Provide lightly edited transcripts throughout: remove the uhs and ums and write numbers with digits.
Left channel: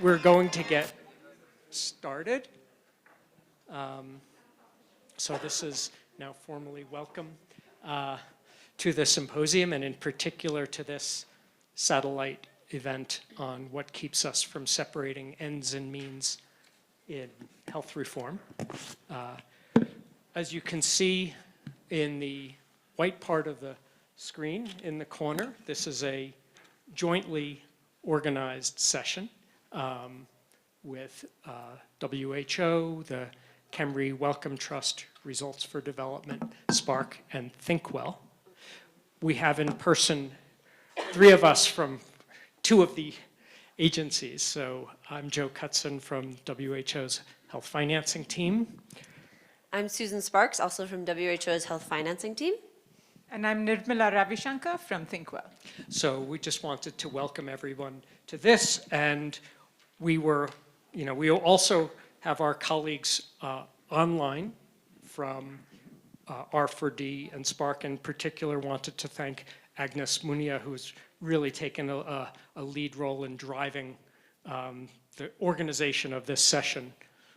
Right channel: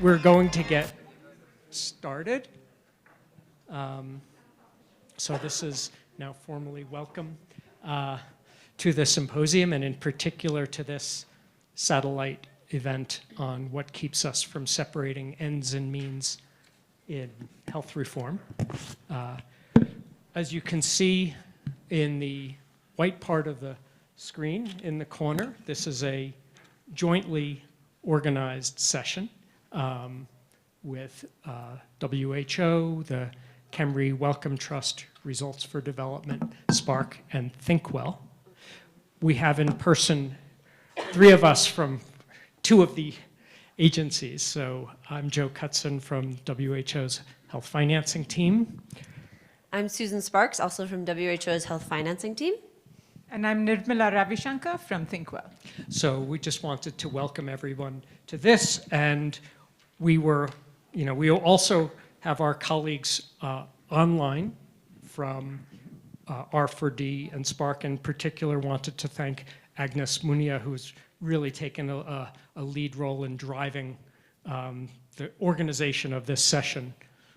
We're going to get started. So this is now formally welcome to the symposium, and in particular to this satellite event on what keeps us from separating ends and means in health reform. As you can see in the white part of the screen in the corner, this is a jointly organized session with WHO, the Khemri Wellcome Trust, Results for Development, SPARC, and ThinkWell. We have in person 3 of us from 2 of the agencies. So I'm Joe Cutson from WHO's Health Financing Team. I'm Susan Sparks, also from WHO's Health Financing Team. And I'm Nirmala Ravishankar from ThinkWell. So we just wanted to welcome everyone to this, and we also have our colleagues online from R4D and SPARC. In particular, wanted to thank Agnes Munia, who's really taken a lead role in driving the organization of this session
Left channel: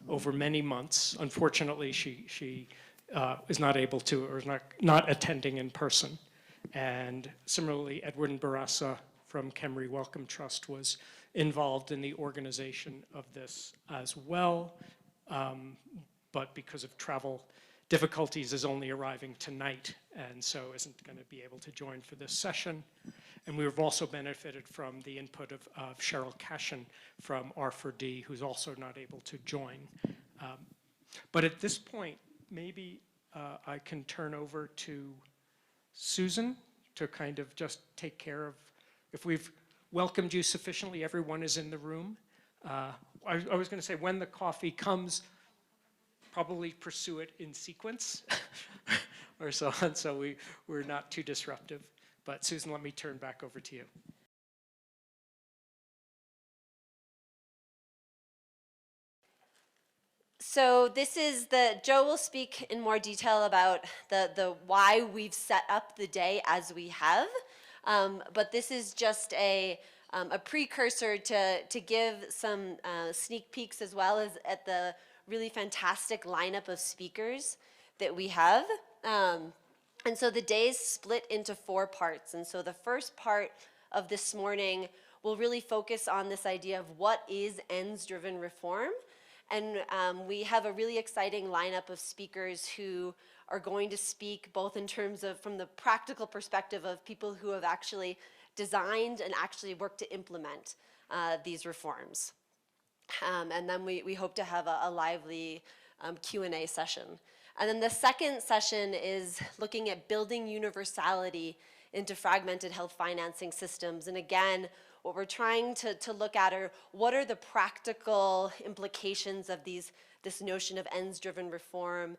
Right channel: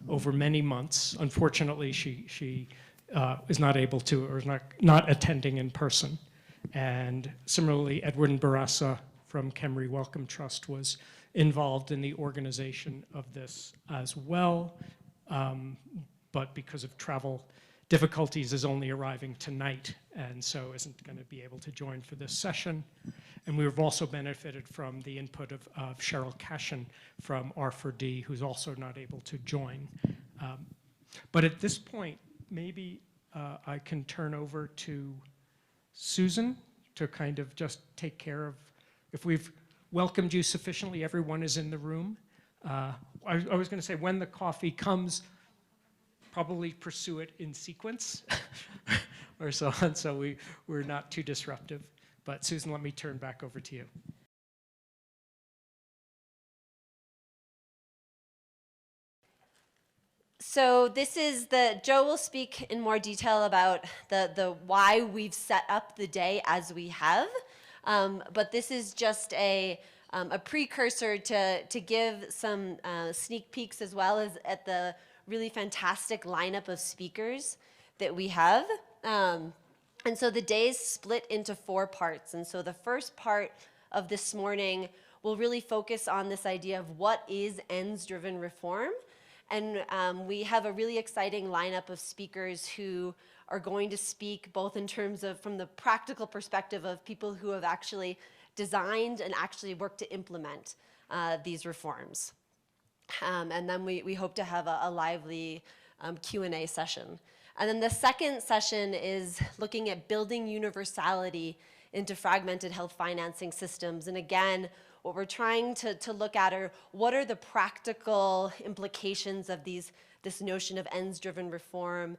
over many months. Unfortunately, she is not able to, or is not attending in person. And similarly, Edwin Barassa from Khemri Wellcome Trust was involved in the organization of this as well, but because of travel difficulties is only arriving tonight, and so isn't going to be able to join for this session. And we've also benefited from the input of Cheryl Cashin from R4D, who's also not able to join. But at this point, maybe I can turn over to Susan to kind of just take care of, if we've welcomed you sufficiently, everyone is in the room. I was going to say, when the coffee comes, probably pursue it in sequence or so on, so we're not too disruptive. But Susan, let me turn back over to you. So this is Joe will speak in more detail about the why we've set up the day as we have, but this is just a precursor to give some sneak peeks as well as at the really fantastic lineup of speakers that we have. And so the day is split into 4 parts. And so the first part of this morning will really focus on this idea of what is ends-driven reform. And we have a really exciting lineup of speakers who are going to speak both in terms of from the practical perspective of people who have actually designed and actually worked to implement these reforms. And then we hope to have a lively Q&A session. And then the second session is looking at building universality into fragmented health financing systems. And again, what we're trying to look at are what are the practical implications of this notion of ends-driven reform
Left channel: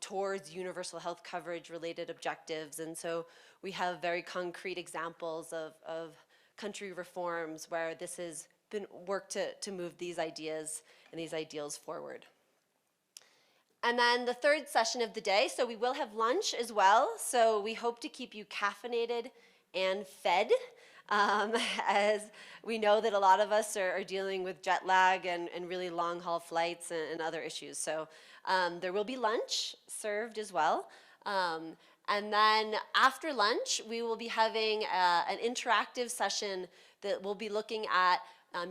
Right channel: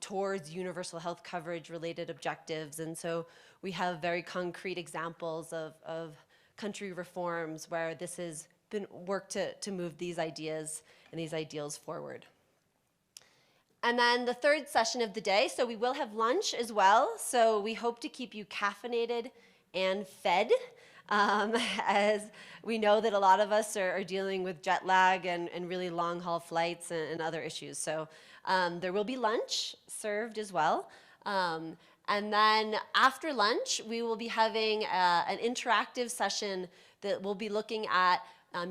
towards universal health coverage related objectives. And so we have very concrete examples of country reforms where this has been worked to move these ideas and these ideals forward. And then the third session of the day, so we will have lunch as well. So we hope to keep you caffeinated and fed, as we know that a lot of us are dealing with jet lag and really long haul flights and other issues. So there will be lunch served as well. And then after lunch, we will be having an interactive session that will be looking at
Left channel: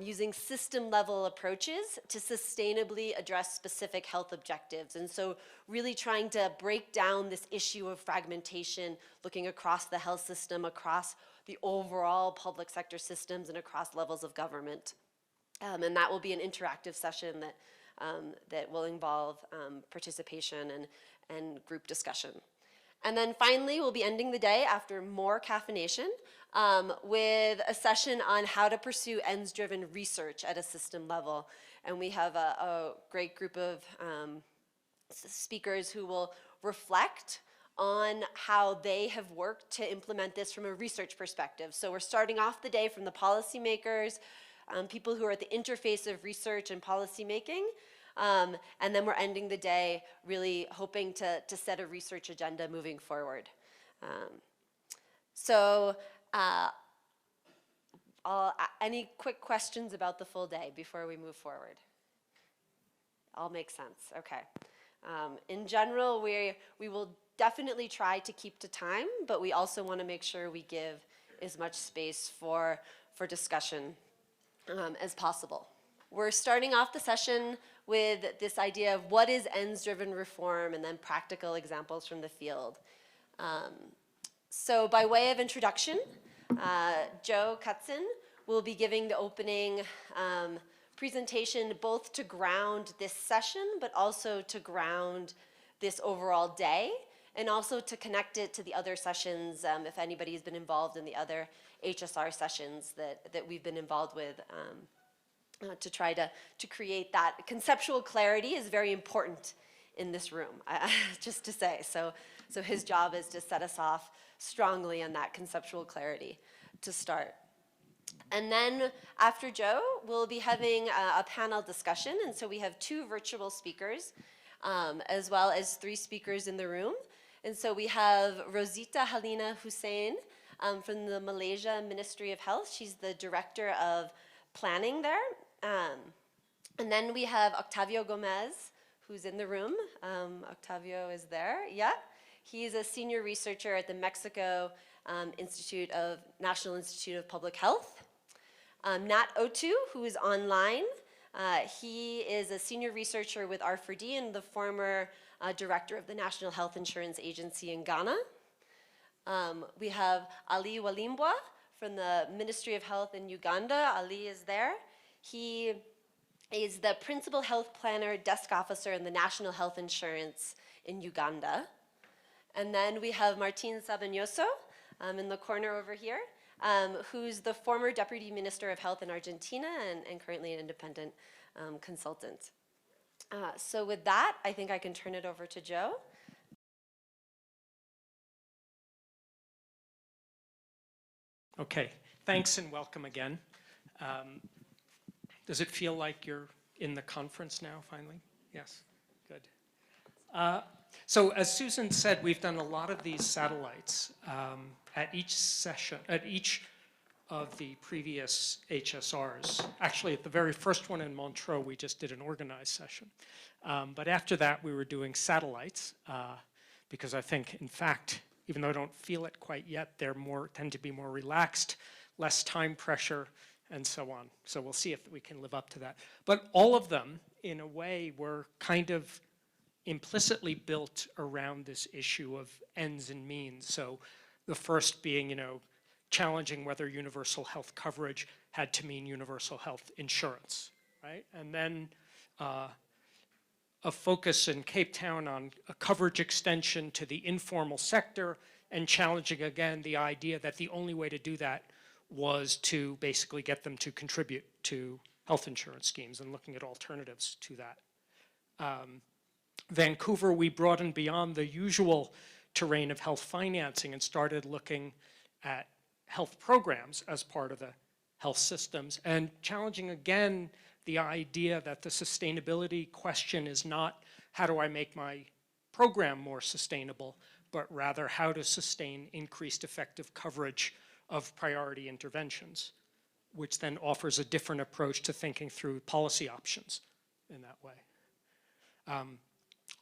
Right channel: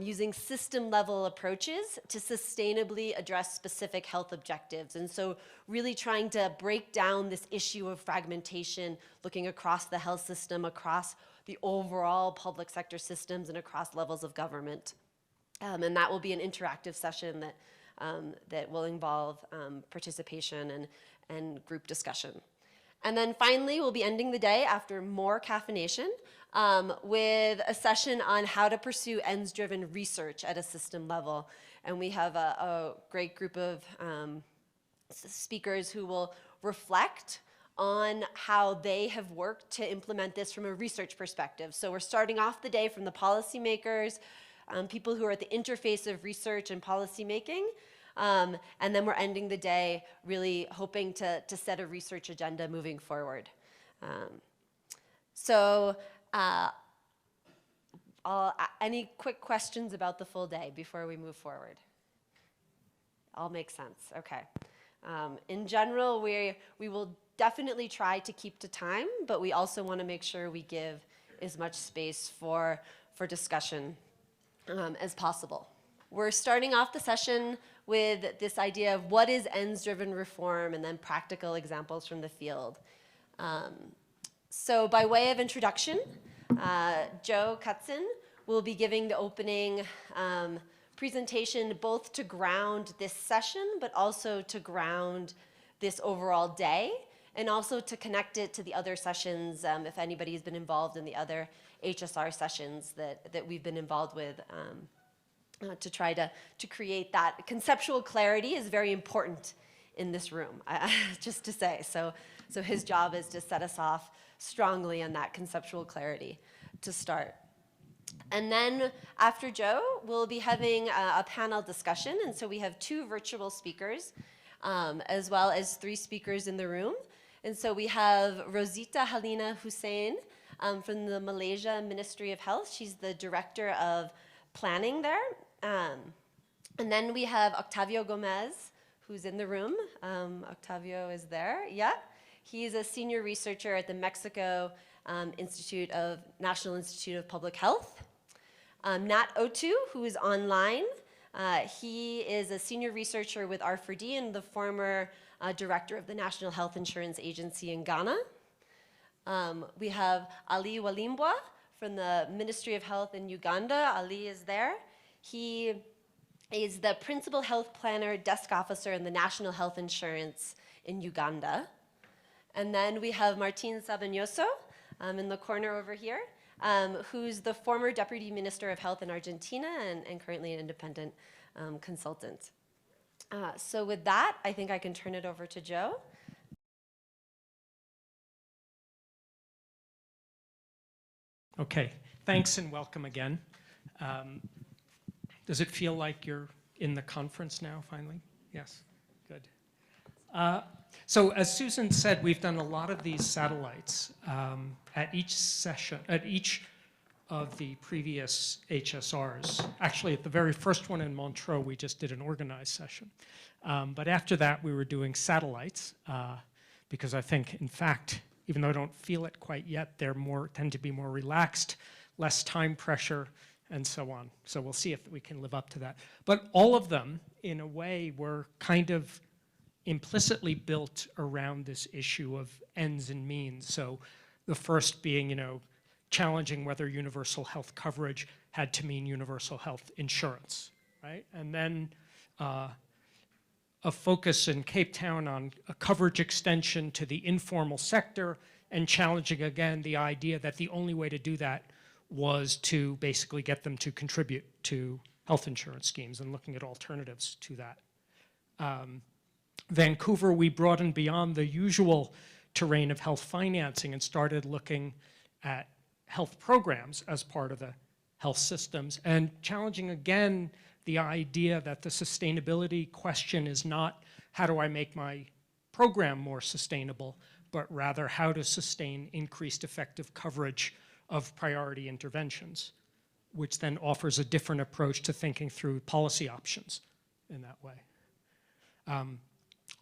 using system-level approaches to sustainably address specific health objectives. And so really trying to break down this issue of fragmentation, looking across the health system, across the overall public sector systems, and across levels of government. And that will be an interactive session that will involve participation and group discussion. And then finally, we'll be ending the day after more caffeination with a session on how to pursue ends-driven research at a system level. And we have a great group of speakers who will reflect on how they have worked to implement this from a research perspective. So we're starting off the day from the policymakers, people who are at the interface of research and policymaking, and then we're ending the day really hoping to set a research agenda moving forward. Any quick questions about the full day before we move forward? All makes sense, okay. In general, we will definitely try to keep to time, but we also want to make sure we give as much space for discussion as possible. We're starting off the session with this idea of what is ends-driven reform and then practical examples from the field. So by way of introduction, Joe Cutzon will be giving the opening presentation both to ground this session, but also to ground this overall day, and also to connect it to the other sessions, if anybody's been involved in the other HSR sessions that we've been involved with, to try to create that conceptual clarity is very important in this room, just to say. So his job is to set us off strongly on that conceptual clarity to start. And then after Joe, we'll be having a panel discussion. And so we have 2 virtual speakers, as well as 3 speakers in the room. And so we have Rosita Halina Hussein from the Malaysia Ministry of Health. She's the director of planning there. And then we have Octavio Gomez, who's in the room. Octavio is there, yeah. He's a senior researcher at the Mexico National Institute of Public Health. Nat Otu, who is online. He is a senior researcher with R4D and the former director of the National Health Insurance Agency in Ghana. We have Ali Walimbwa from the Ministry of Health in Uganda. Ali is there. He is the principal health planner, desk officer in the National Health Insurance in Uganda. And then we have Martin Sabagnoso in the corner over here, who's the former Deputy Minister of Health in Argentina and currently an independent consultant. So with that, I think I can turn it over to Joe. Okay, thanks and welcome again. Does it feel like you're in the conference now, finally? Yes, good. So as Susan said, we've done a lot of these satellites at each session, at each of the previous HSRs. Actually, at the very first one in Montreux, we just did an organized session. But after that, we were doing satellites because I think, in fact, even though I don't feel it quite yet, they're tend to be more relaxed, less time pressure, and so on. So we'll see if we can live up to that. But all of them, in a way, were kind of implicitly built around this issue of ends and means. So the first being, challenging whether universal health coverage had to mean universal health insurance, right? And then a focus in Cape Town on a coverage extension to the informal sector and challenging again the idea that the only way to do that was to basically get them to contribute to health insurance schemes and looking at alternatives to that. Vancouver, we broadened beyond the usual terrain of health financing and started looking at health programs as part of the health systems and challenging again the idea that the sustainability question is not how do I make my program more sustainable, but rather how to sustain increased effective coverage of priority interventions, which then offers a different approach to thinking through policy options in that way.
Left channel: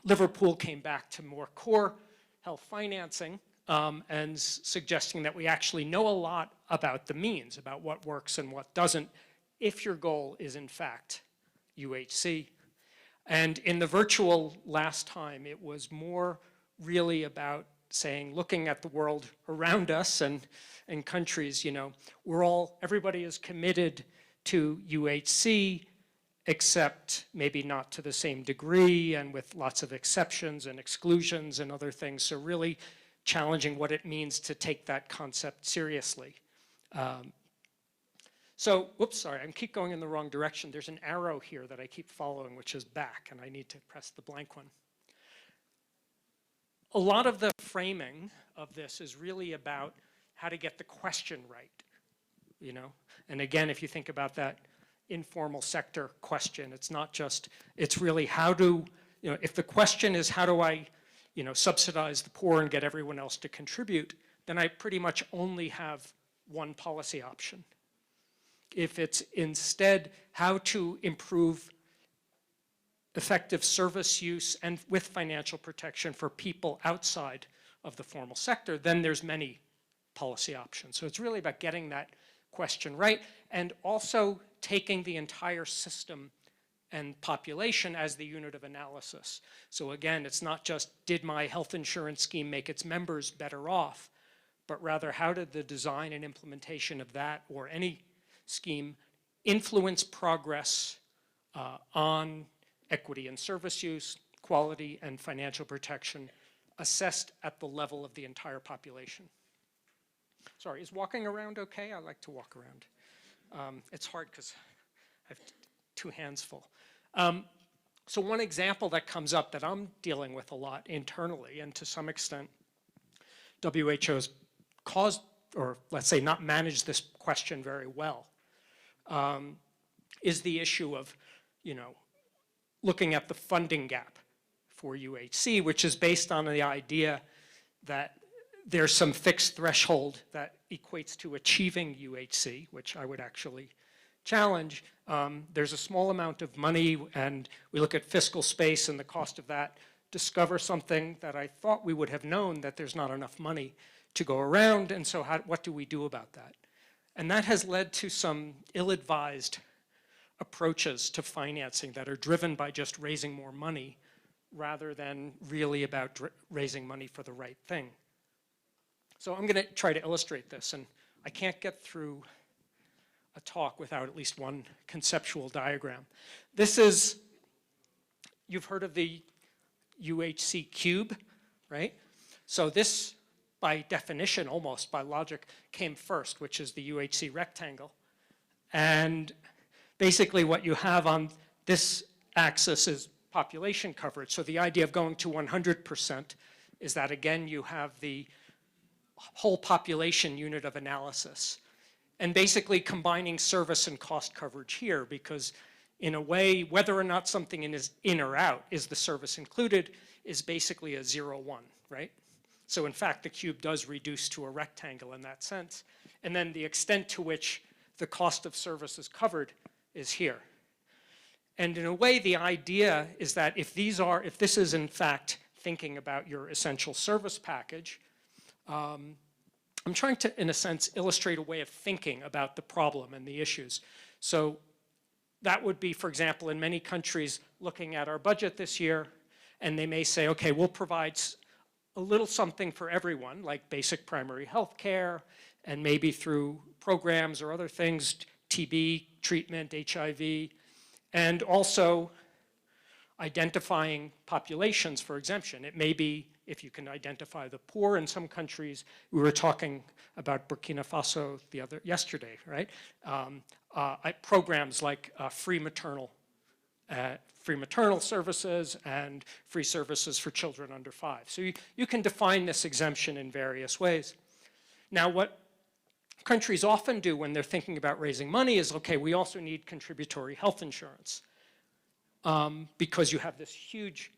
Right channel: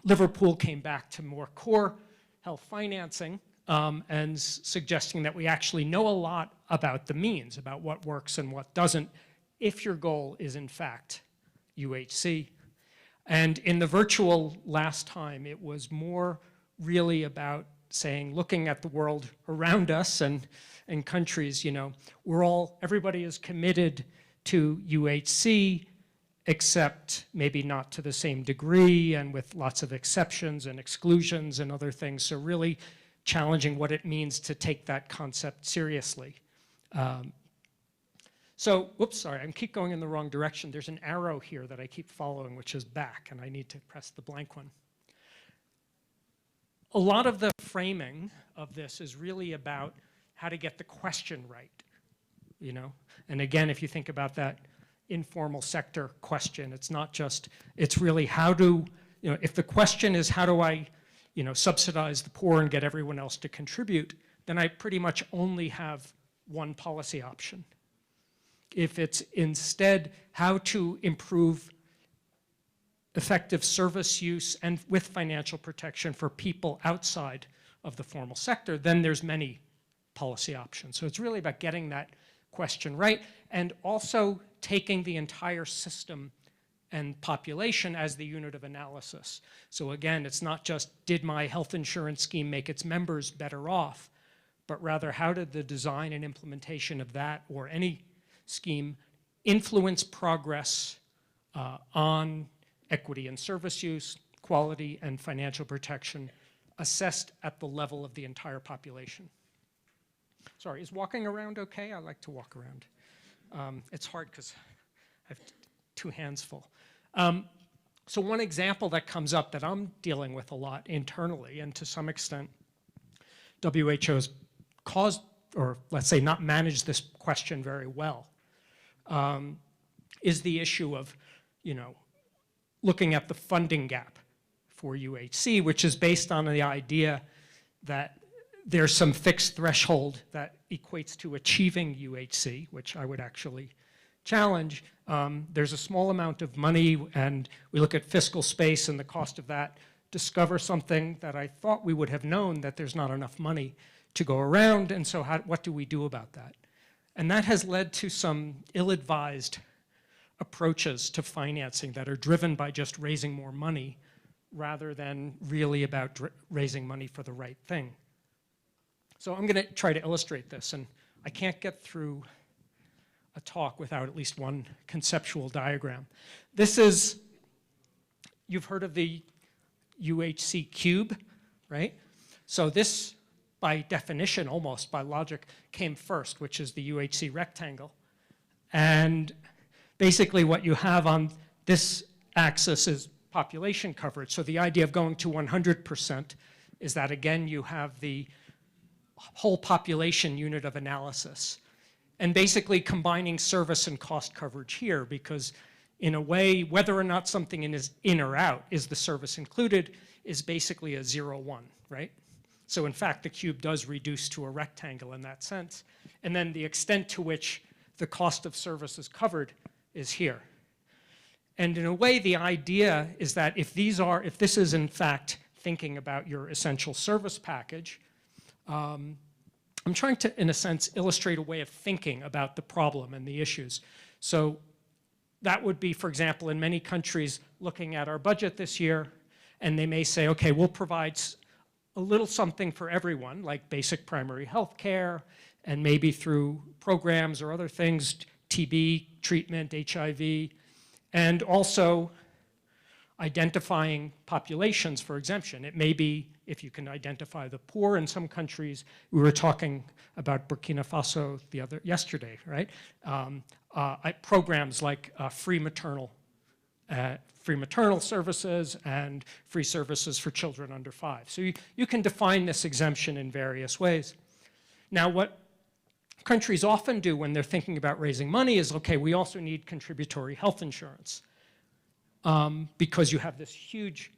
Liverpool came back to more core health financing and suggesting that we actually know a lot about the means, about what works and what doesn't, if your goal is in fact UHC. And in the virtual last time, it was more really about saying, looking at the world around us and countries, everybody is committed to UHC, except maybe not to the same degree and with lots of exceptions and exclusions and other things. So really challenging what it means to take that concept seriously. Sorry, I keep going in the wrong direction. There's an arrow here that I keep following, which is back, and I need to press the blank one. A lot of the framing of this is really about how to get the question right, And again, if you think about that informal sector question, it's really how do, if the question is how do I, subsidize the poor and get everyone else to contribute, then I pretty much only have one policy option. if it's instead how to improve effective service use and with financial protection for people outside of the formal sector, then there's many policy options. So it's really about getting that question right and also taking the entire system and population as the unit of analysis. So again, it's not just did my health insurance scheme make its members better off, but rather how did the design and implementation of that or any scheme influence progress on equity and service use, quality and financial protection assessed at the level of the entire population. Sorry, is walking around okay? I like to walk around. It's hard because I have two hands full. So one example that comes up that I'm dealing with a lot internally, and to some extent WHO's caused, or let's say not managed this question very well, is the issue of, looking at the funding gap for UHC, which is based on the idea that there's some fixed threshold that equates to achieving UHC, which I would actually challenge. There's a small amount of money, and we look at fiscal space and the cost of that, discover something that I thought we would have known, that there's not enough money to go around, and so what do we do about that? And that has led to some ill-advised approaches to financing that are driven by just raising more money rather than really about raising money for the right thing. So I'm going to try to illustrate this, and I can't get through a talk without at least one conceptual diagram. This is, you've heard of the UHC cube, right? So this, by definition, almost by logic, came first, which is the UHC rectangle. And basically what you have on this axis is population coverage. So the idea of going to 100% is that, again, you have the whole population unit of analysis. And basically combining service and cost coverage here, because in a way, whether or not something is in or out, is the service included, is basically a 0-1, right? So in fact, the cube does reduce to a rectangle in that sense. And then the extent to which the cost of service is covered is here. And in a way, the idea is that if this is in fact thinking about your essential service package, I'm trying to, in a sense, illustrate a way of thinking about the problem and the issues. So that would be, for example, in many countries looking at our budget this year, and they may say, okay, we'll provide a little something for everyone, like basic primary health care, and maybe through programs or other things, TB treatment, HIV, and also identifying populations for exemption. It may be if you can identify the poor in some countries. We were talking about Burkina Faso yesterday, right? Programs like free maternal services and free services for children under 5. So you can define this exemption in various ways. Now, what countries often do when they're thinking about raising money is, okay, we also need contributory health insurance because you have this huge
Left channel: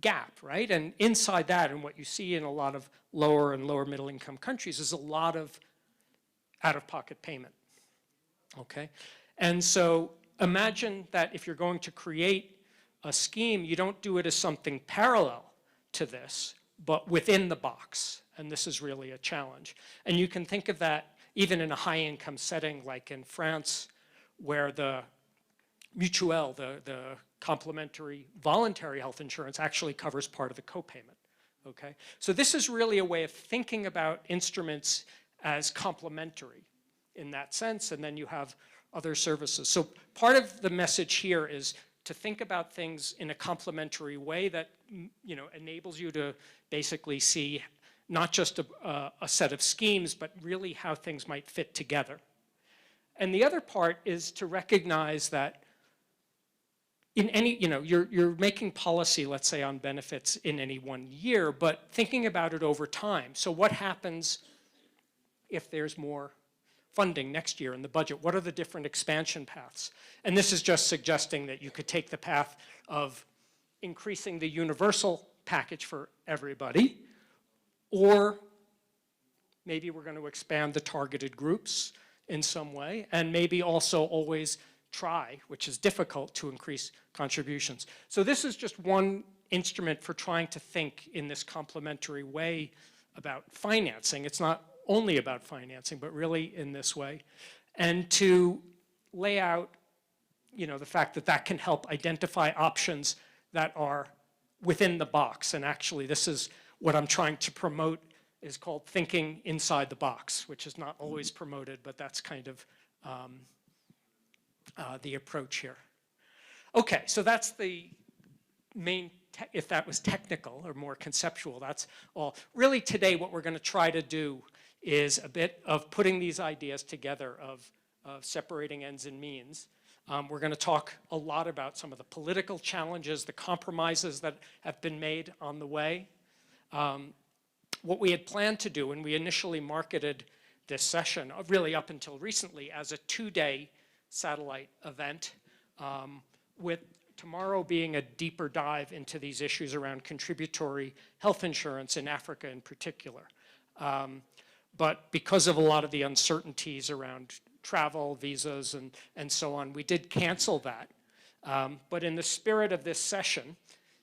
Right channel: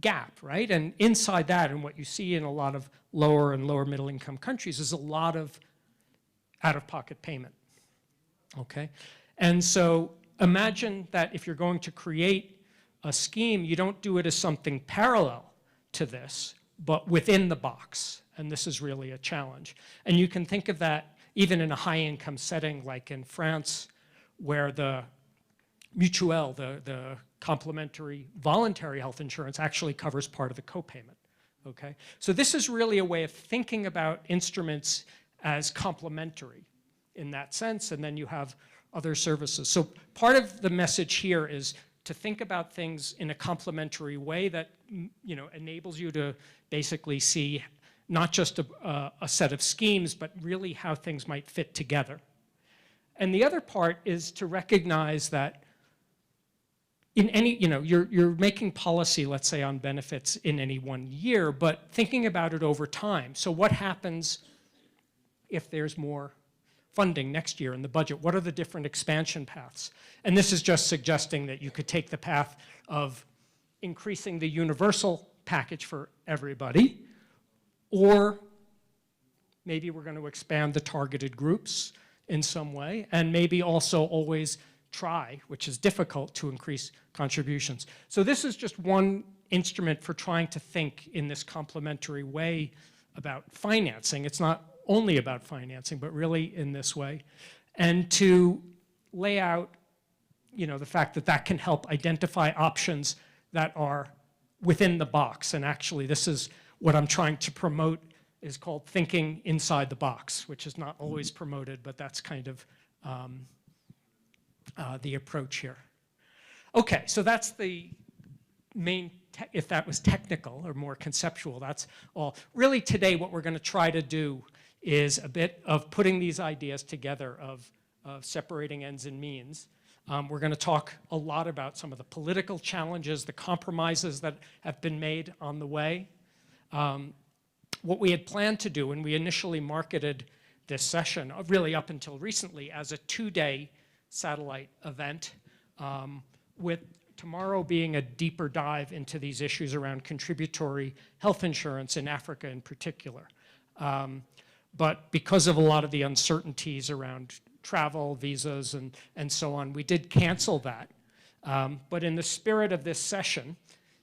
gap, right? And inside that, and what you see in a lot of lower and lower middle income countries, is a lot of out-of-pocket payment, okay? And so imagine that if you're going to create a scheme, you don't do it as something parallel to this, but within the box. And this is really a challenge. And you can think of that even in a high-income setting like in France, where the mutuelle, the complementary voluntary health insurance, actually covers part of the copayment, okay? So this is really a way of thinking about instruments as complementary in that sense, and then you have other services. So part of the message here is to think about things in a complementary way that enables you to basically see not just a set of schemes, but really how things might fit together. And the other part is to recognize that in any, you're making policy, let's say, on benefits in any one year, but thinking about it over time. So what happens if there's more funding next year in the budget? What are the different expansion paths? And this is just suggesting that you could take the path of increasing the universal package for everybody, or maybe we're going to expand the targeted groups in some way, and maybe also always try, which is difficult, to increase contributions. So this is just one instrument for trying to think in this complementary way about financing. It's not only about financing, but really in this way. And to lay out, the fact that that can help identify options that are within the box. And actually, this is what I'm trying to promote, is called thinking inside the box, which is not always promoted, but that's kind of the approach here. Okay, so that's the main, if that was technical or more conceptual, that's all. Really today what we're going to try to do is a bit of putting these ideas together of separating ends and means. We're going to talk a lot about some of the political challenges, the compromises that have been made on the way. What we had planned to do when we initially marketed this session, really up until recently, as a 2-day satellite event, with tomorrow being a deeper dive into these issues around contributory health insurance in Africa in particular. But because of a lot of the uncertainties around travel, visas, and so on, we did cancel that. But in the spirit of this session,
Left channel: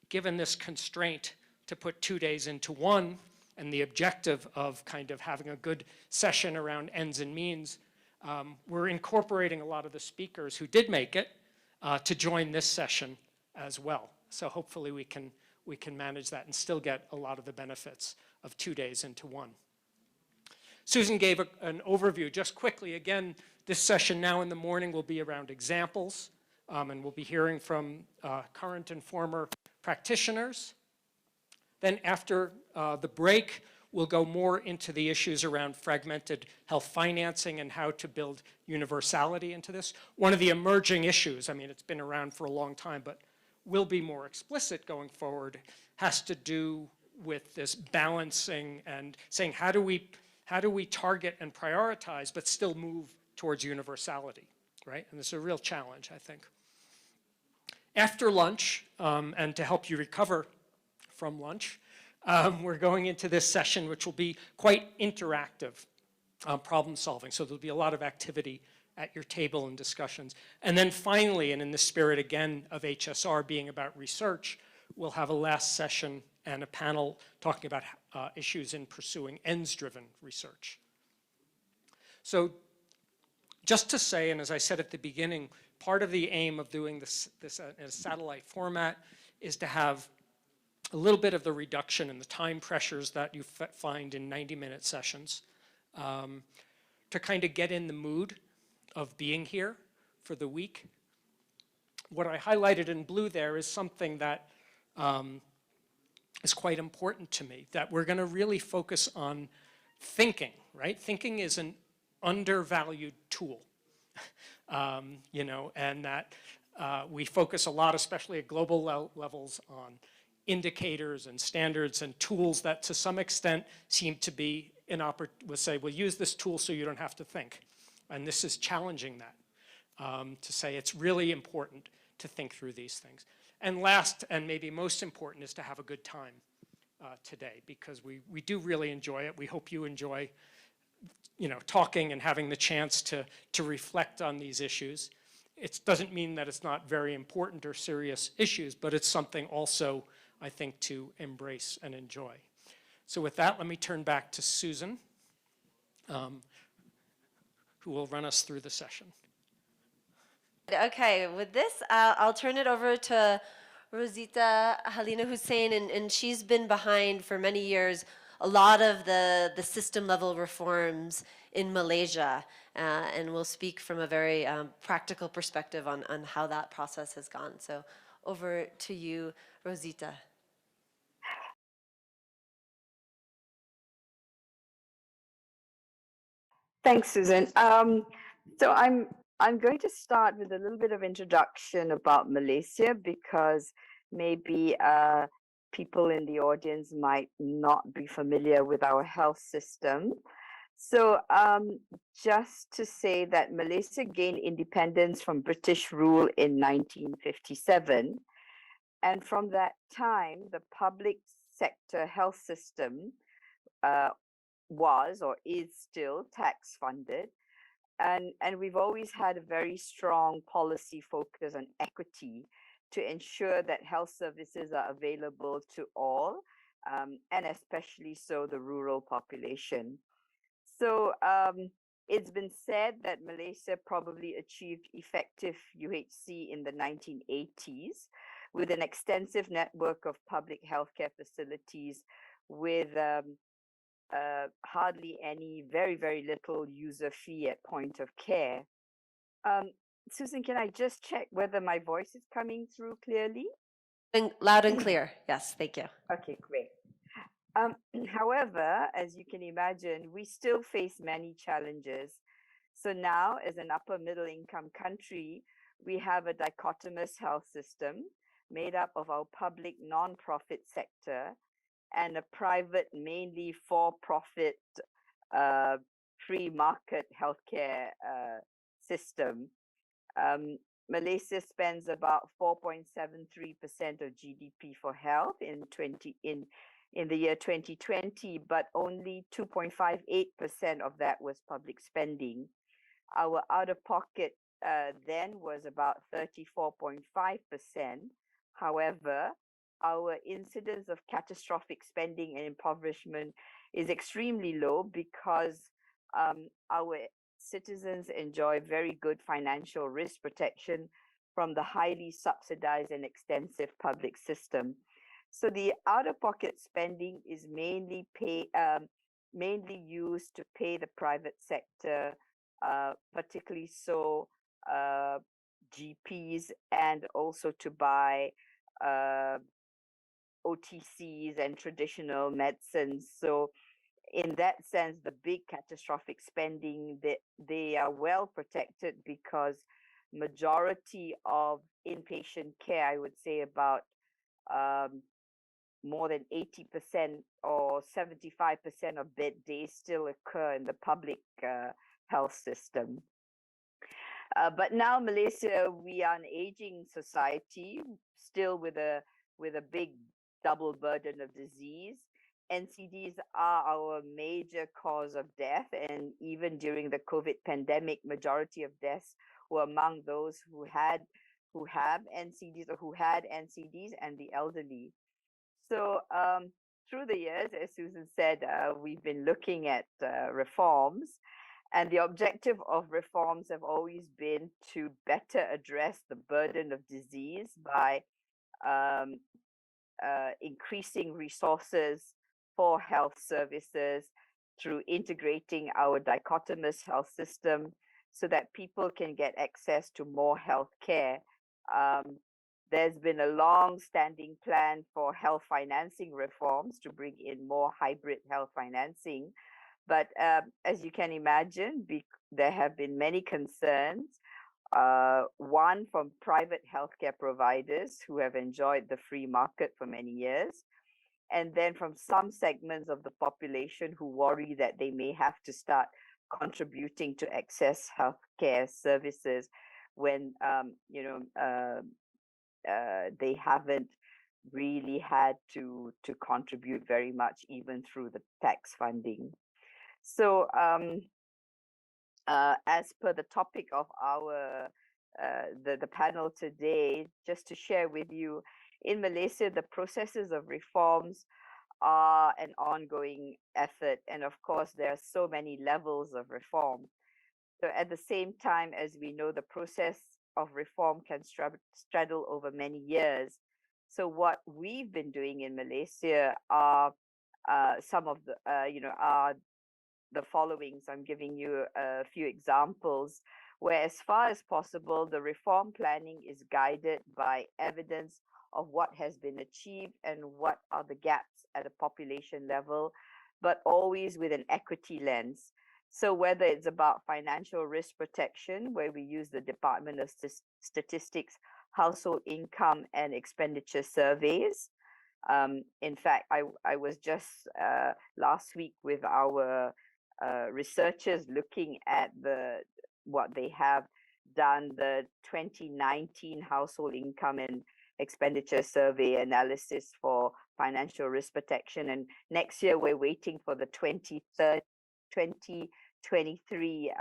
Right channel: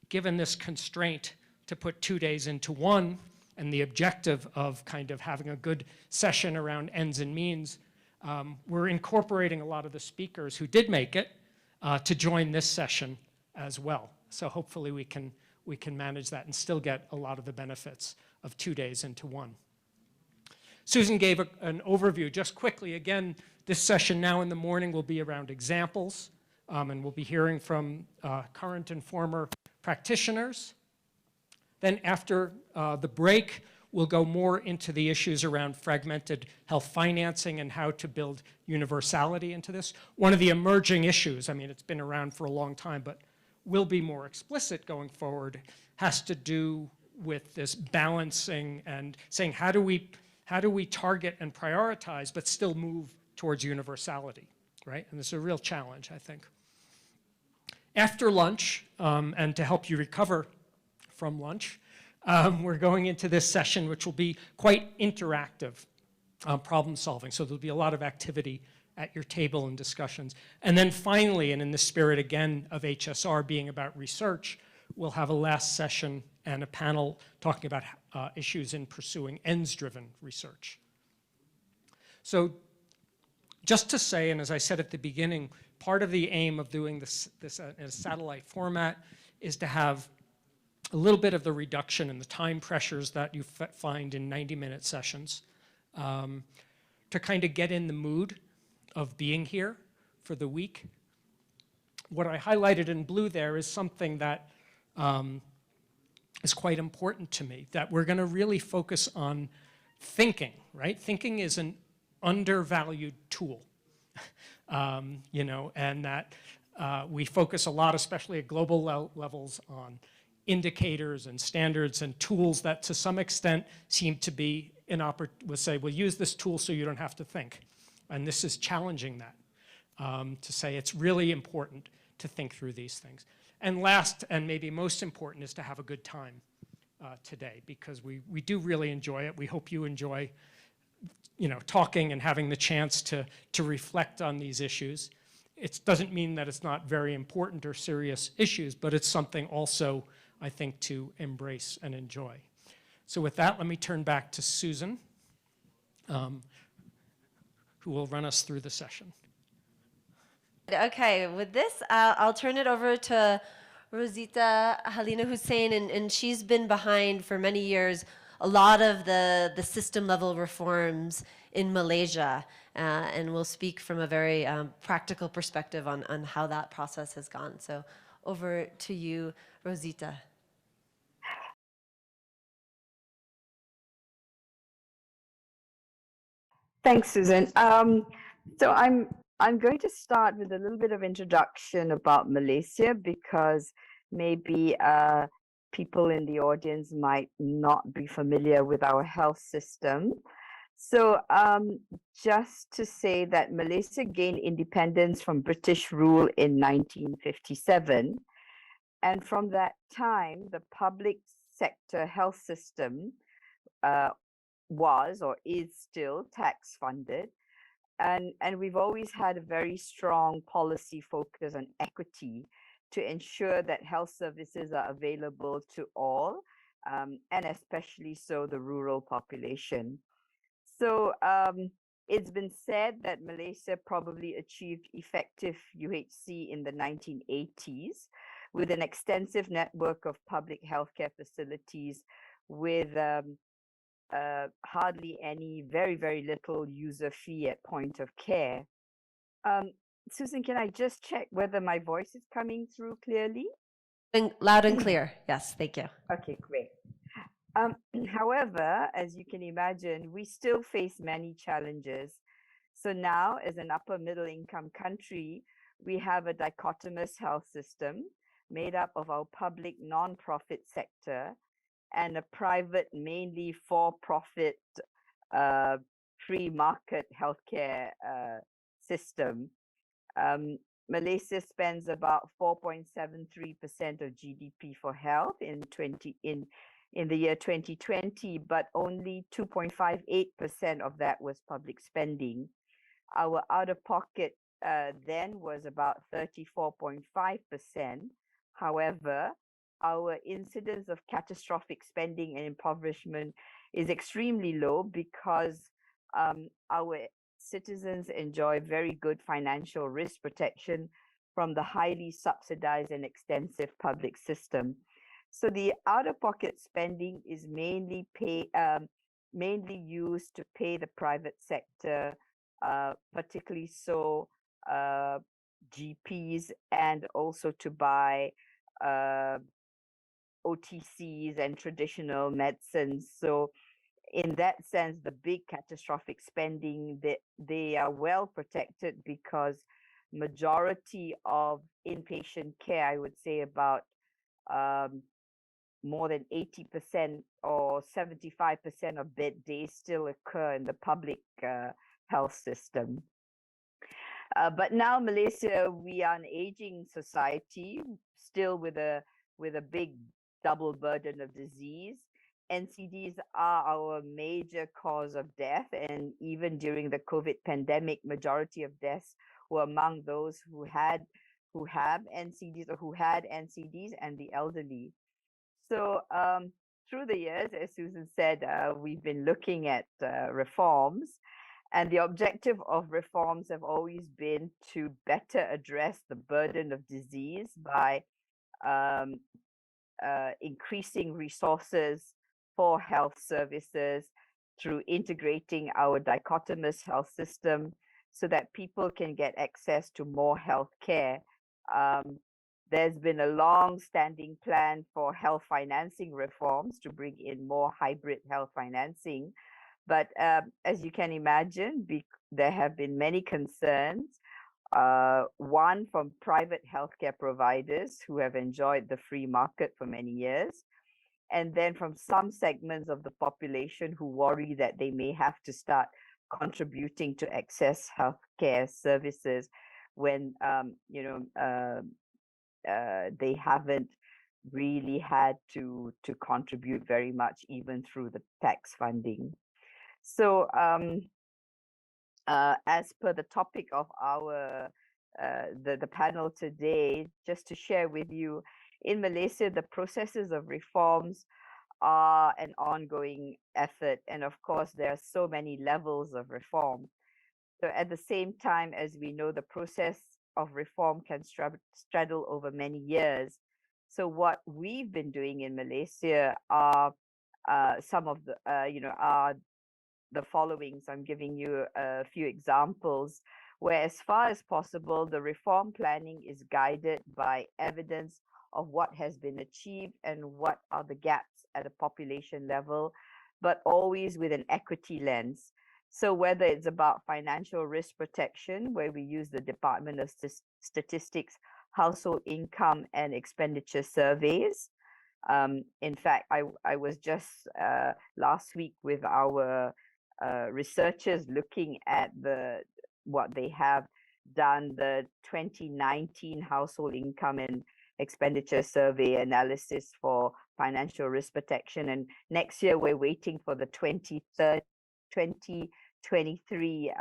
given this constraint to put 2 days into one, and the objective of kind of having a good session around ends and means, we're incorporating a lot of the speakers who did make it to join this session as well. So hopefully we can manage that and still get a lot of the benefits of 2 days into one. Susan gave an overview just quickly. Again, this session now in the morning will be around examples, and we'll be hearing from current and former practitioners. Then after the break, we'll go more into the issues around fragmented health financing and how to build universality into this. One of the emerging issues, I mean, it's been around for a long time, but will be more explicit going forward, has to do with this balancing and saying, how do we target and prioritize, but still move towards universality, right? And this is a real challenge, I think. After lunch, and to help you recover from lunch, we're going into this session, which will be quite interactive problem solving. So there'll be a lot of activity at your table and discussions. And then finally, and in the spirit again of HSR being about research, we'll have a last session and a panel talking about issues in pursuing ends-driven research. So just to say, and as I said at the beginning, part of the aim of doing this in a satellite format is to have a little bit of the reduction in the time pressures that you find in 90-minute sessions, to kind of get in the mood of being here for the week. What I highlighted in blue there is something that is quite important to me, that we're going to really focus on thinking, right? Thinking is an undervalued tool, and that we focus a lot, especially at global levels, on indicators and standards and tools that to some extent seem to be we'll say, we'll use this tool so you don't have to think. And this is challenging that, to say it's really important to think through these things. And last, and maybe most important, is to have a good time today, because we do really enjoy it. We hope you enjoy talking and having the chance to reflect on these issues. It doesn't mean that it's not very important or serious issues, but it's something also, I think, to embrace and enjoy. So with that, let me turn back to Susan, who will run us through the session. Okay, with this, I'll turn it over to Rosita Halina Hussein, and she's been behind for many years a lot of the system level reforms in Malaysia, and will speak from a very practical perspective on how that process has gone. So over to you, Rosita. Thanks, Susan. So I'm going to start with a little bit of introduction about Malaysia, because maybe people in the audience might not be familiar with our health system. So just to say that Malaysia gained independence from British rule in 1957. And from that time, the public sector health system was or is still tax funded. And we've always had a very strong policy focus on equity to ensure that health services are available to all, and especially so the rural population. So it's been said that Malaysia probably achieved effective UHC in the 1980s with an extensive network of public healthcare facilities with hardly any, very, very little user fee at point of care. Susan, can I just check whether my voice is coming through clearly? Loud and clear. Yes, thank you. Okay, great. However, as you can imagine, we still face many challenges. So now, as an upper middle income country, we have a dichotomous health system made up of our public non-profit sector and a private, mainly for-profit, free market healthcare system. Malaysia spends about 4.73% of GDP for health in the year 2020, but only 2.58% of that was public spending. Our out-of-pocket then was about 34.5%. However, our incidence of catastrophic spending and impoverishment is extremely low because our citizens enjoy very good financial risk protection from the highly subsidized and extensive public system. So the out-of-pocket spending is mainly used to pay the private sector, particularly so GPs, and also to buy OTCs and traditional medicines. So in that sense, the big catastrophic spending, they are well protected because majority of inpatient care, I would say about more than 80% or 75% of bed days still occur in the public health system. But now Malaysia, we are an aging society, still with a big double burden of disease. NCDs are our major cause of death, and even during the COVID pandemic, majority of deaths were among those who have NCDs or who had NCDs and the elderly. So through the years, as Susan said, we've been looking at reforms, and the objective of reforms have always been to better address the burden of disease by increasing resources for health services through integrating our dichotomous health system so that people can get access to more health care. There's been a long-standing plan for health financing reforms to bring in more hybrid health financing. But as you can imagine, there have been many concerns. One from private healthcare providers who have enjoyed the free market for many years, and then from some segments of the population who worry that they may have to start contributing to access healthcare services when they haven't really had to contribute very much, even through the tax funding. So as per the topic of our the panel today, just to share with you, in Malaysia, the processes of reforms are an ongoing effort. And of course, there are so many levels of reform. So at the same time, as we know, the process of reform can straddle over many years. So what we've been doing in Malaysia are some of the, are the following. So I'm giving you a few examples where, as far as possible, the reform planning is guided by evidence of what has been achieved and what are the gaps at a population level, but always with an equity lens. So whether it's about financial risk protection, where we use the Department of Statistics household income and expenditure surveys. In fact, I was just last week with our researchers looking at what they have done, the 2019 household income and expenditure survey analysis for financial risk protection. And next year, we're waiting for the 2023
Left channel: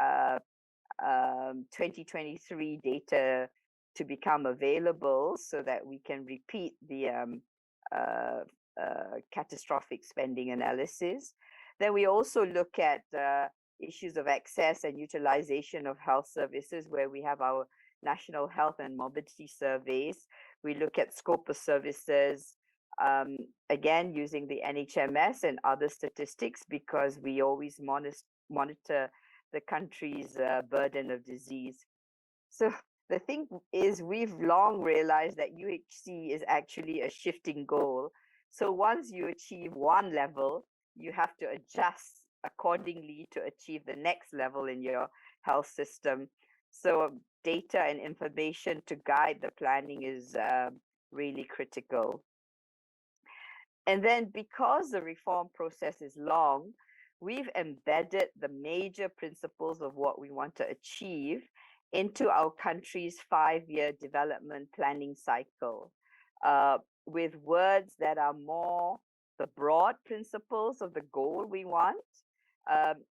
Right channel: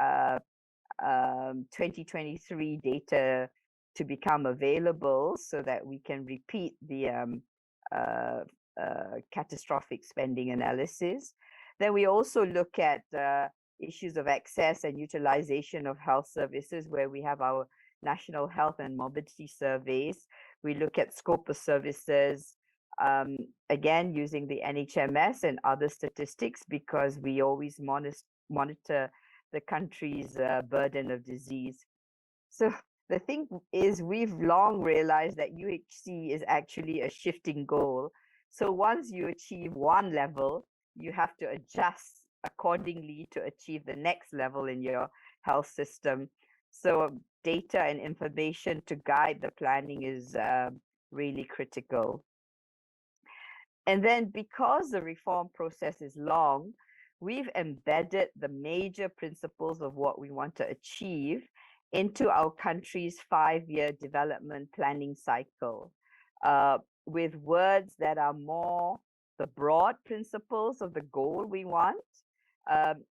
2023 data to become available so that we can repeat the catastrophic spending analysis. Then we also look at issues of access and utilization of health services, where we have our national health and mobility surveys. We look at scope of services, again, using the NHMS and other statistics, because we always monitor the country's burden of disease. So the thing is, we've long realized that UHC is actually a shifting goal. So once you achieve one level, you have to adjust accordingly to achieve the next level in your health system. So data and information to guide the planning is really critical. And then because the reform process is long, we've embedded the major principles of what we want to achieve into our country's 5-year development planning cycle, with words that are more the broad principles of the goal we want.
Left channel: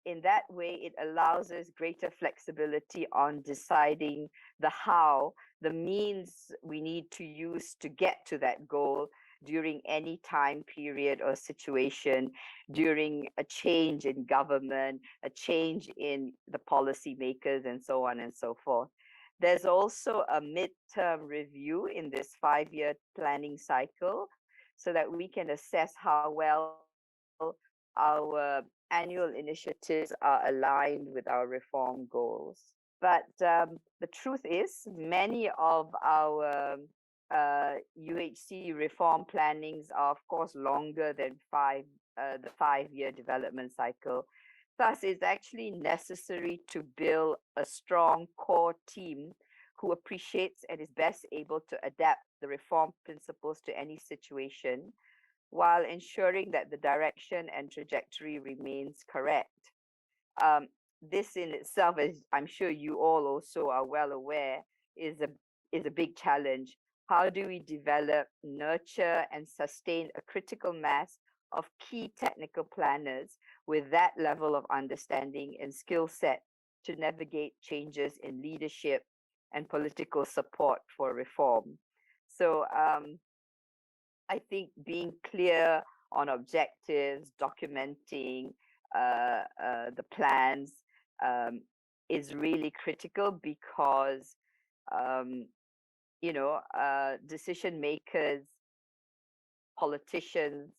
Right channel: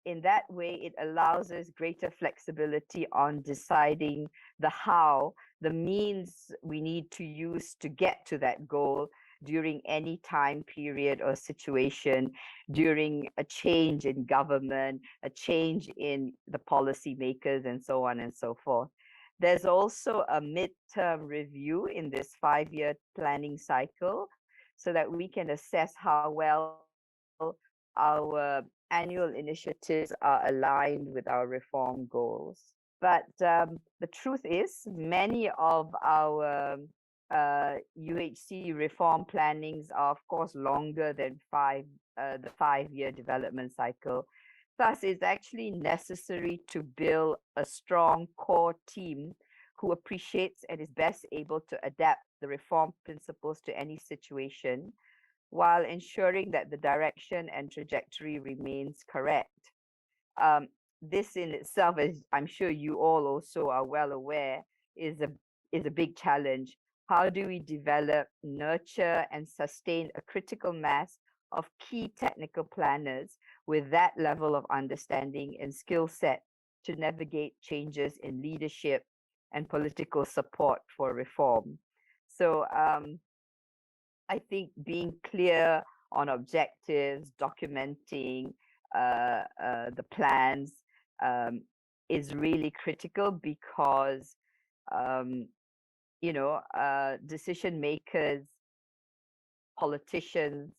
In that way, it allows us greater flexibility on deciding the how, the means we need to use to get to that goal during any time period or situation, during a change in government, a change in the policymakers, and so on and so forth. There's also a midterm review in this 5-year planning cycle so that we can assess how well our annual initiatives are aligned with our reform goals. But the truth is, many of our UHC reform plannings are, of course, longer than the 5-year development cycle. Thus, it's actually necessary to build a strong core team who appreciates and is best able to adapt the reform principles to any situation, while ensuring that the direction and trajectory remains correct. This in itself, as I'm sure you all also are well aware, is a big challenge. How do we develop, nurture, and sustain a critical mass of key technical planners with that level of understanding and skill set to navigate changes in leadership and political support for reform? So I think being clear on objectives, documenting the plans is really critical, because decision makers, politicians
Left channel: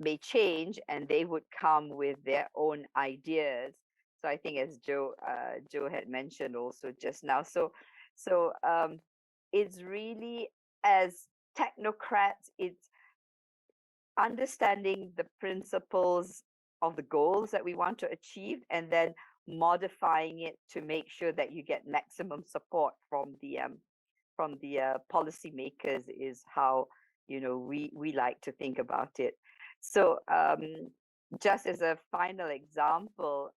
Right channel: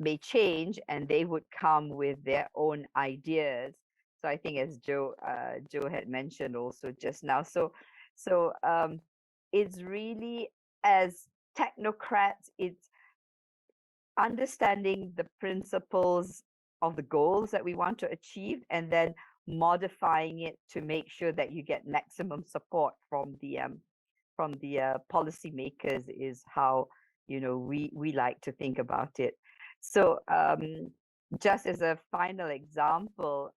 may change, and they would come with their own ideas. So I think, as Joe had mentioned also just now, so it's really, as technocrats, it's understanding the principles of the goals that we want to achieve, and then modifying it to make sure that you get maximum support from the policymakers, is how we like to think about it. So just as a final example,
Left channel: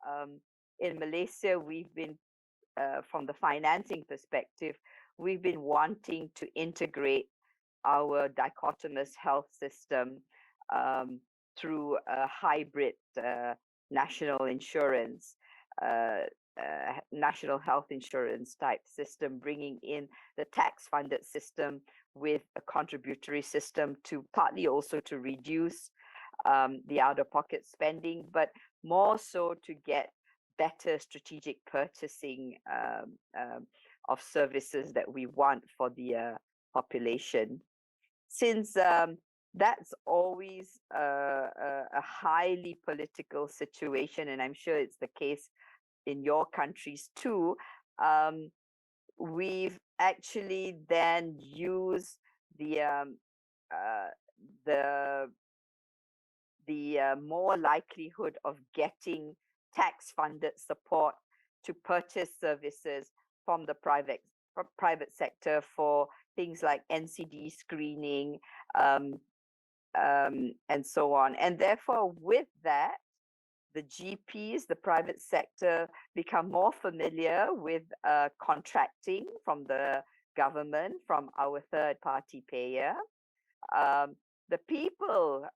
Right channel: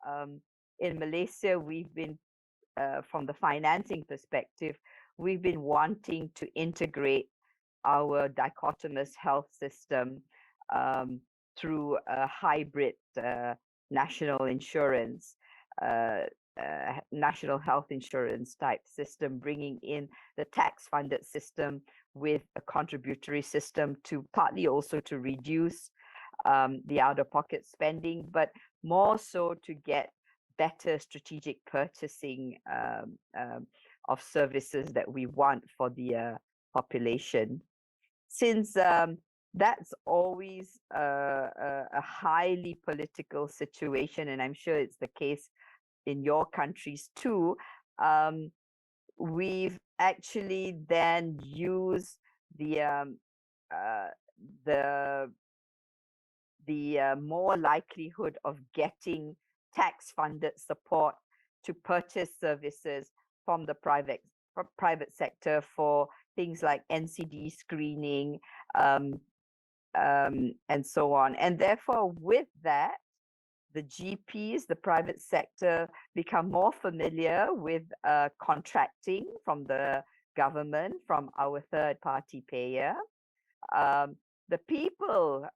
in Malaysia, we've been from the financing perspective, we've been wanting to integrate our dichotomous health system through a hybrid national insurance, national health insurance type system, bringing in the tax-funded system with a contributory system to partly also to reduce the out-of-pocket spending, but more so to get better strategic purchasing of services that we want for the population. Since that's always a highly political situation, and I'm sure it's the case in your countries too, we've actually then used the more likelihood of getting tax-funded support to purchase services from the private sector for things like NCD screening and so on. And therefore, with that, the GPs, the private sector, become more familiar with contracting from the government, from our third-party payer. The people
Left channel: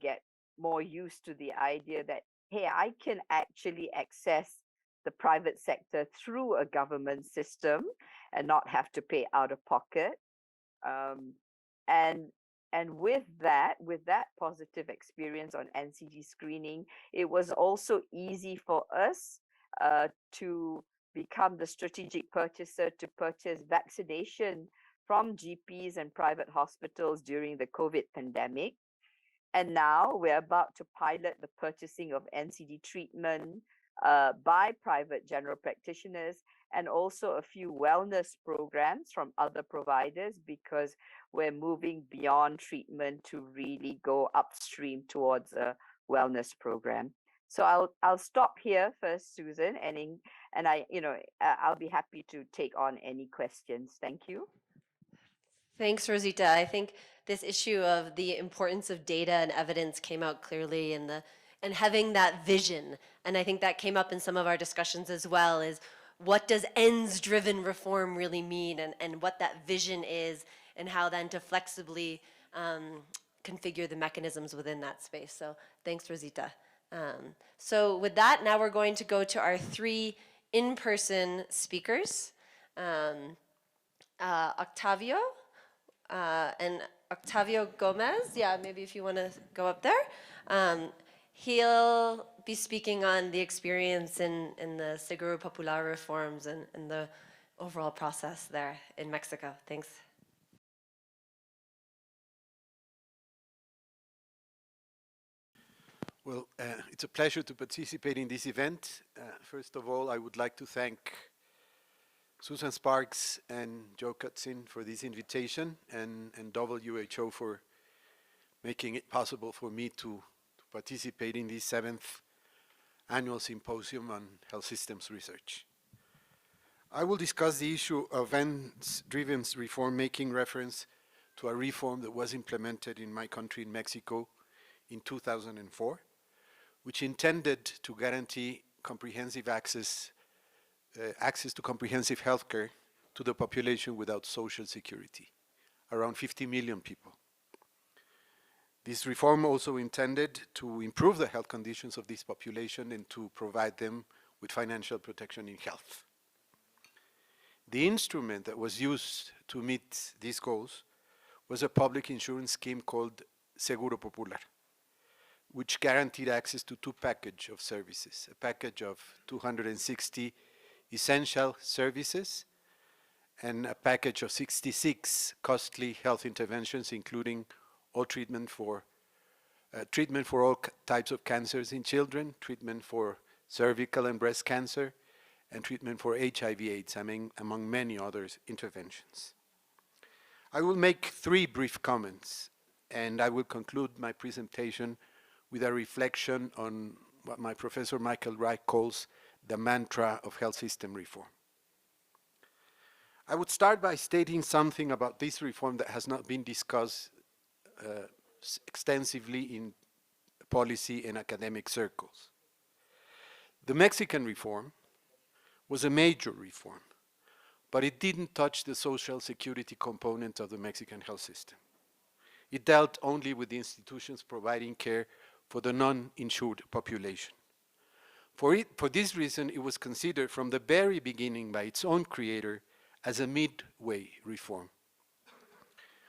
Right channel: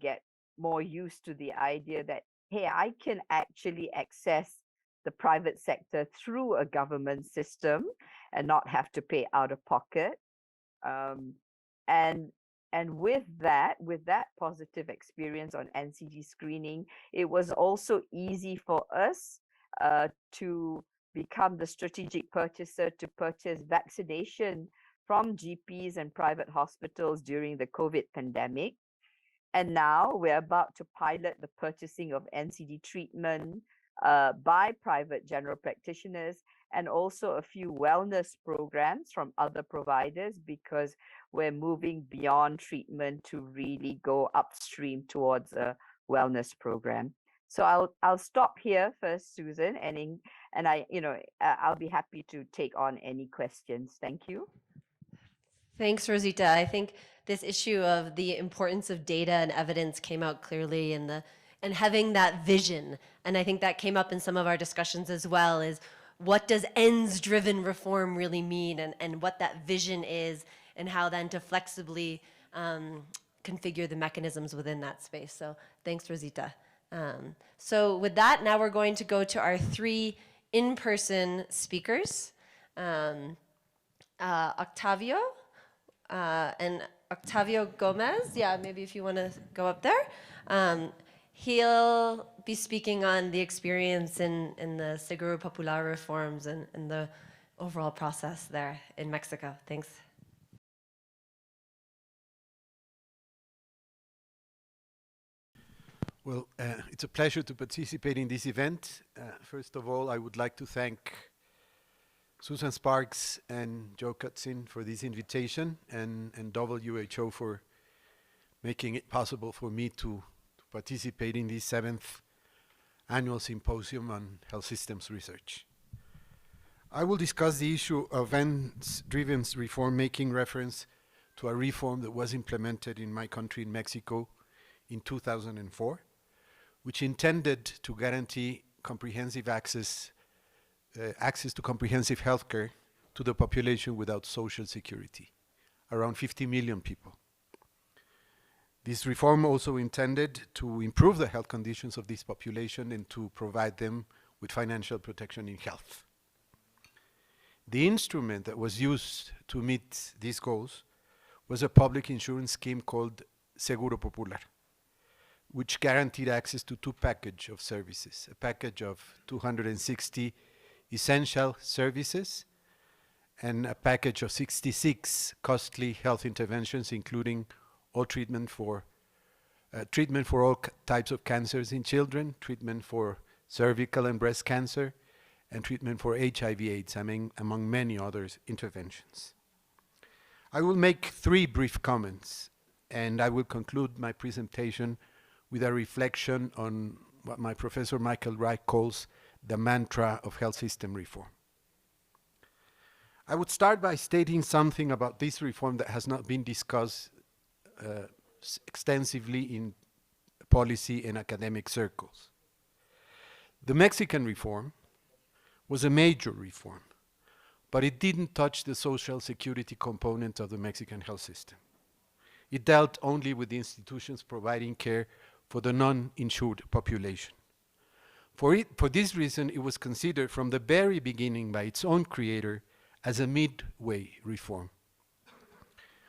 get more used to the idea that, hey, I can actually access the private sector through a government system and not have to pay out of pocket. Um, and with that positive experience on NCD screening, it was also easy for us to become the strategic purchaser to purchase vaccination from GPs and private hospitals during the COVID pandemic. And now we're about to pilot the purchasing of NCD treatment by private general practitioners, and also a few wellness programs from other providers, because we're moving beyond treatment to really go upstream towards a wellness program. So I'll stop here first, Susan, and I'll be happy to take on any questions. Thank you. Thanks, Rosita. I think this issue of the importance of data and evidence came out clearly in and having that vision. And I think that came up in some of our discussions as well, is what does ends-driven reform really mean, and what that vision is, and how then to flexibly configure the mechanisms within that space. So thanks, Rosita. So with that, now we're going to go to our 3 in-person speakers. Octavio and Octavio Gomez. Yeah, maybe if you want to go up there. He'll be speaking on the experience in the Seguro Popular reforms and the overall process there in Mexico. Thanks. Well, it's a pleasure to participate in this event. First of all, I would like to thank Susan Sparks and Joe Cutzin for this invitation, and WHO for making it possible for me to participate in this 7th annual symposium on health systems research. I will discuss the issue of ends-driven reform, making reference to a reform that was implemented in my country, in Mexico, in 2004, which intended to guarantee comprehensive access to comprehensive healthcare to the population without social security, around 50 million people. This reform also intended to improve the health conditions of this population and to provide them with financial protection in health. The instrument that was used to meet these goals was a public insurance scheme called Seguro Popular, which guaranteed access to 2 packages of services, a package of 260 essential services and a package of 66 costly health interventions, including all treatment for all types of cancers in children, treatment for cervical and breast cancer, and treatment for HIV/AIDS, among many other interventions. I will make 3 brief comments, and I will conclude my presentation with a reflection on what my professor Michael Wright calls the mantra of health system reform. I would start by stating something about this reform that has not been discussed extensively in policy and academic circles. The Mexican reform was a major reform, but it didn't touch the social security component of the Mexican health system. It dealt only with the institutions providing care for the non-insured population. For this reason, it was considered from the very beginning by its own creator as a midway reform.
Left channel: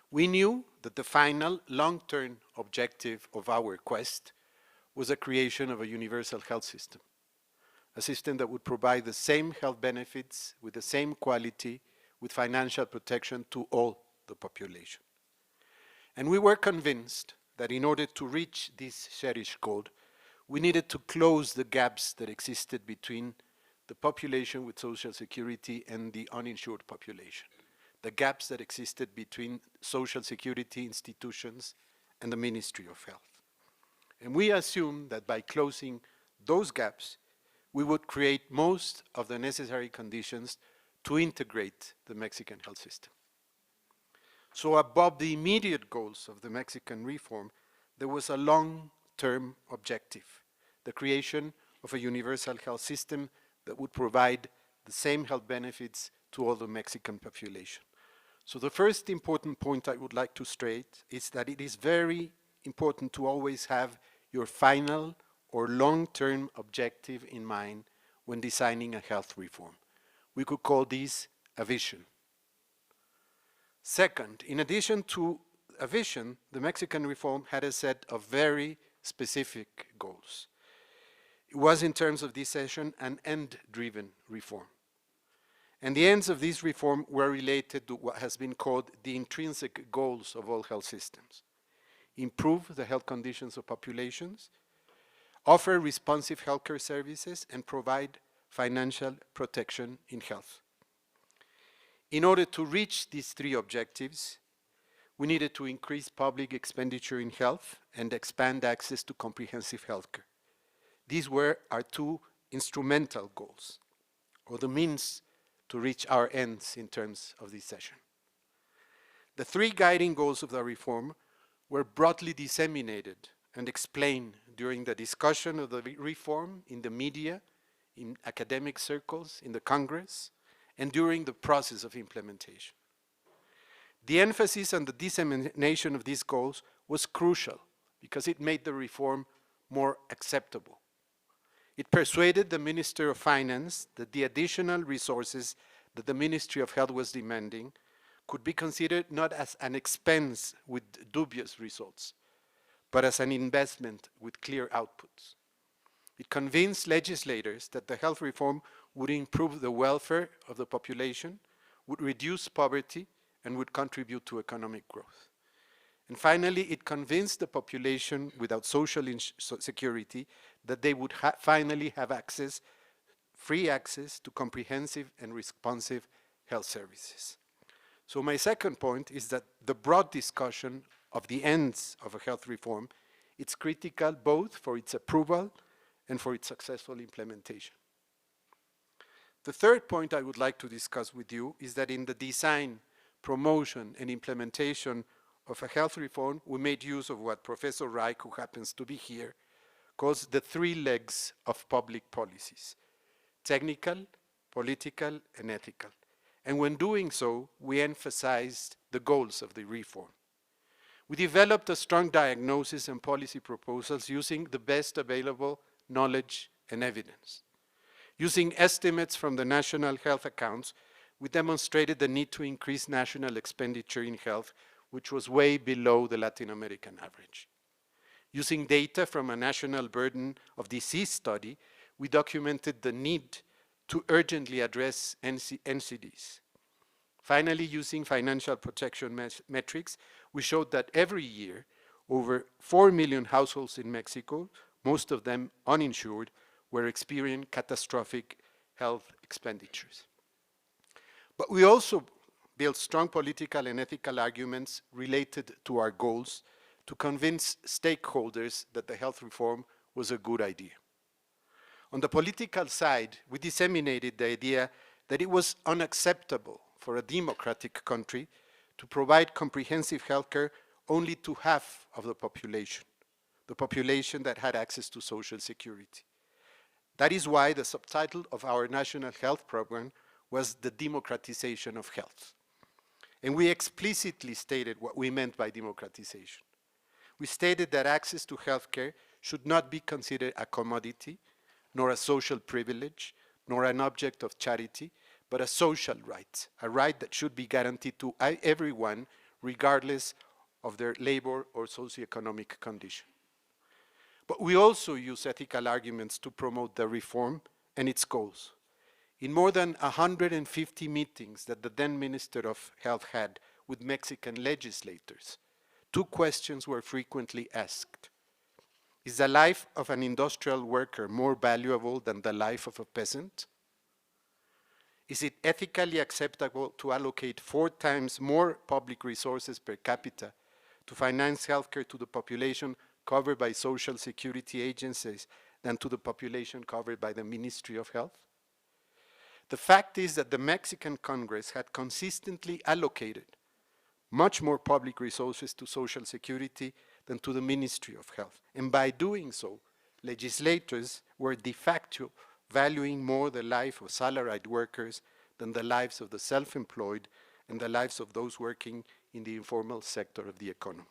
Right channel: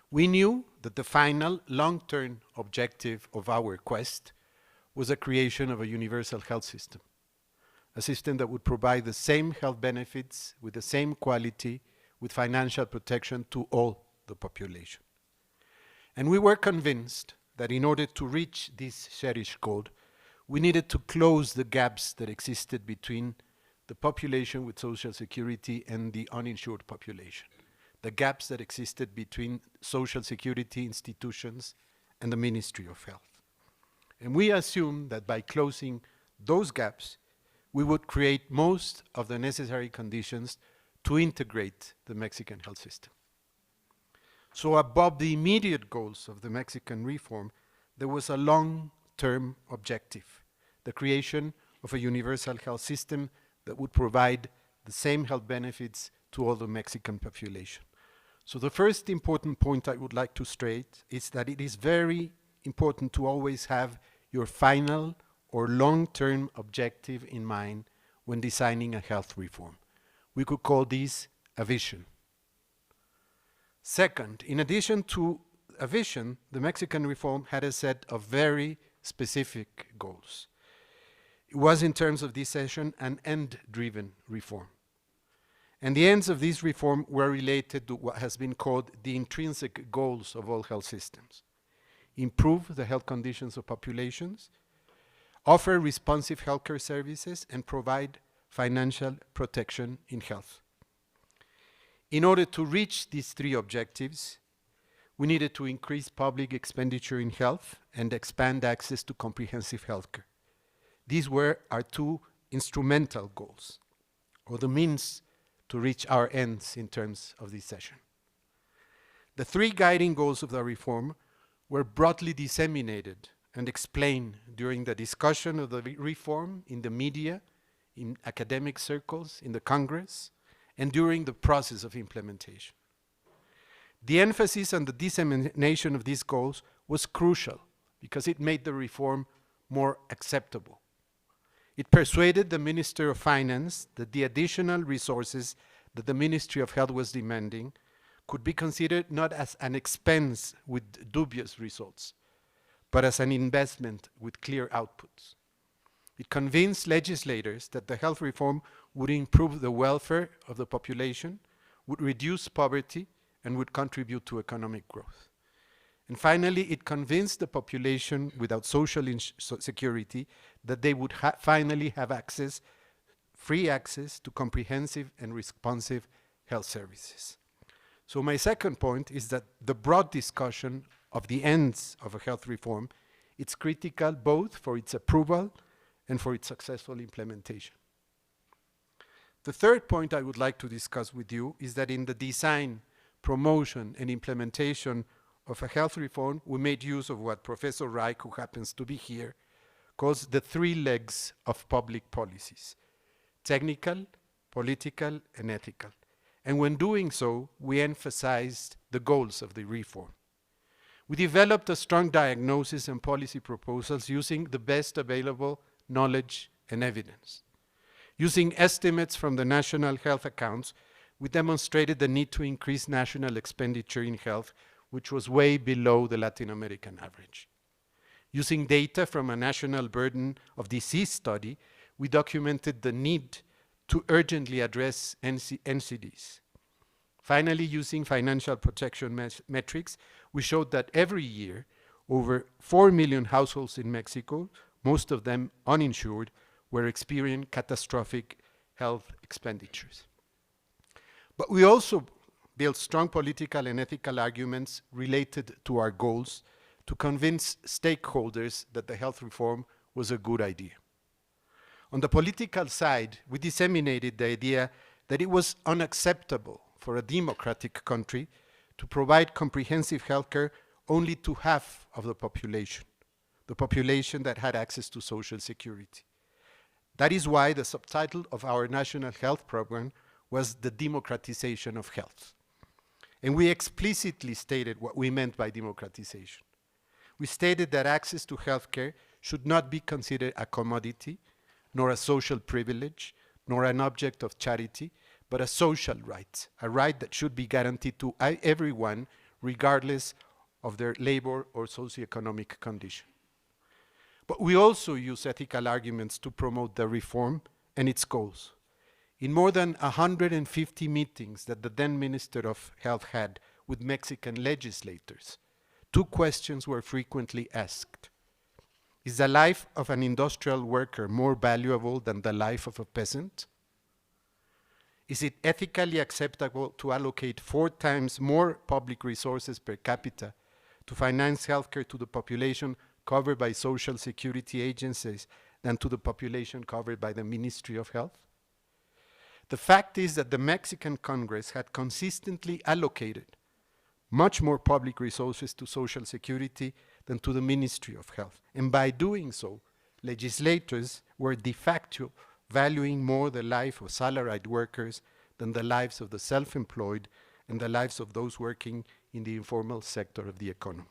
We knew that the final long-term objective of our quest was the creation of a universal health system, a system that would provide the same health benefits with the same quality, with financial protection to all the population. And we were convinced that in order to reach this cherished goal, we needed to close the gaps that existed between the population with social security and the uninsured population, the gaps that existed between social security institutions and the Ministry of Health. And we assumed that by closing those gaps, we would create most of the necessary conditions to integrate the Mexican health system. So above the immediate goals of the Mexican reform, there was a long-term objective, the creation of a universal health system that would provide the same health benefits to all the Mexican population. So the first important point I would like to stress is that it is very important to always have your final or long-term objective in mind when designing a health reform. We could call this a vision. Second, in addition to a vision, the Mexican reform had a set of very specific goals. It was, in terms of this session, an end-driven reform. And the ends of this reform were related to what has been called the intrinsic goals of all health systems. Improve the health conditions of populations, offer responsive healthcare services, and provide financial protection in health. In order to reach these three objectives, we needed to increase public expenditure in health and expand access to comprehensive healthcare. These were our two instrumental goals, or the means to reach our ends in terms of this session. The three guiding goals of the reform were broadly disseminated and explained during the discussion of the reform in the media, in academic circles, in the Congress, and during the process of implementation. The emphasis on the dissemination of these goals was crucial because it made the reform more acceptable. It persuaded the Minister of Finance that the additional resources that the Ministry of Health was demanding could be considered not as an expense with dubious results, but as an investment with clear outputs. It convinced legislators that the health reform would improve the welfare of the population, would reduce poverty, and would contribute to economic growth. And finally, it convinced the population without social security that they would finally have access, free access to comprehensive and responsive health services. So my second point is that the broad discussion of the ends of a health reform, it's critical both for its approval and for its successful implementation. The third point I would like to discuss with you is that in the design, promotion, and implementation of a health reform, we made use of what Professor Reich, who happens to be here, calls the three legs of public policies: technical, political, and ethical. And when doing so, we emphasized the goals of the reform. We developed a strong diagnosis and policy proposals using the best available knowledge and evidence. Using estimates from the national health accounts, we demonstrated the need to increase national expenditure in health, which was way below the Latin American average. Using data from a national burden of disease study, we documented the need to urgently address NCDs. Finally, using financial protection metrics, we showed that every year, over 4 million households in Mexico, most of them uninsured, were experiencing catastrophic health expenditures. But we also built strong political and ethical arguments related to our goals to convince stakeholders that the health reform was a good idea. On the political side, we disseminated the idea that it was unacceptable for a democratic country to provide comprehensive healthcare only to half of the population that had access to social security. That is why the subtitle of our national health program was the democratization of health. And we explicitly stated what we meant by democratization. We stated that access to healthcare should not be considered a commodity, nor a social privilege, nor an object of charity, but a social right, a right that should be guaranteed to everyone regardless of their labor or socioeconomic condition. But we also use ethical arguments to promote the reform and its goals. In more than 150 meetings that the then Minister of Health had with Mexican legislators, two questions were frequently asked. Is the life of an industrial worker more valuable than the life of a peasant? Is it ethically acceptable to allocate 4 times more public resources per capita to finance healthcare to the population covered by social security agencies than to the population covered by the Ministry of Health? The fact is that the Mexican Congress had consistently allocated much more public resources to social security than to the Ministry of Health. And by doing so, legislators were de facto valuing more the life of salaried workers than the lives of the self-employed and the lives of those working in the informal sector of the economy.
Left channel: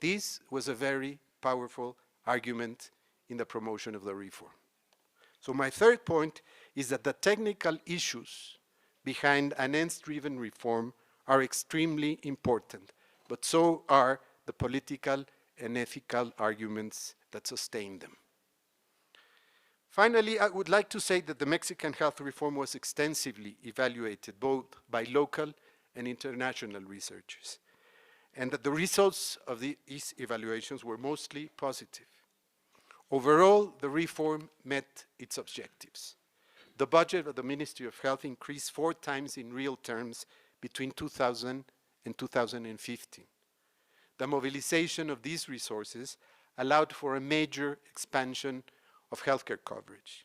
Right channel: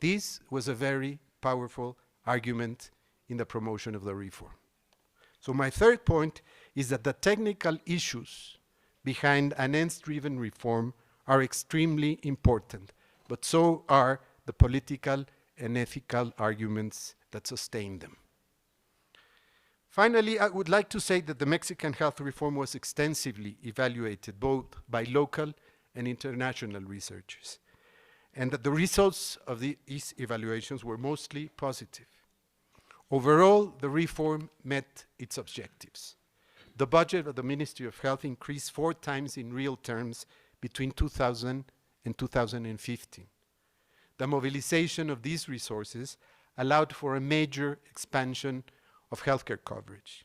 This was a very powerful argument in the promotion of the reform. So my third point is that the technical issues behind an ends-driven reform are extremely important, but so are the political and ethical arguments that sustain them. Finally, I would like to say that the Mexican health reform was extensively evaluated both by local and international researchers, and that the results of these evaluations were mostly positive. Overall, the reform met its objectives. The budget of the Ministry of Health increased 4 times in real terms between 2000 and 2015. The mobilization of these resources allowed for a major expansion of healthcare coverage.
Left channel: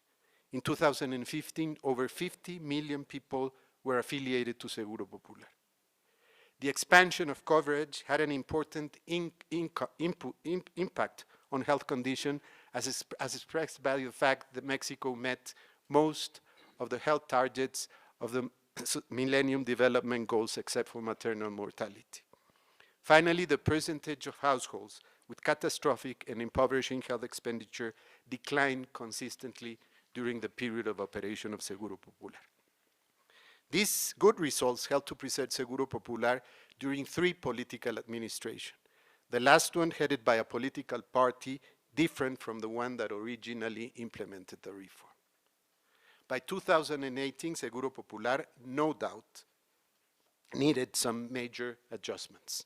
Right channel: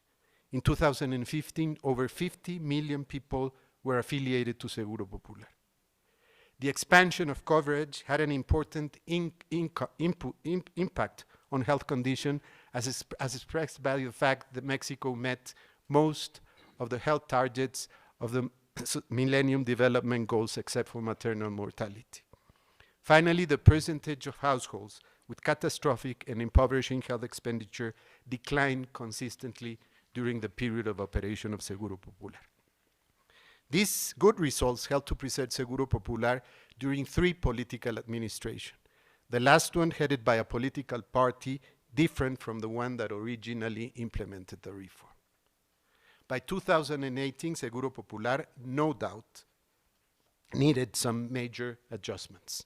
In 2015, over 50 million people were affiliated to Seguro Popular. The expansion of coverage had an important impact on health condition as expressed by the fact that Mexico met most of the health targets of the Millennium Development Goals except for maternal mortality. Finally, the percentage of households with catastrophic and impoverishing health expenditure declined consistently during the period of operation of Seguro Popular. These good results helped to preserve Seguro Popular during 3 political administrations, the last one headed by a political party different from the one that originally implemented the reform. By 2018, Seguro Popular, no doubt, needed some major adjustments.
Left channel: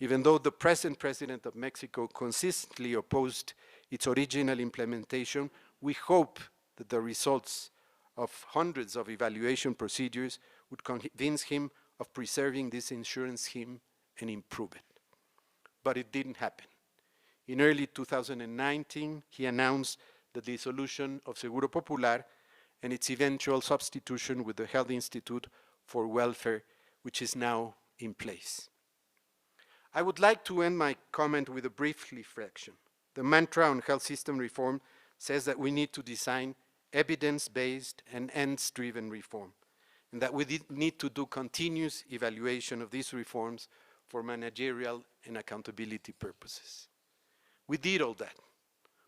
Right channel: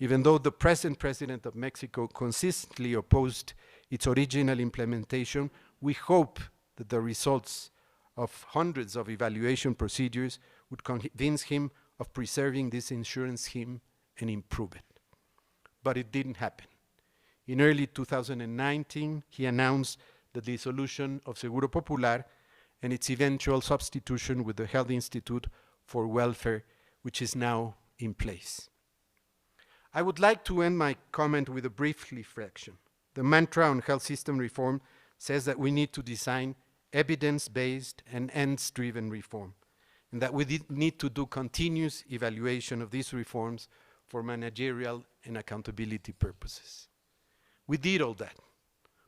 Even though the present president of Mexico consistently opposed its original implementation, we hope that the results of hundreds of evaluation procedures would convince him of preserving this insurance scheme and improve it. But it didn't happen. In early 2019, he announced the dissolution of Seguro Popular and its eventual substitution with the Health Institute for Welfare, which is now in place. I would like to end my comment with a brief reflection. The mantra on health system reform says that we need to design evidence-based and ends-driven reform, and that we need to do continuous evaluation of these reforms for managerial and accountability purposes. We did all that,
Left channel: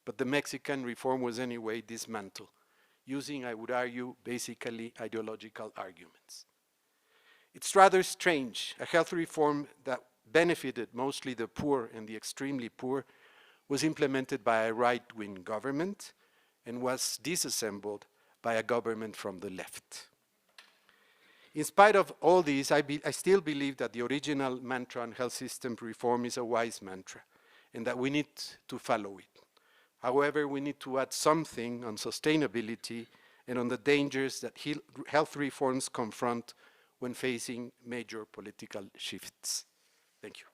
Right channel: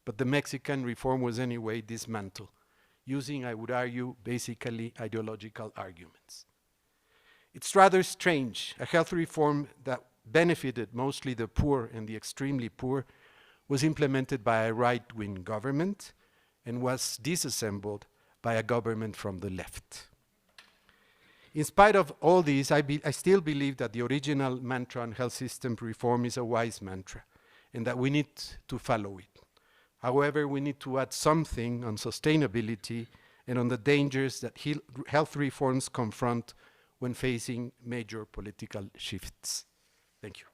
but the Mexican reform was anyway dismantled, using, I would argue, basically ideological arguments. It's rather strange. A health reform that benefited mostly the poor and the extremely poor was implemented by a right-wing government and was disassembled by a government from the left. In spite of all these, I still believe that the original mantra on health system reform is a wise mantra and that we need to follow it. However, we need to add something on sustainability and on the dangers that health reforms confront when facing major political shifts. Thank you.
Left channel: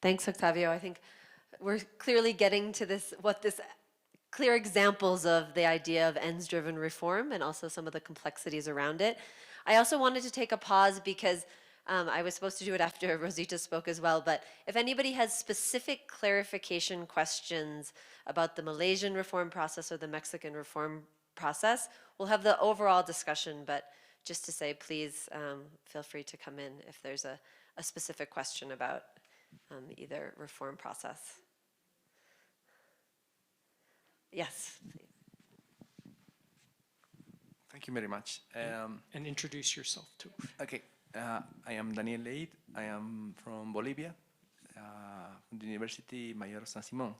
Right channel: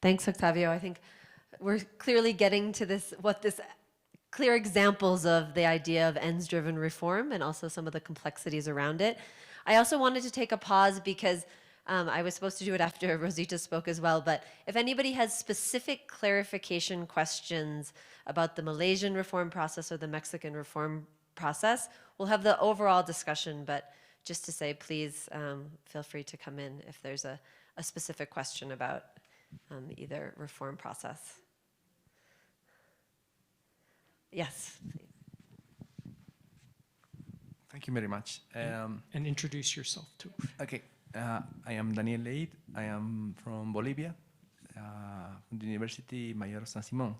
Thanks, Octavio. I think we're clearly getting to this clear examples of the idea of ends-driven reform and also some of the complexities around it. I also wanted to take a pause because I was supposed to do it after Rosita spoke as well, but if anybody has specific clarification questions about the Malaysian reform process or the Mexican reform process, we'll have the overall discussion, but just to say, please feel free to come in if there's a specific question about either reform process. Yes, please. Thank you very much. And introduce yourself too. Okay, I am Daniel Leid. I am from Bolivia, from the University Mayor San Simón.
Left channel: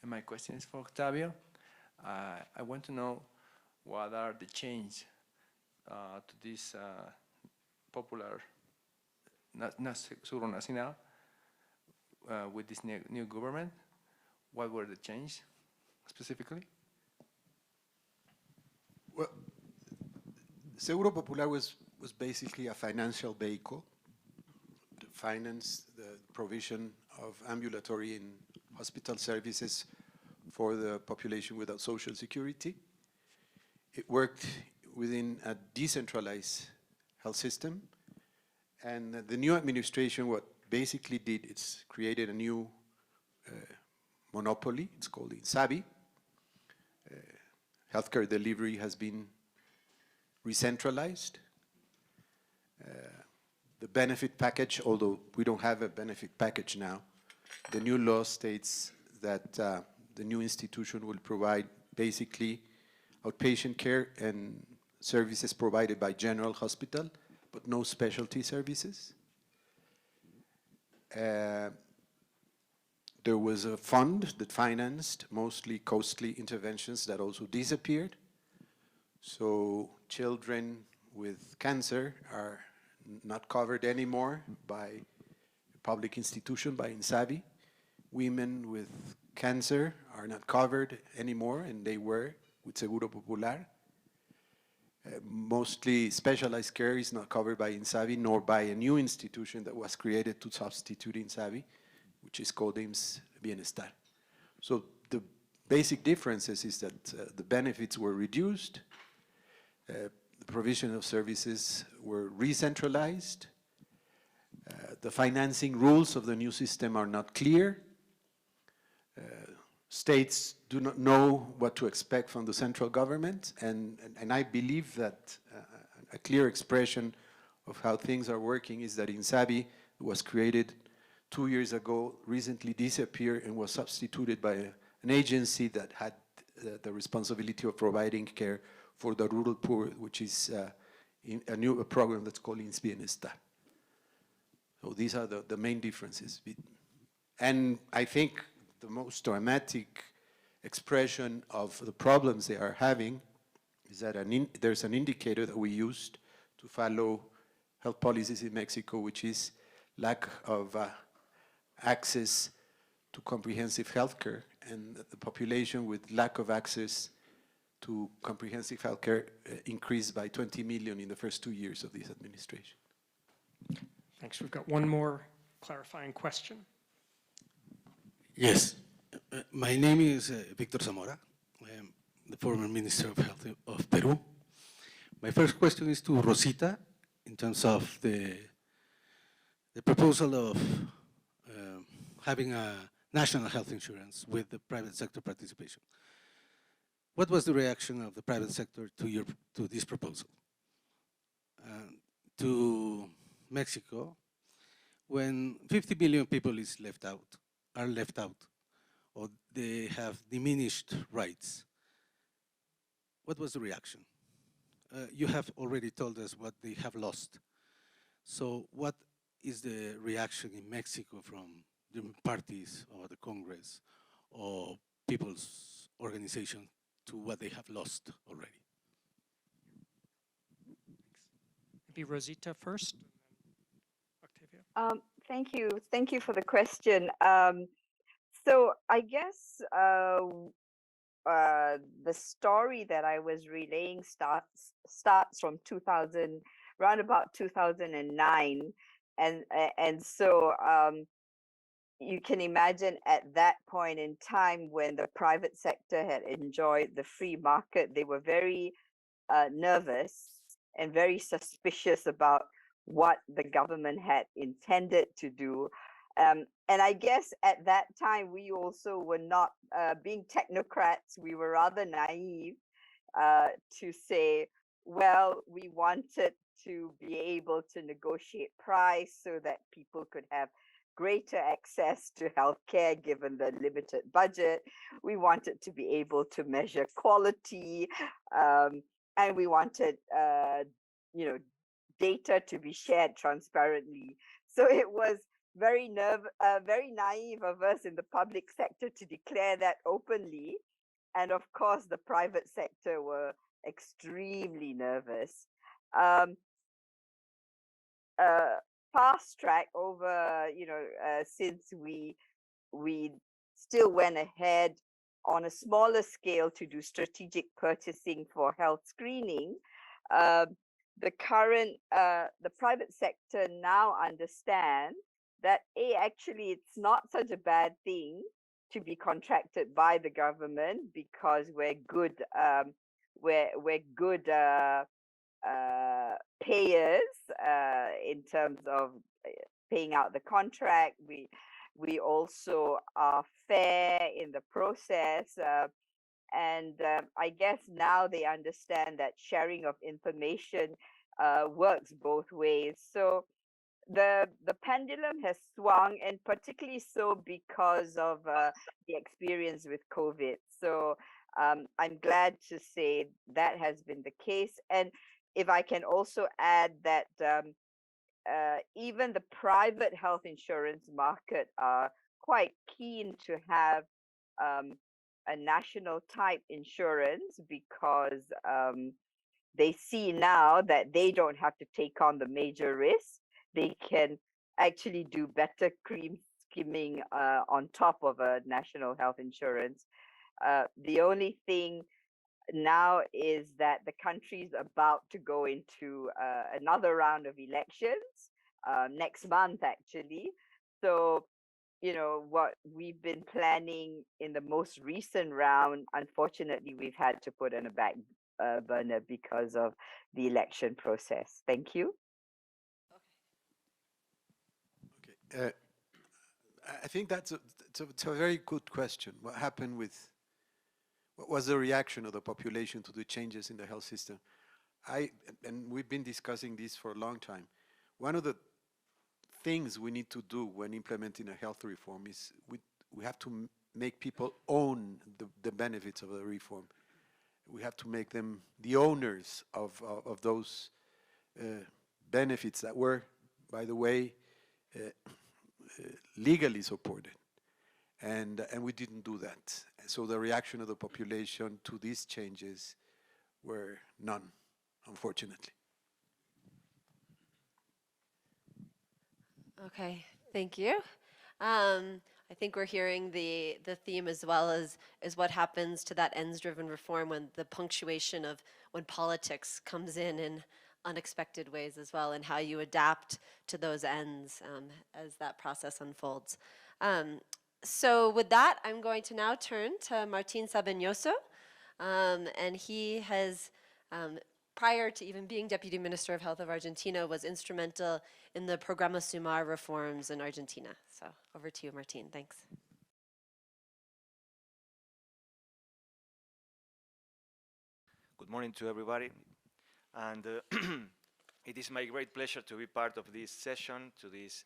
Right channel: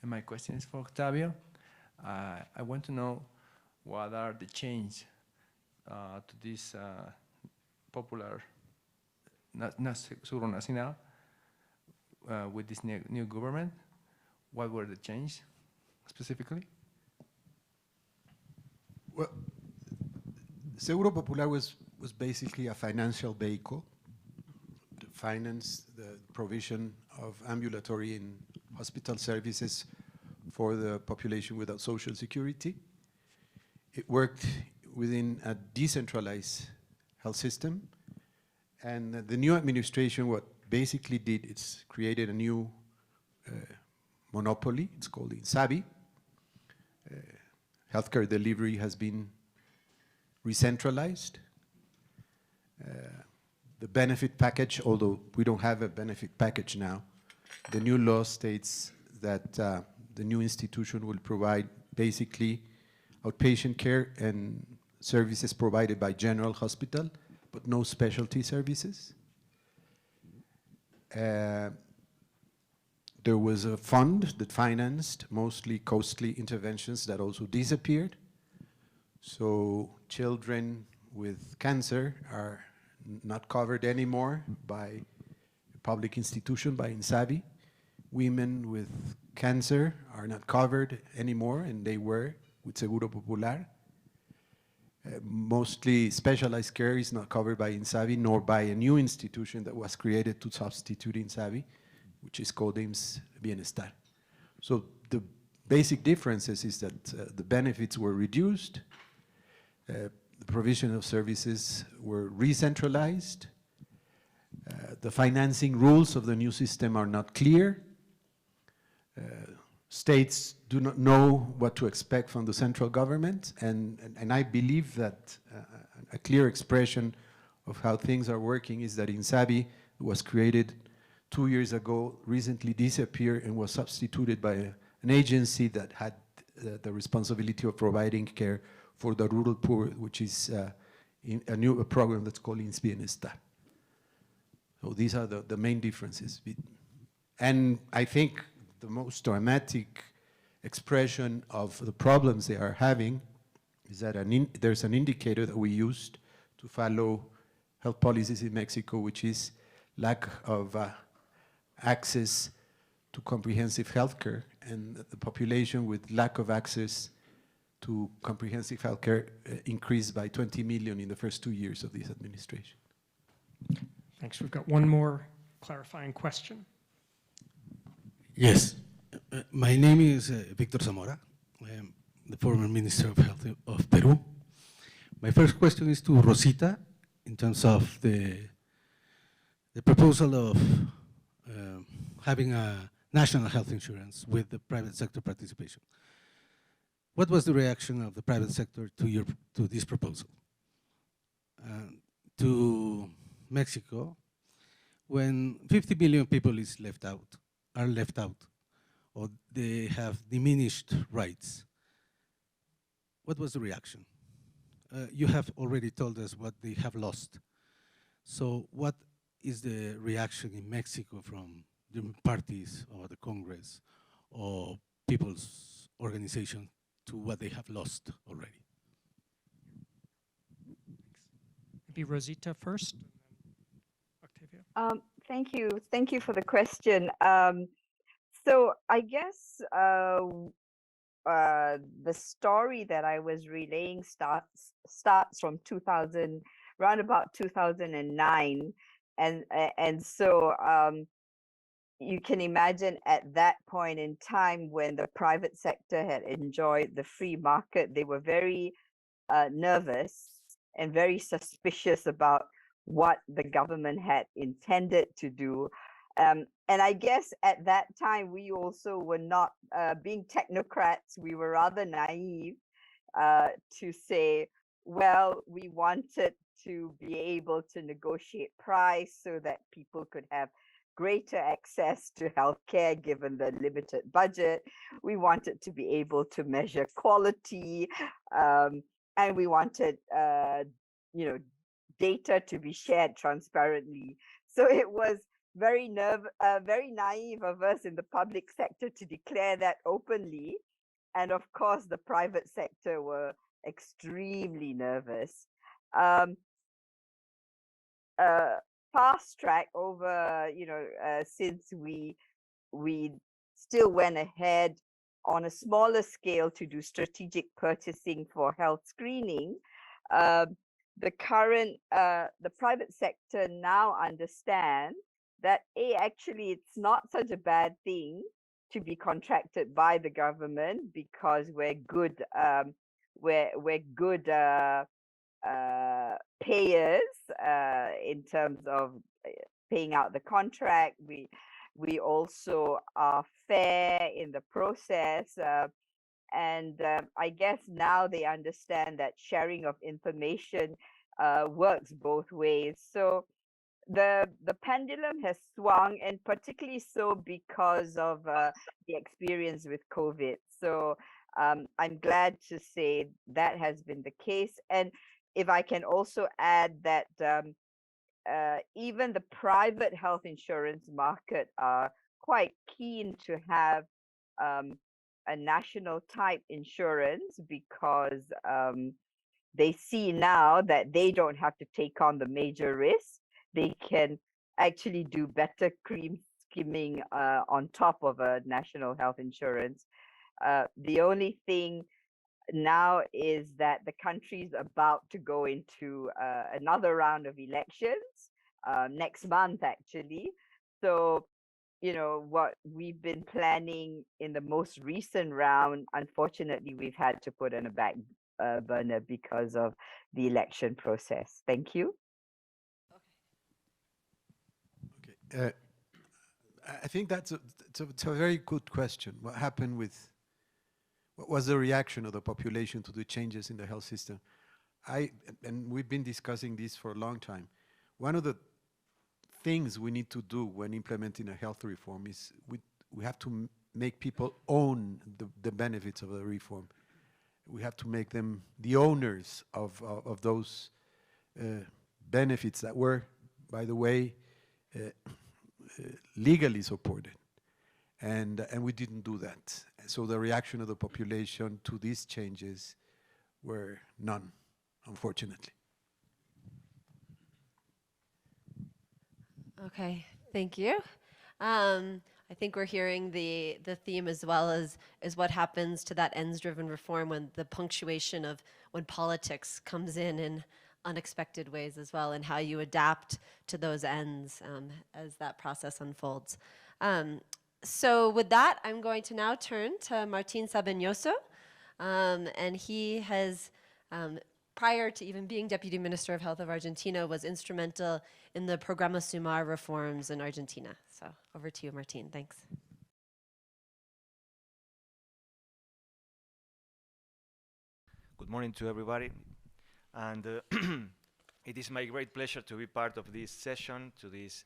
And my question is for Octavio. I want to know what are the changes to this popular Seguro Nacional with this new government. What were the changes specifically? Well, Seguro Popular was basically a financial vehicle to finance the provision of ambulatory and hospital services for the population without social security. It worked within a decentralized health system, and the new administration, what basically did, it's created a new monopoly. It's called INSABI. Healthcare delivery has been re-centralized. the benefit package, although we don't have a benefit package now. The new law states that the new institution will provide basically outpatient care and services provided by general hospital, but no specialty services. There was a fund that financed mostly costly interventions that also disappeared. So children with cancer are not covered anymore by a public institution, by INSABI. Women with cancer are not covered anymore, and they were with Seguro Popular. Mostly specialized care is not covered by INSABI, nor by a new institution that was created to substitute INSABI, which is called IMSS Bienestar. So the basic differences is that the benefits were reduced, the provision of services were re-centralized, the financing rules of the new system are not clear, states do not know what to expect from the central government, and I believe that a clear expression of how things are working is that INSABI was created 2 years ago, recently disappeared, and was substituted by an agency that had the responsibility of providing care for the rural poor, which is a new program that's called IMSS Bienestar. So these are the main differences. And I think the most dramatic expression of the problems they are having is that there's an indicator that we used to follow health policies in Mexico, which is lack of access to comprehensive health care, and the population with lack of access to comprehensive health care increased by 20 million in the first 2 years of this administration. Thanks. We've got one more clarifying question. Yes. My name is Victor Zamora. I am the former Minister of Health of Peru. My first question is to Rosita in terms of the proposal of having a national health insurance with the private sector participation. What was the reaction of the private sector to this proposal? To Mexico, when 50 million people are left out, or they have diminished rights, what was the reaction? You have already told us what they have lost. So what is the reaction in Mexico from the parties or the Congress or people's organization to what they have lost already? Maybe Rosita first, and then Octavio. Thank you for the question. So I guess the story that I was relaying starts from around about 2009, and so you can imagine at that point in time when the private sector had enjoyed the free market, they were very nervous and very suspicious about what the government had intended to do. And I guess at that time, we also were not being technocrats. We were rather naive to say, well, we wanted to be able to negotiate price so that people could have greater access to healthcare given the limited budget. We wanted to be able to measure quality, and we wanted, data to be shared transparently. So it was very naive of us in the public sector to declare that openly. And of course, the private sector were extremely nervous. Fast track over, since we still went ahead on a smaller scale to do strategic purchasing for health screening. The private sector now understand that actually it's not such a bad thing to be contracted by the government because we're good payers in terms of paying out the contract. We also are fair in the process, and I guess now they understand that sharing of information works both ways. So the pendulum has swung, and particularly so because of the experience with COVID. So I'm glad to say that has been the case. And if I can also add that even the private health insurance market are quite keen to have um, a national type insurance because they see now that they don't have to take on the major risk. They can actually do better cream skimming on top of a national health insurance. The only thing now is that the country is about to go into another round of elections next month, actually. So, you know, what we've been planning in the most recent round, unfortunately, we've had to put on a back burner because of the election process. Thank you. Okay. I think it's a very good question. What happened with, what was the reaction of the population to the changes in the health system? And we've been discussing this for a long time. One of the things we need to do when implementing a health reform is we have to make people own the benefits of the reform. We have to make them the owners of those benefits that were, by the way, legally supported. And we didn't do that. So the reaction of the population to these changes were none, unfortunately. Okay, thank you. I think we're hearing the theme as well as what happens to that ends-driven reform when the punctuation of when politics comes in unexpected ways as well, and how you adapt to those ends as that process unfolds. So with that, I'm going to now turn to Martin Sabenoso, and he has, prior to even being Deputy Minister of Health of Argentina, was instrumental in the Programa Sumar reforms in Argentina. So over to you, Martin. Thanks. Good morning to everybody. And it is my great pleasure to be part of this session, to this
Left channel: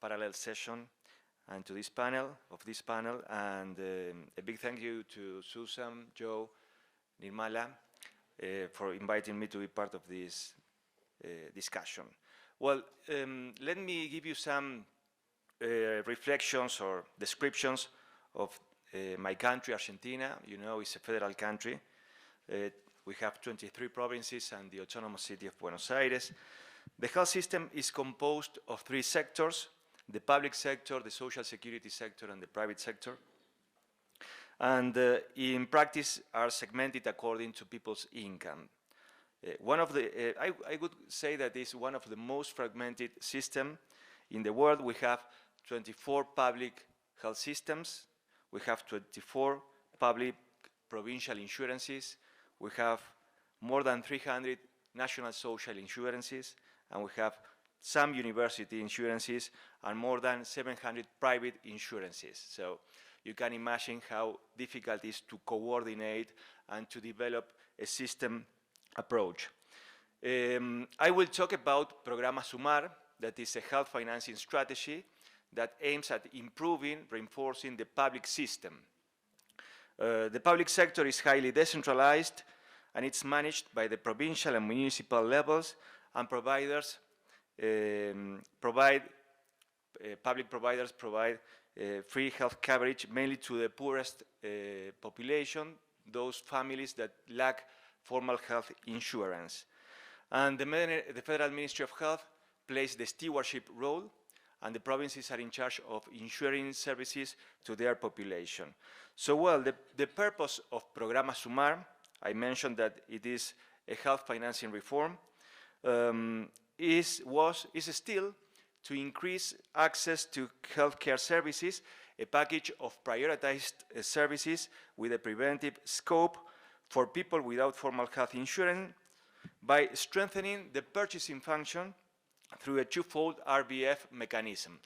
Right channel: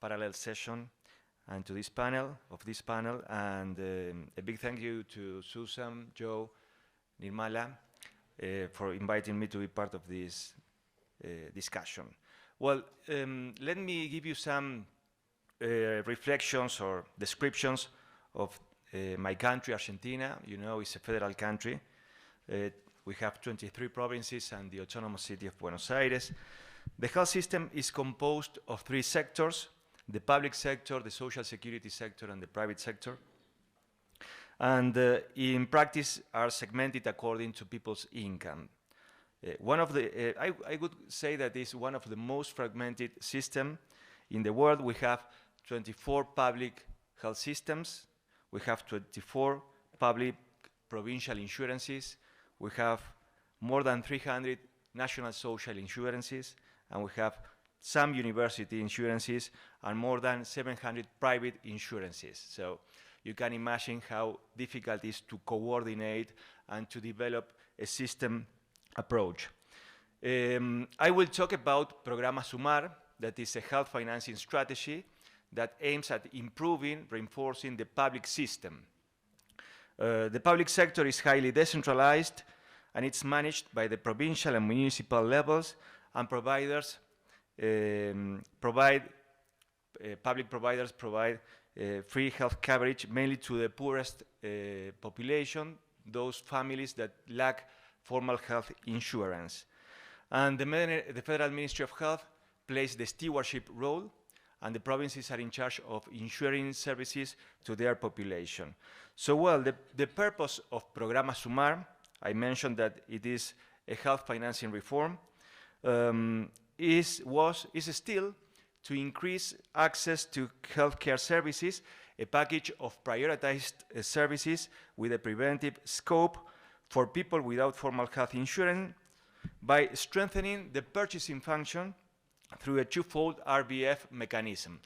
parallel session, and to this panel, and a big thank you to Susan, Joe, Nirmala, for inviting me to be part of this discussion. Well, let me give you some reflections or descriptions of my country, Argentina. You know, it's a federal country. We have 23 provinces and the autonomous city of Buenos Aires. The health system is composed of 3 sectors: the public sector, the social security sector, and the private sector. And in practice are segmented according to people's income. I would say that it's one of the most fragmented systems in the world. We have 24 public health systems. We have 24 public provincial insurances. We have more than 300 national social insurances, and we have some university insurances and more than 700 private insurances. So you can imagine how difficult it is to coordinate and to develop a system approach. I will talk about Programa Sumar, that is a health financing strategy that aims at improving, reinforcing the public system. The public sector is highly decentralized, and it's managed by the provincial and municipal levels, and providers public providers provide free health coverage mainly to the poorest population, those families that lack formal health insurance. And the Federal Ministry of Health plays the stewardship role, and the provinces are in charge of ensuring services to their population. So, well, the purpose of Programa Sumar, I mentioned that it is a health financing reform, is still to increase access to healthcare services, a package of prioritized services with a preventive scope for people without formal health insurance, by strengthening the purchasing function through a twofold RBF mechanism.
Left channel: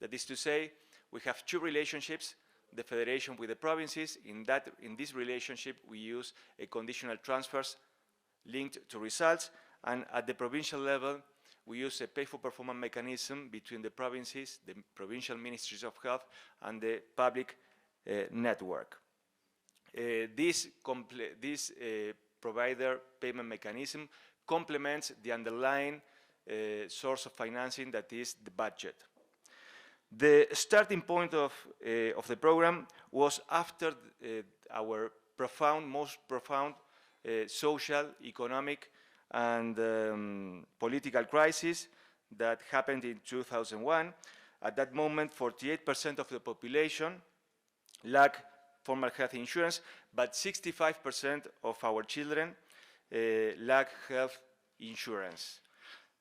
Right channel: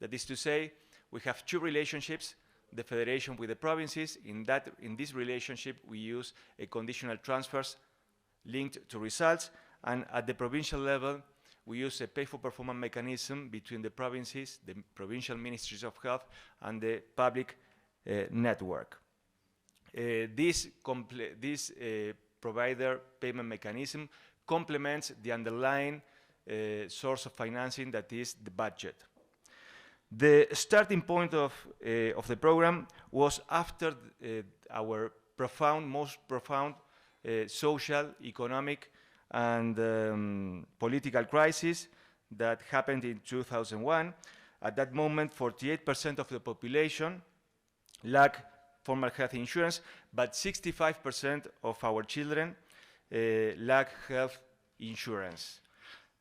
That is to say, we have 2 relationships: the federation with the provinces. In this relationship, we use a conditional transfers linked to results, and at the provincial level, we use a pay-for-performance mechanism between the provinces, the provincial ministries of health, and the public network. This provider payment mechanism complements the underlying source of financing, that is the budget. The starting point of the program was after our most profound social, economic, and political crisis that happened in 2001. At that moment, 48% of the population lacked formal health insurance, but 65% of our children lack health insurance.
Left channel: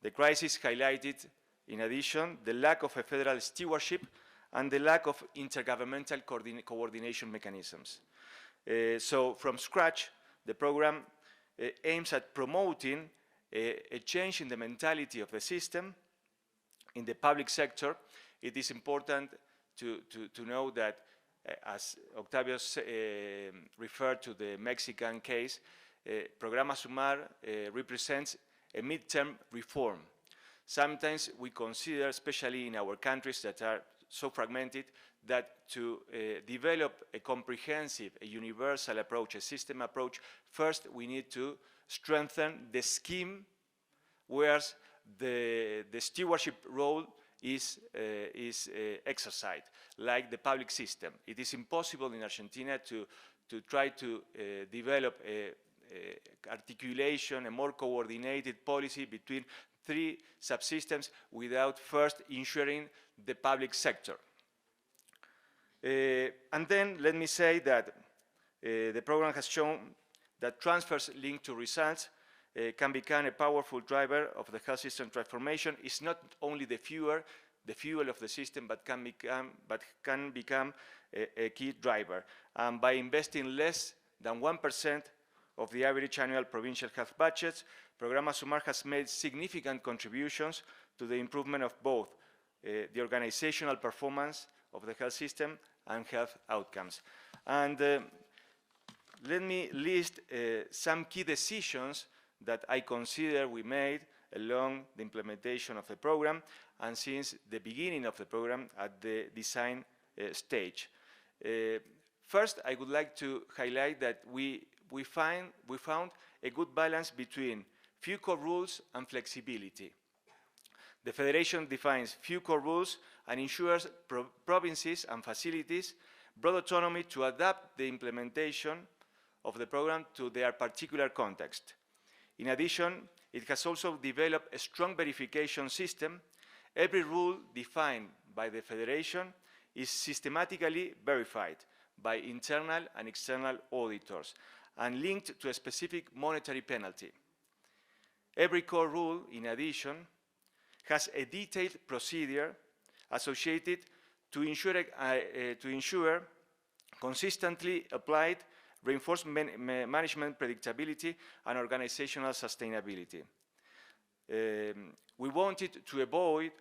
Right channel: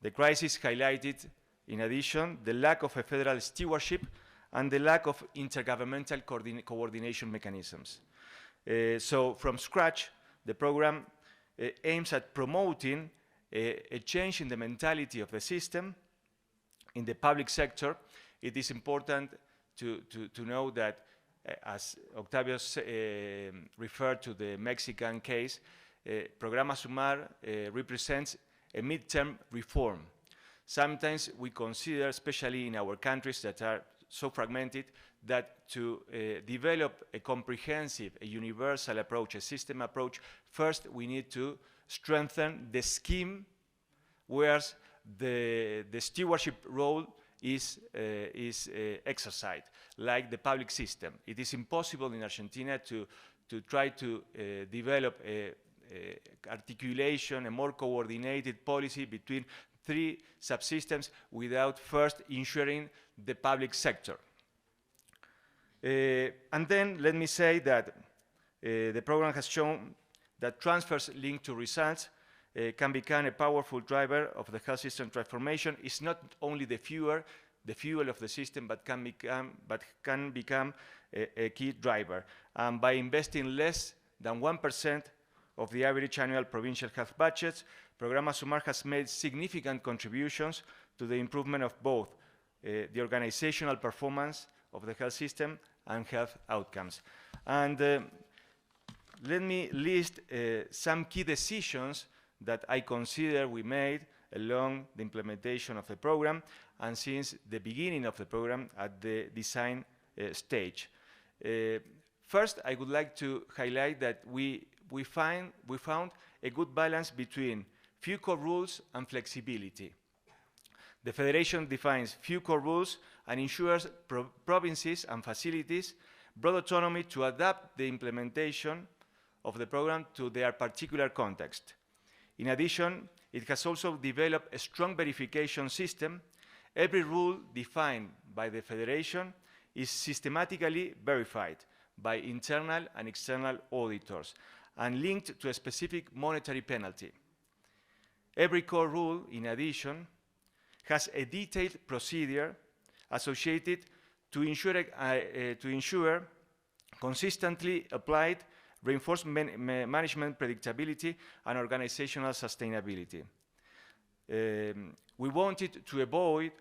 The crisis highlighted, in addition, the lack of a federal stewardship and the lack of intergovernmental coordination mechanisms. So from scratch, the program aims at promoting a change in the mentality of the system. In the public sector, it is important to know that, as Octavio referred to the Mexican case, Programa Sumar represents a midterm reform. Sometimes we consider, especially in our countries that are so fragmented, that to develop a comprehensive, a universal approach, a system approach, first we need to strengthen the scheme, whereas the stewardship role is exercised, like the public system. It is impossible in Argentina to try to develop a articulation, a more coordinated policy between three subsystems without first ensuring the public sector. And then let me say that the program has shown that transfers linked to results can become a powerful driver of the health system transformation. It's not only the fuel of the system, but can become a key driver. By investing less than 1% of the average annual provincial health budgets, Programa Sumar has made significant contributions to the improvement of both the organizational performance of the health system and health outcomes. And let me list some key decisions that I consider we made along the implementation of the program and since the beginning of the program at the design stage. First, I would like to highlight that we found a good balance between few core rules and flexibility. The Federation defines few core rules and ensures provinces and facilities broad autonomy to adapt the implementation of the program to their particular context. In addition, it has also developed a strong verification system. Every rule defined by the Federation is systematically verified by internal and external auditors and linked to a specific monetary penalty. Every core rule, in addition, has a detailed procedure associated to ensure consistently applied reinforced management predictability and organizational sustainability. We wanted to avoid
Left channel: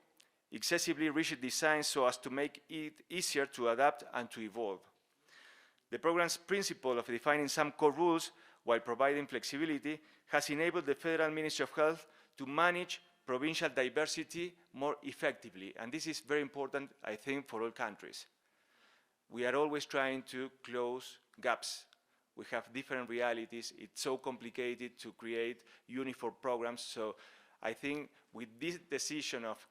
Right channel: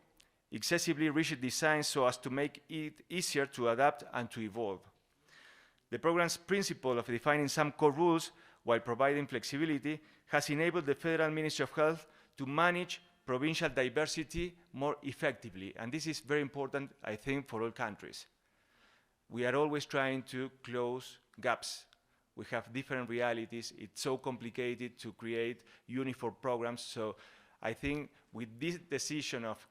excessively rigid design so as to make it easier to adapt and to evolve. The program's principle of defining some core rules while providing flexibility has enabled the Federal Ministry of Health to manage provincial diversity more effectively. And this is very important, I think, for all countries. We are always trying to close gaps. We have different realities. It's so complicated to create uniform programs. So I think with this decision of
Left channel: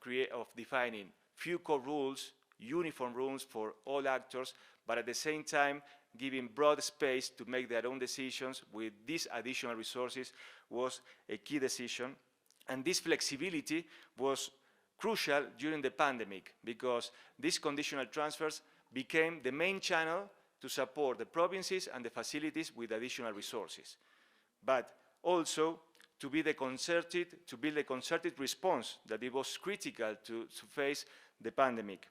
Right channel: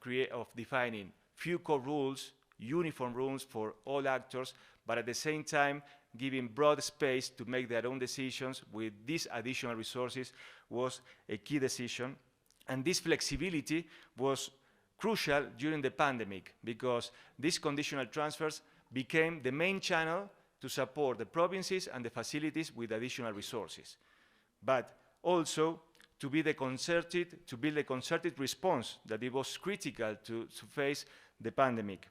defining few core rules, uniform rules for all actors, but at the same time giving broad space to make their own decisions with these additional resources was a key decision. And this flexibility was crucial during the pandemic because these conditional transfers became the main channel to support the provinces and the facilities with additional resources, but also to build a concerted response that it was critical to face the pandemic,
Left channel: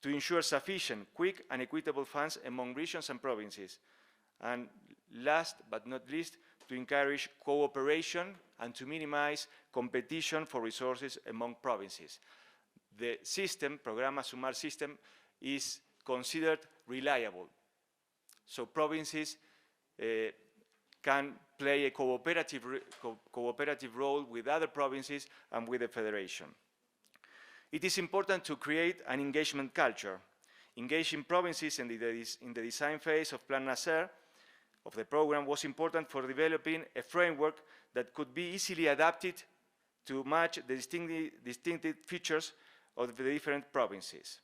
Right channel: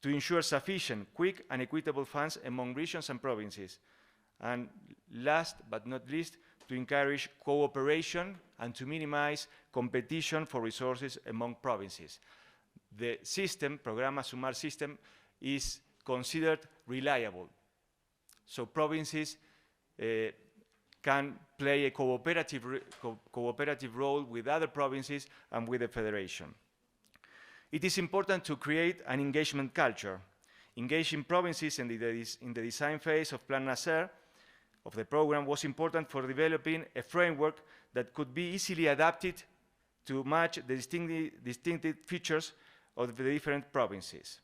to ensure sufficient, quick, and equitable funds among regions and provinces, and last but not least, to encourage cooperation and to minimize competition for resources among provinces. The system, Programa Sumar system, is considered reliable. So provinces can play a cooperative role with other provinces and with the federation. It is important to create an engagement culture. Engaging provinces in the design phase of Plan Nacer, of the program, was important for developing a framework that could be easily adapted to match the distinctive features of the different provinces.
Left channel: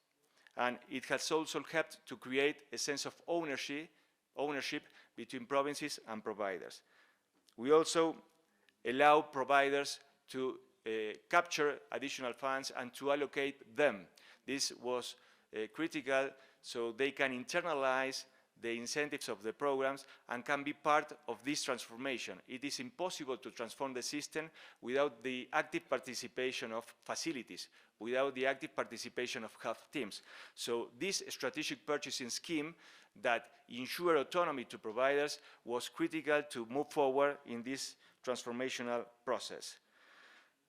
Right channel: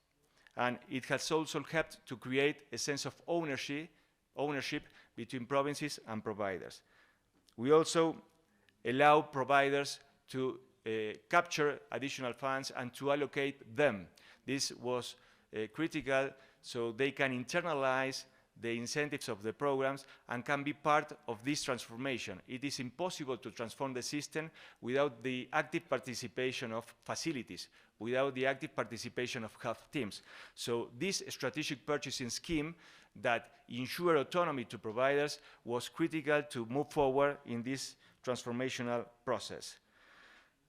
And it has also helped to create a sense of ownership between provinces and providers. We also allow providers to capture additional funds and to allocate them. This was critical so they can internalize the incentives of the programs and can be part of this transformation. It is impossible to transform the system without the active participation of facilities, without the active participation of health teams. So this strategic purchasing scheme that ensure autonomy to providers was critical to move forward in this transformational process.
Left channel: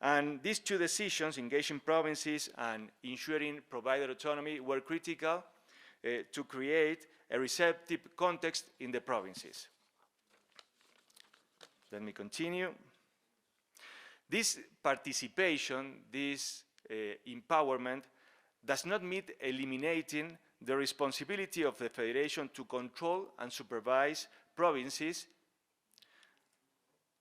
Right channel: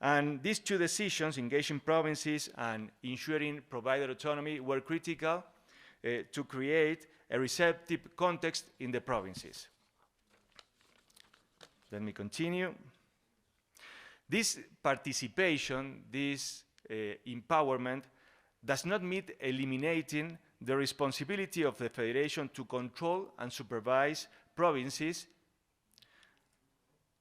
And these two decisions, engaging provinces and ensuring provider autonomy, were critical to create a receptive context in the provinces. Let me continue. This participation, this empowerment, does not mean eliminating the responsibility of the federation to control and supervise provinces,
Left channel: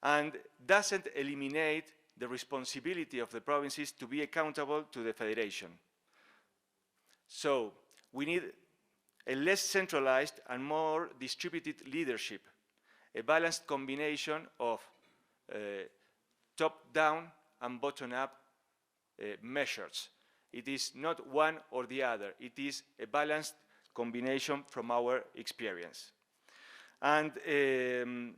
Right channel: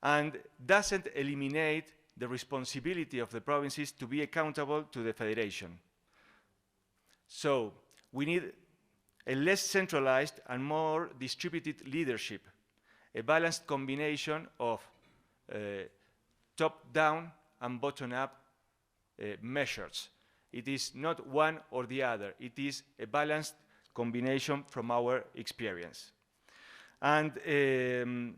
and doesn't eliminate the responsibility of the provinces to be accountable to the federation. So we need a less centralized and more distributed leadership, a balanced combination of top-down and bottom-up measures. It is not one or the other. It is a balanced combination from our experience. And an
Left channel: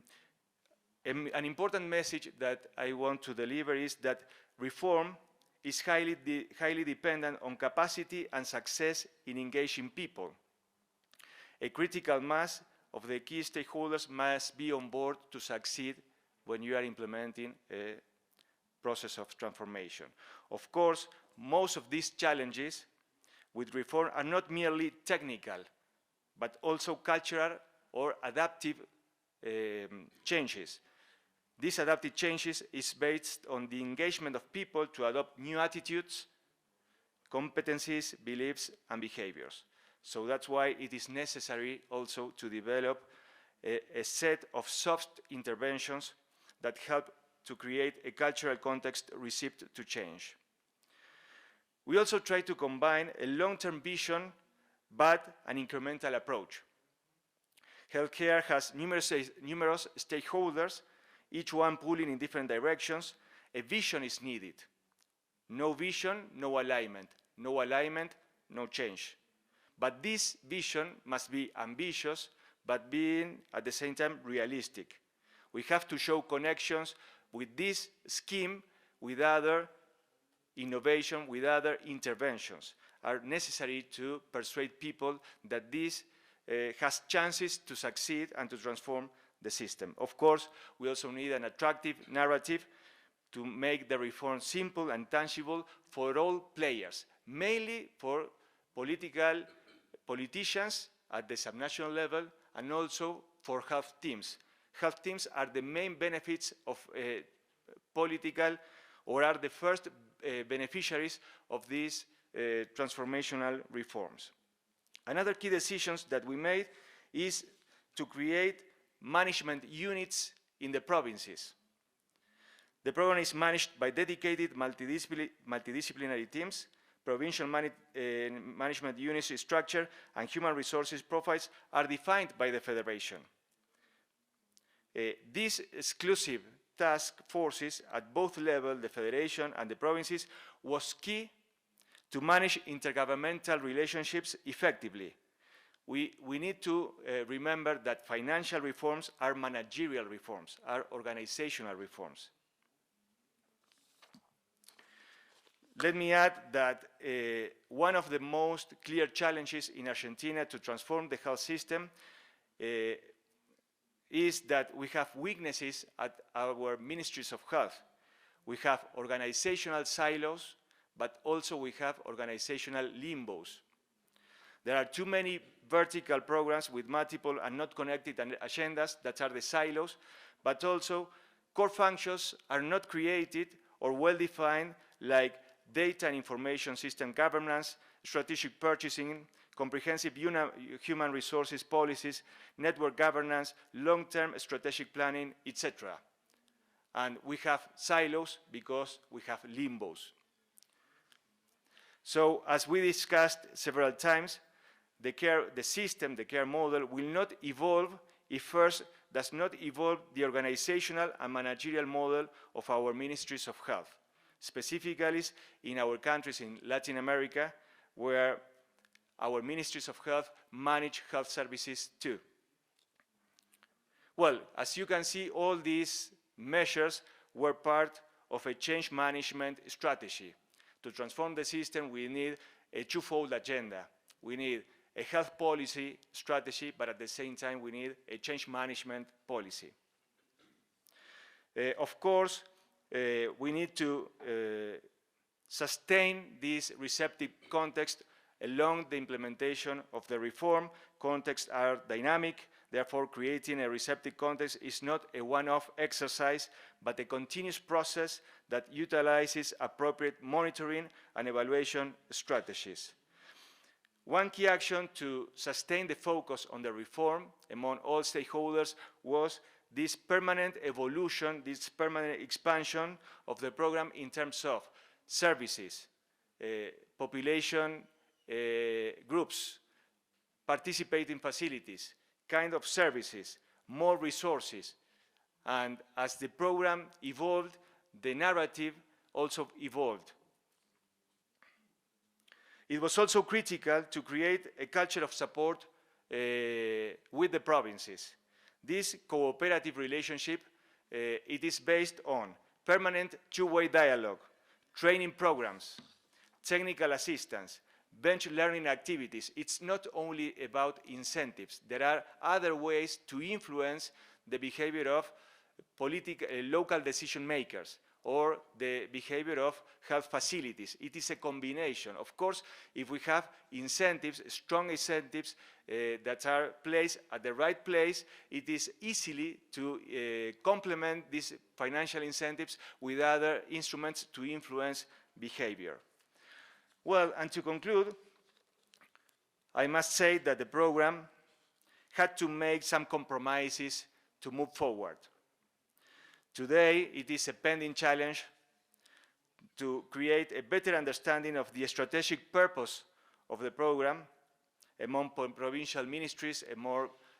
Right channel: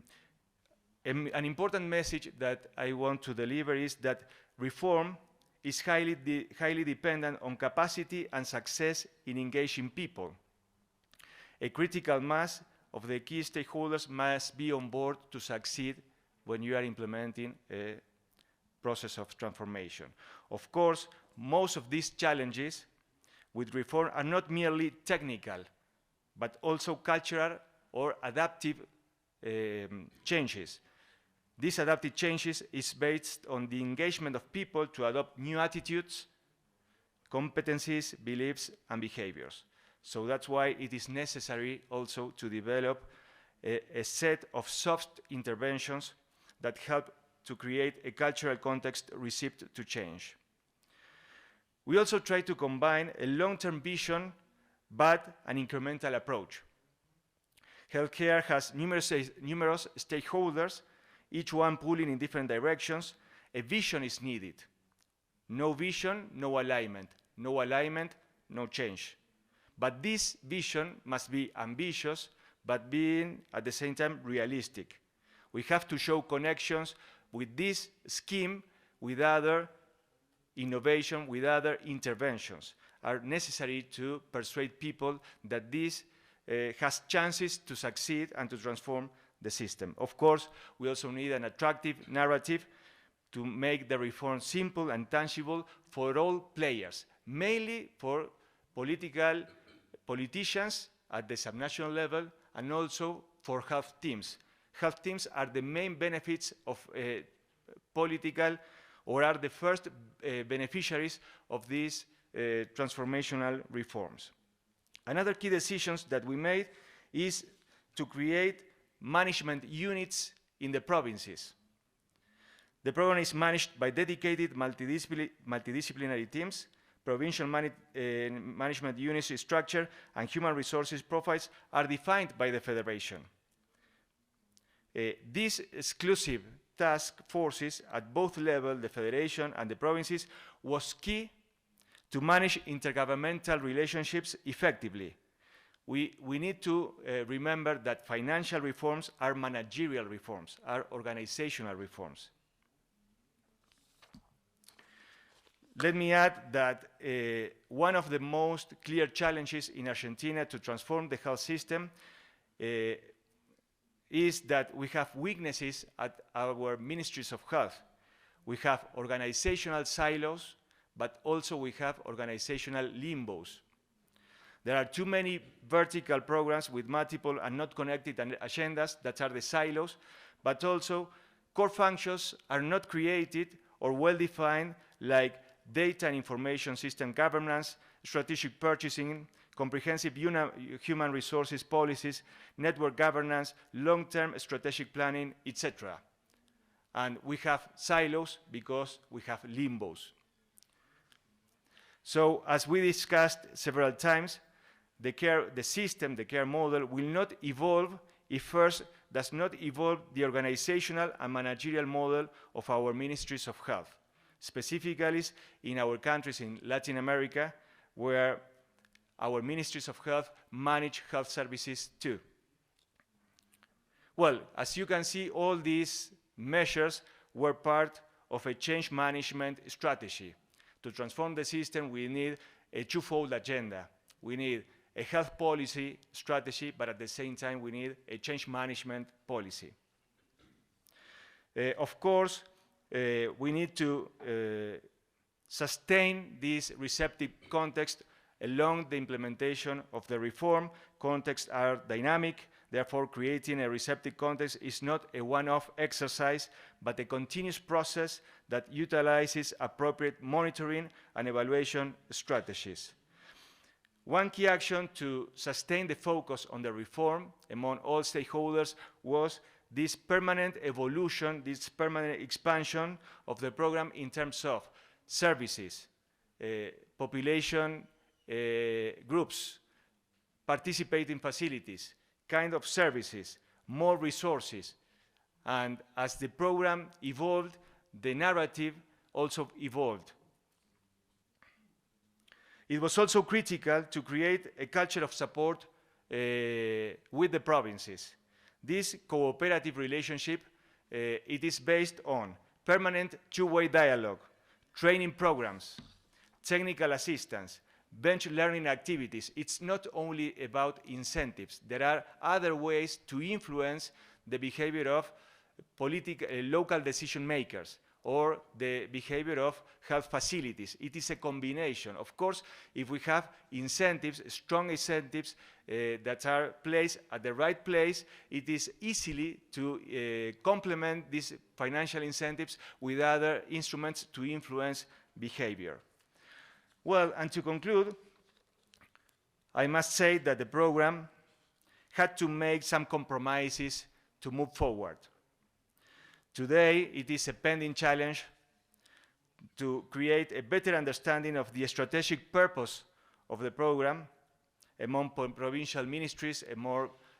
important message that I want to deliver is that reform is highly dependent on capacity and success in engaging people. A critical mass of the key stakeholders must be on board to succeed when you are implementing a process of transformation. Of course, most of these challenges with reform are not merely technical, but also cultural or adaptive changes. These adaptive changes is based on the engagement of people to adopt new attitudes, competencies, beliefs, and behaviors. So that's why it is necessary also to develop a set of soft interventions that help to create a cultural context receptive to change. We also try to combine a long-term vision but an incremental approach. Healthcare has numerous stakeholders, each one pulling in different directions. A vision is needed. No vision, no alignment. No alignment, no change. But this vision must be ambitious, but being at the same time realistic. We have to show connections with this scheme, with other innovation, with other interventions, are necessary to persuade people that this has chances to succeed and to transform the system. Of course, we also need an attractive narrative to make the reform simple and tangible for all players, mainly for politicians at the subnational level and also for health teams. Health teams are the main benefits of political, or are the first beneficiaries of these transformational reforms. Another key decisions that we made is to create management units in the provinces. The program is managed by dedicated multidisciplinary teams. Provincial management units structure and human resources profiles are defined by the federation. These exclusive task forces at both levels, the federation and the provinces, was key to manage intergovernmental relationships effectively. We need to remember that financial reforms are managerial reforms, are organizational reforms. Let me add that one of the most clear challenges in Argentina to transform the health system is that we have weaknesses at our ministries of health. We have organizational silos, but also we have organizational limbos. There are too many vertical programs with multiple and not connected agendas that are the silos, but also core functions are not created or well-defined, like data and information system governance, strategic purchasing, comprehensive human resources policies, network governance, long-term strategic planning, etc. And we have silos because we have limbos. So, as we discussed several times, the care model will not evolve if first does not evolve the organizational and managerial model of our ministries of health, specifically in our countries in Latin America, where our ministries of health manage health services too. Well, as you can see, all these measures were part of a change management strategy. To transform the system, we need a twofold agenda. We need a health policy strategy, but at the same time, we need a change management policy. Of course, we need to sustain this receptive context along the implementation of the reform. Contexts are dynamic, therefore creating a receptive context is not a one-off exercise, but a continuous process that utilizes appropriate monitoring and evaluation strategies. One key action to sustain the focus on the reform among all stakeholders was this permanent evolution, this permanent expansion of the program in terms of services, population groups, participating facilities, kind of services, more resources. And as the program evolved, the narrative also evolved. It was also critical to create a culture of support with the provinces. This cooperative relationship, it is based on permanent two-way dialogue, training programs, technical assistance, bench learning activities. It's not only about incentives. There are other ways to influence the behavior of local decision makers or the behavior of health facilities. It is a combination. Of course, if we have incentives, strong incentives that are placed at the right place, it is easily to complement these financial incentives with other instruments to influence behavior. Well, and to conclude, I must say that the program had to make some compromises to move forward. Today, it is a pending challenge to create a better understanding of the strategic purpose of the program among provincial ministries,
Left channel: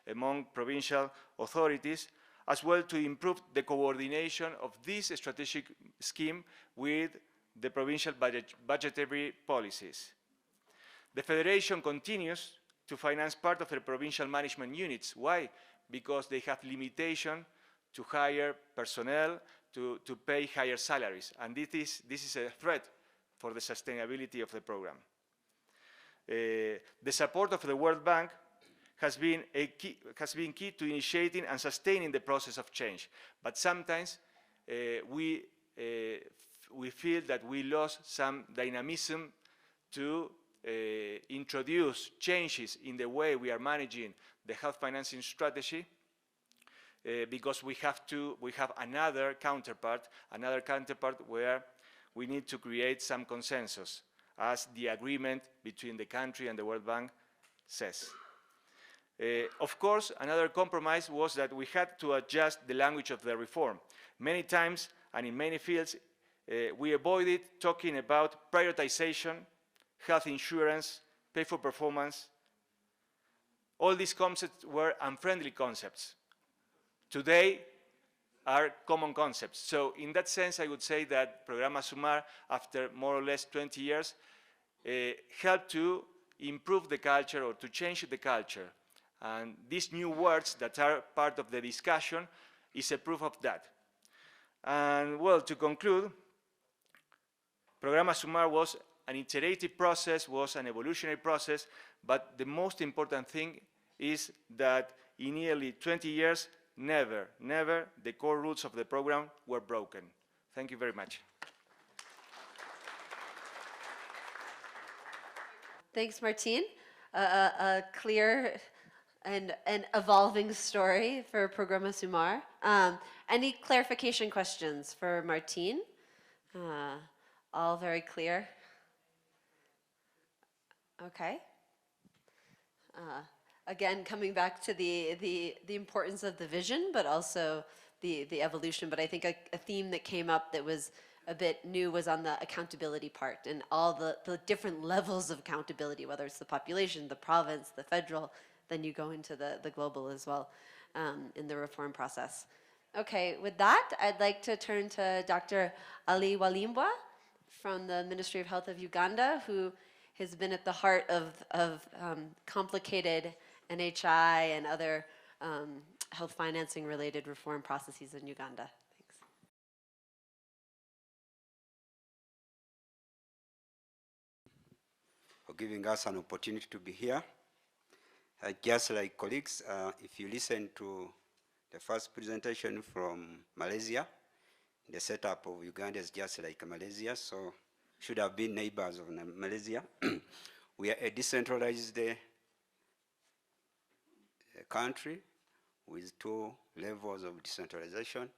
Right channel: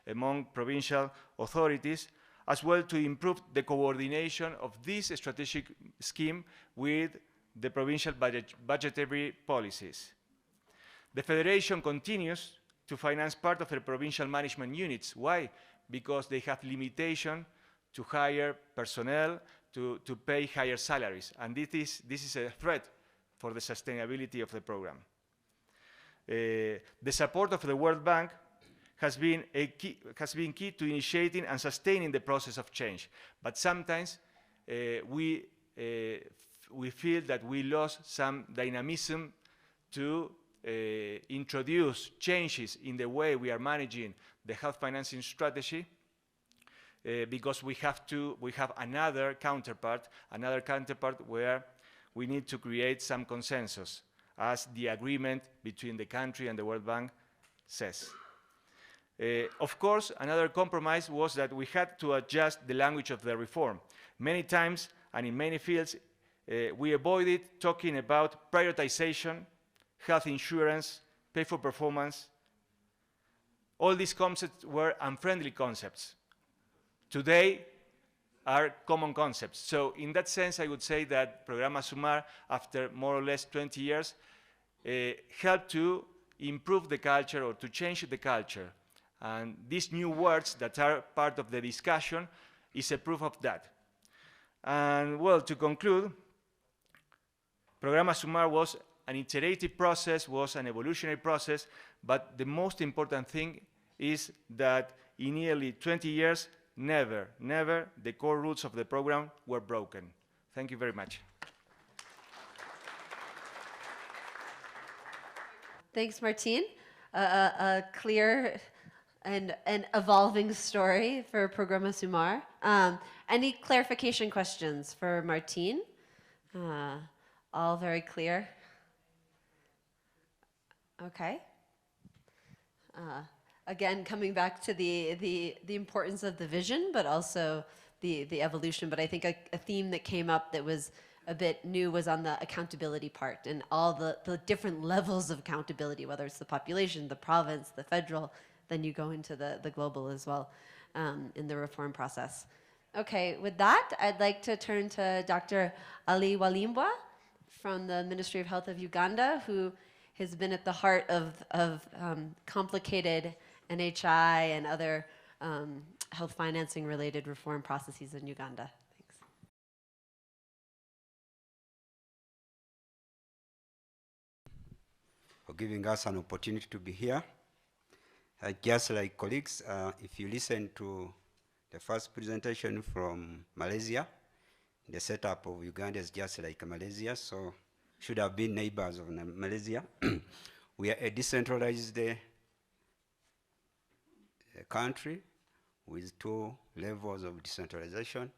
among provincial authorities, as well to improve the coordination of this strategic scheme with the provincial budgetary policies. The Federation continues to finance part of the provincial management units. Why? Because they have limitation to hire personnel, to pay higher salaries. And this is a threat for the sustainability of the program. The support of the World Bank has been key to initiating and sustaining the process of change. But sometimes we feel that we lost some dynamism to introduce changes in the way we are managing the health financing strategy, because we have another counterpart where we need to create some consensus, as the agreement between the country and the World Bank says. Of course, another compromise was that we had to adjust the language of the reform. Many times and in many fields, we avoided talking about prioritization, health insurance, pay for performance. All these concepts were unfriendly concepts. Today are common concepts. So in that sense, I would say that Programa Sumar, after more or less 20 years, helped to improve the culture or to change the culture. And these new words that are part of the discussion is a proof of that. And well, to conclude, Programa Sumar was an iterative process, was an evolutionary process, but the most important thing is that in nearly 20 years, never the core rules of the program were broken. Thank you very much. Thanks, Martin. a clear and an evolving story for Programa Sumar. Any clarification questions for Martín? All very clear. Okay. Again, coming back to the importance of the vision, but also the evolution. But I think a theme that came up that was a bit new was on the accountability part and all the different levels of accountability, whether it's the population, the province, the federal, then you go into the global as well in the reform process. Okay, with that, I'd like to turn to Dr. Ali Walimbwa from the Ministry of Health of Uganda, who has been at the heart of complicated NHI and other health financing related reform processes in Uganda. Thanks. For giving us an opportunity to be here. Just like colleagues, if you listen to the first presentation from Malaysia, the setup of Uganda is just like Malaysia, so should have been neighbors of Malaysia. We are a decentralized country with 2 levels of decentralization.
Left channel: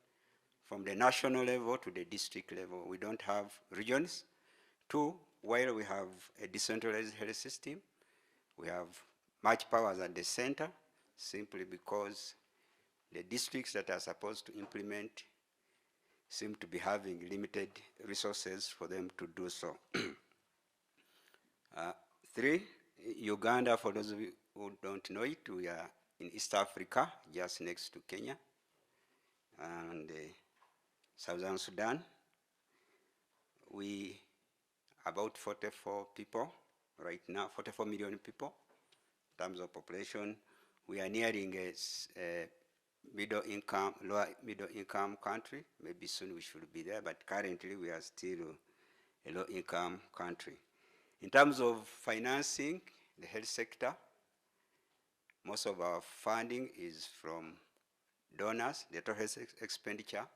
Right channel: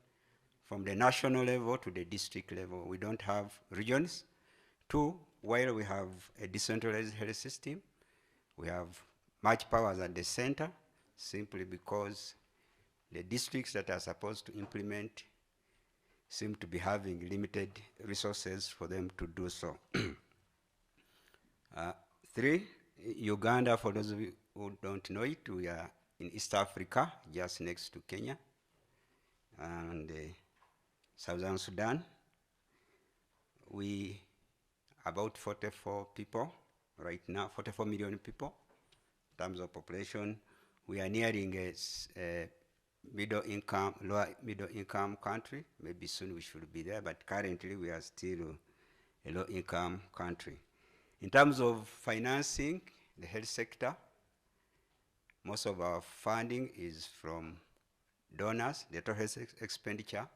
From the national level to the district level, we don't have regions. 2, while we have a decentralized health system, we have much powers at the center, simply because the districts that are supposed to implement seem to be having limited resources for them to do so. 3, Uganda, for those of you who don't know it, we are in East Africa, just next to Kenya, and Southern Sudan. We about 44 people right now, 44 million people in terms of population. We are nearing a middle income, lower middle income country. Maybe soon we should be there, but currently we are still a low income country. In terms of financing the health sector, most of our funding is from donors. The total health expenditure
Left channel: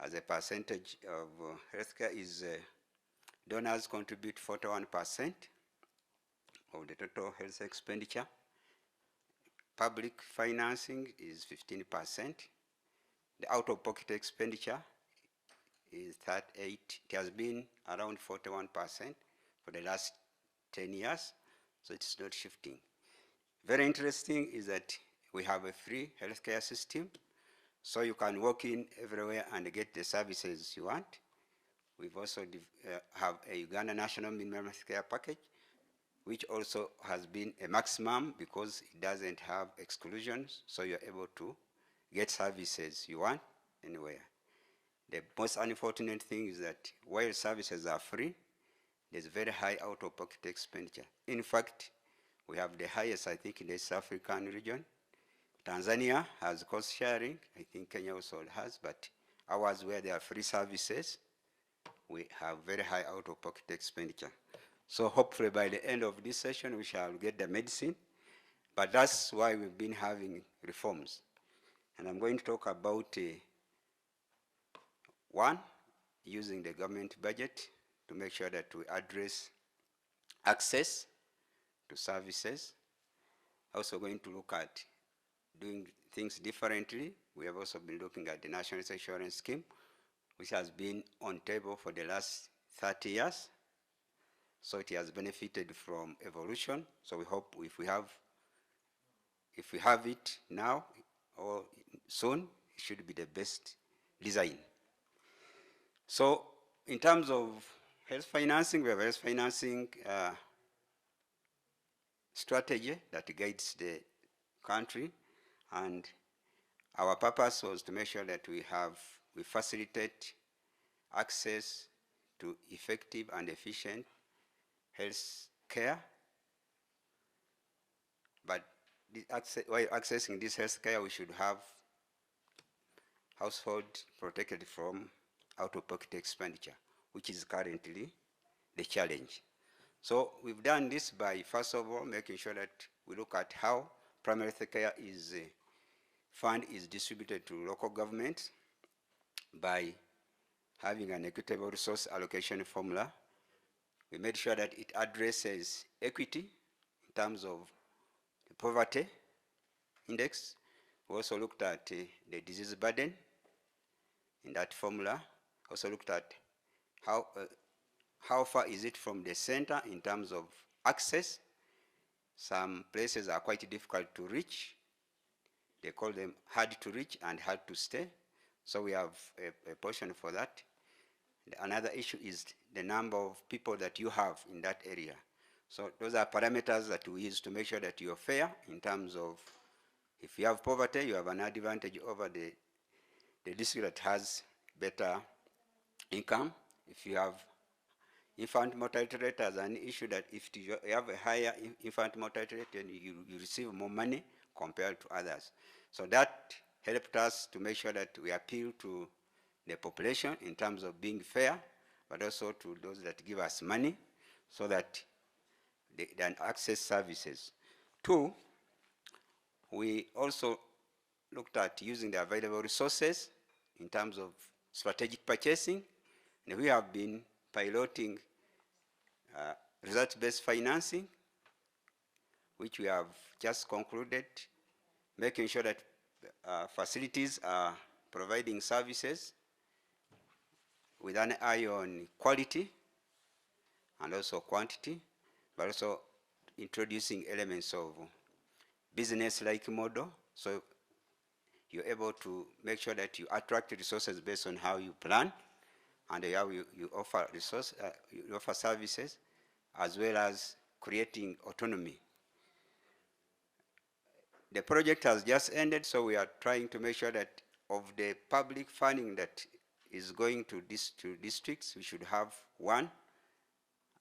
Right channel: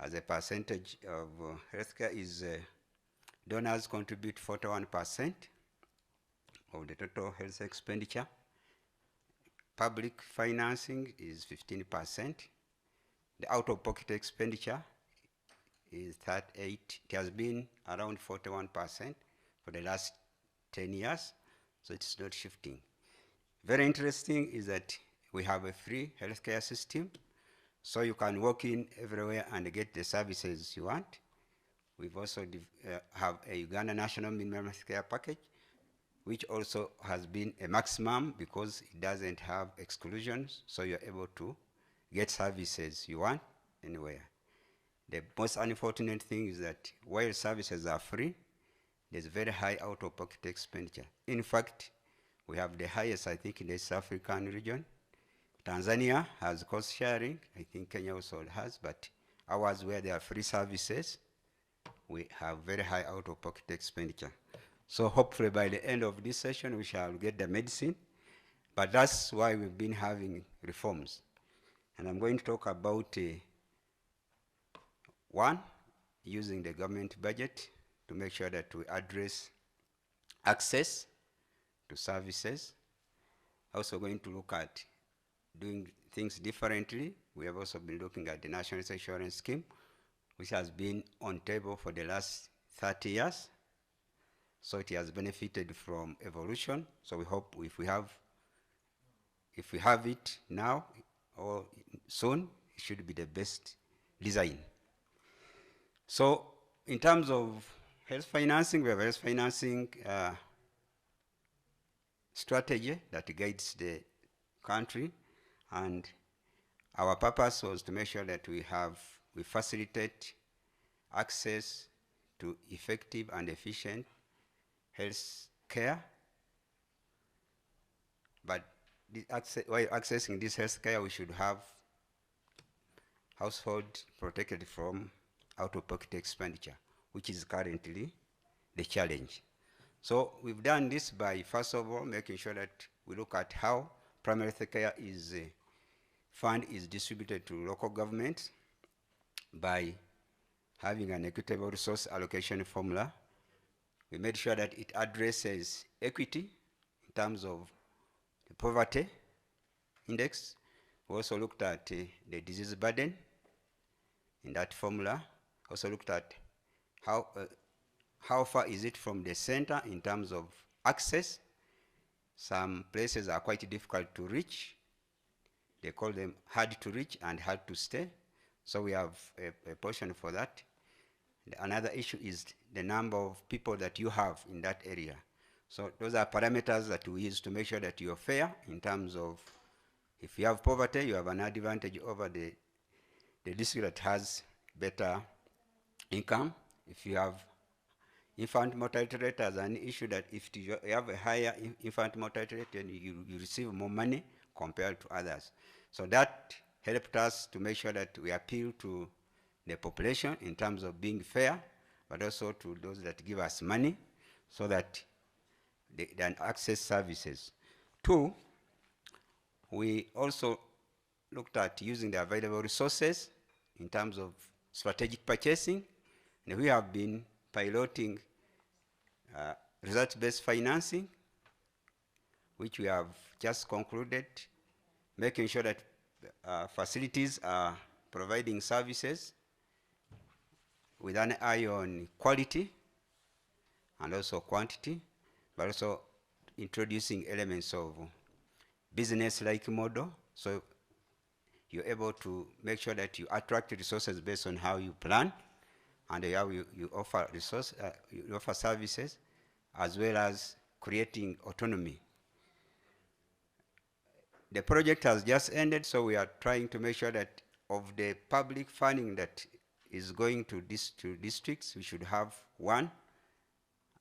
as a percentage of healthcare is donors contribute 41% of the total health expenditure. Public financing is 15%. The out-of-pocket expenditure is 38%. It has been around 41% for the last 10 years, so it's not shifting. Very interesting is that we have a free healthcare system, so you can walk in everywhere and get the services you want. We've also have a Uganda National Minimum Healthcare Package, which also has been a maximum because it doesn't have exclusions, so you're able to get services you want anywhere. The most unfortunate thing is that while services are free, there's very high out-of-pocket expenditure. In fact, we have the highest, I think, in the East African region. Tanzania has cost sharing. I think Kenya also has, but ours, where there are free services, we have very high out-of-pocket expenditure. So hopefully by the end of this session, we shall get the medicine. But that's why we've been having reforms. And I'm going to talk about one, using the government budget to make sure that we address access to services. Also going to look at doing things differently. We have also been looking at the National Health Insurance Scheme, which has been on table for the last 30 years. So it has benefited from evolution. So we hope if we have it now or soon, it should be the best design. So in terms of health financing, we have a health financing strategy that guides the country, and our purpose was to make sure that we facilitate access to effective and efficient health care. But while accessing this health care, we should have household protected from out-of-pocket expenditure, which is currently the challenge. So we've done this by, first of all, making sure that we look at how primary health care fund is distributed to local governments by having an equitable resource allocation formula. We made sure that it addresses equity terms of the poverty index. We also looked at the disease burden in that formula. Also looked at how far is it from the center in terms of access. Some places are quite difficult to reach. They call them hard to reach and hard to stay. So we have a portion for that. Another issue is the number of people that you have in that area. So those are parameters that we use to make sure that you're fair in terms of if you have poverty, you have an advantage over the district that has better income. If you have infant mortality rate as an issue, that if you have a higher infant mortality rate, then you receive more money compared to others. So that helped us to make sure that we appeal to the population in terms of being fair, but also to those that give us money so that they can access services. Two, we also looked at using the available resources in terms of strategic purchasing, and we have been piloting result-based financing, which we have just concluded, making sure that facilities are providing services with an eye on quality and also quantity, but also introducing elements of business-like model. So you're able to make sure that you attract resources based on how you plan and how you offer you offer services, as well as creating autonomy. The project has just ended, so we are trying to make sure that of the public funding that is going to districts, we should have one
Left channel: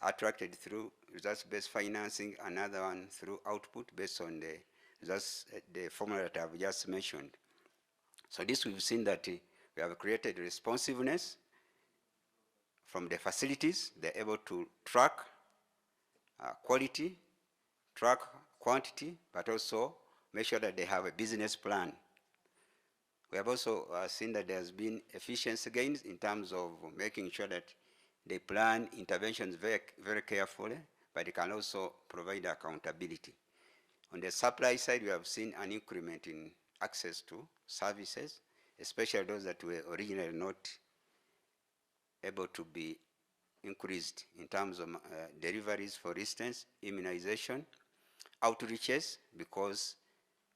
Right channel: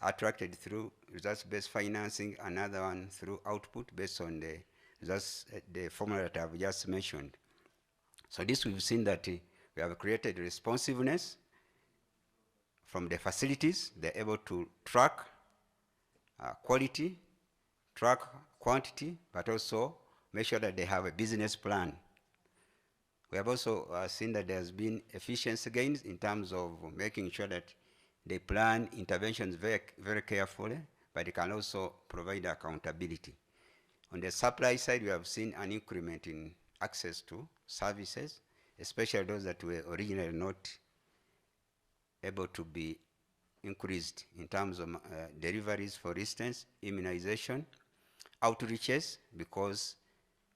attracted through results-based financing, another one through output based on the formula that I've just mentioned. So this, we've seen that we have created responsiveness from the facilities. They're able to track quality, track quantity, but also make sure that they have a business plan. We have also seen that there's been efficiency gains in terms of making sure that they plan interventions very, very carefully, but they can also provide accountability. On the supply side, we have seen an increment in access to services, especially those that were originally not able to be increased in terms of deliveries, for instance, immunization, outreaches, because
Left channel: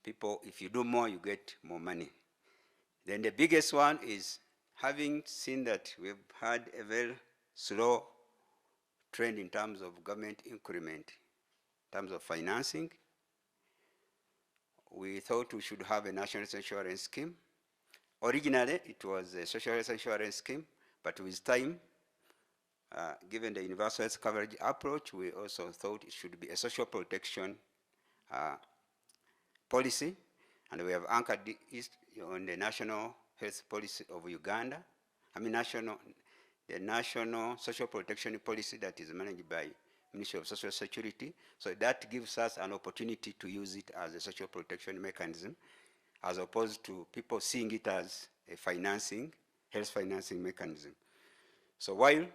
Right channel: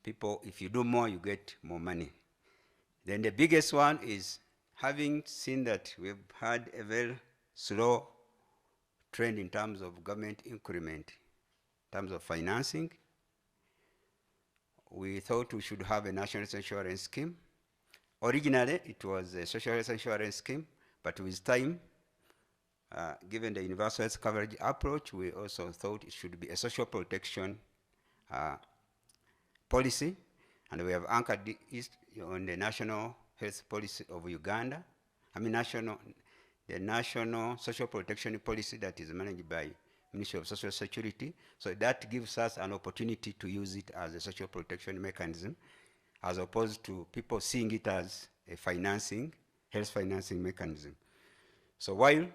people, if you do more, you get more money. Then the biggest one is having seen that we've had a very slow trend in terms of government increment, in terms of financing. We thought we should have a national health insurance scheme. Originally, it was a social health insurance scheme, but with time, given the universal health coverage approach, we also thought it should be a social protection policy, and we have anchored it on the national health policy of Uganda. The national social protection policy that is managed by Ministry of Social Security. So that gives us an opportunity to use it as a social protection mechanism, as opposed to people seeing it as a financing, health financing mechanism. So while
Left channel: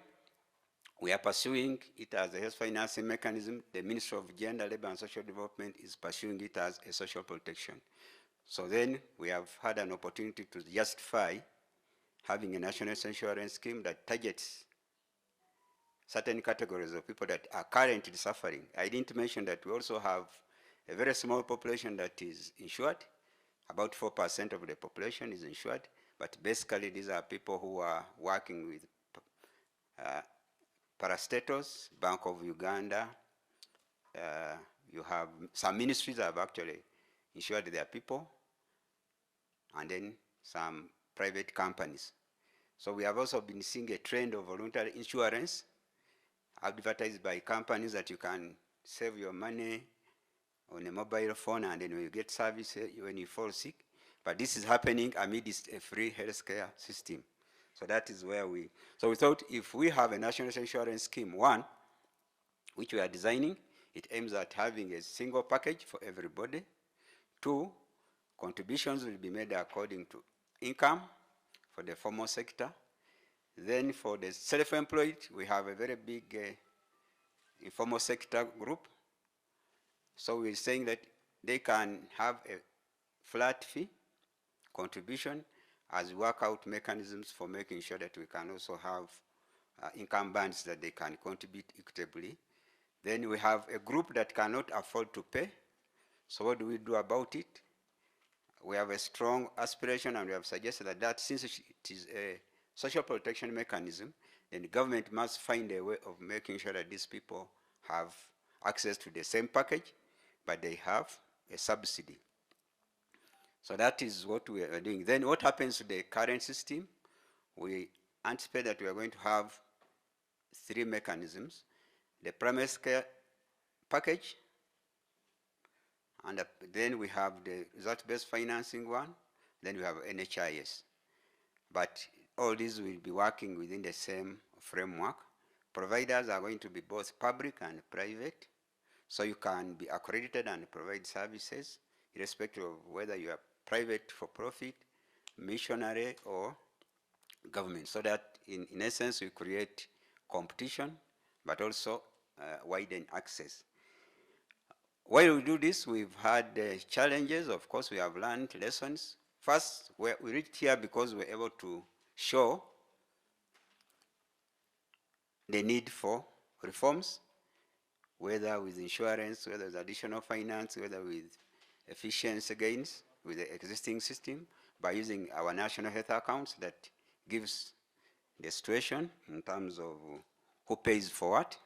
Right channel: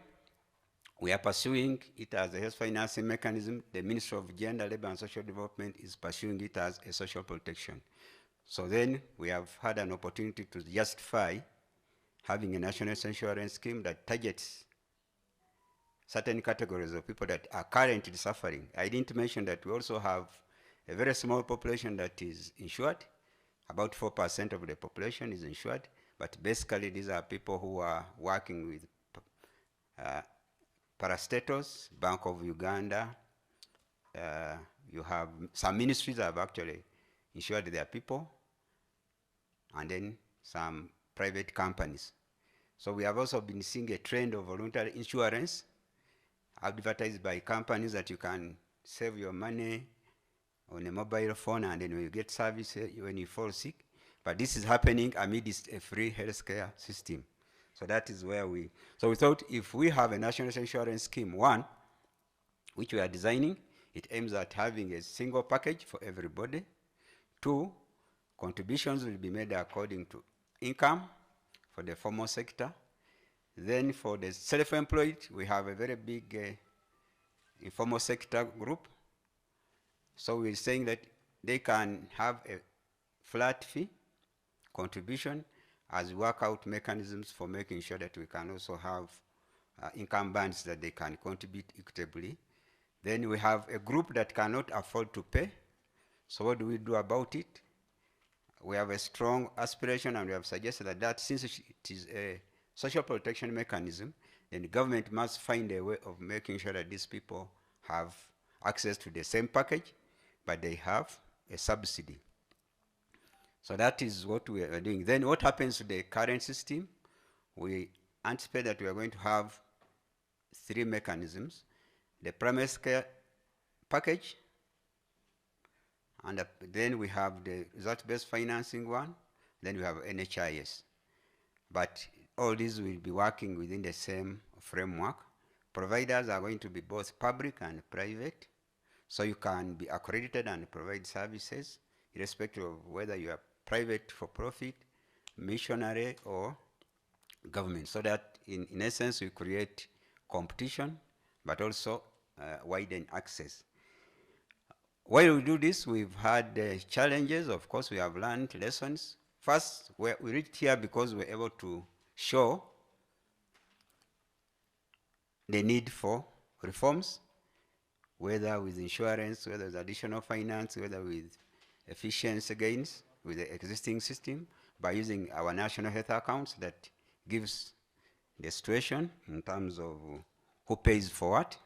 we are pursuing it as a health financing mechanism, the Ministry of Gender, Labor and Social Development is pursuing it as a social protection. So then we have had an opportunity to justify having a national health insurance scheme that targets certain categories of people that are currently suffering. I didn't mention that we also have a very small population that is insured. About 4% of the population is insured, but basically these are people who are working with parastatals, Bank of Uganda. You have some ministries have actually insured their people, and then some private companies. So we have also been seeing a trend of voluntary insurance advertised by companies that you can save your money on a mobile phone, and then you get service when you fall sick. But this is happening amidst a free healthcare system. So that is where we thought if we have a national insurance scheme, one, which we are designing, it aims at having a single package for everybody. Two, contributions will be made according to income for the formal sector. Then for the self-employed, we have a very big informal sector group. So we're saying that they can have a flat fee contribution as we work out mechanisms for making sure that we can also have income bands that they can contribute equitably. Then we have a group that cannot afford to pay. So what do we do about it? We have a strong aspiration, and we have suggested that since it is a social protection mechanism, then the government must find a way of making sure that these people have access to the same package, but they have a subsidy. So that is what we are doing. Then what happens to the current system? We anticipate that we are going to have 3 mechanisms: the primary care package, and then we have the result-based financing one, then we have NHIS. But all these will be working within the same framework. Providers are going to be both public and private, so you can be accredited and provide services irrespective of whether you are private for profit, missionary, or government, so that in essence we create competition but also widen access. While we do this, we've had challenges. Of course, we have learned lessons. First, we reached here because we're able to show the need for reforms, whether with insurance, whether with additional finance, whether with efficiency gains with the existing system, by using our national health accounts that gives the situation in terms of who pays for what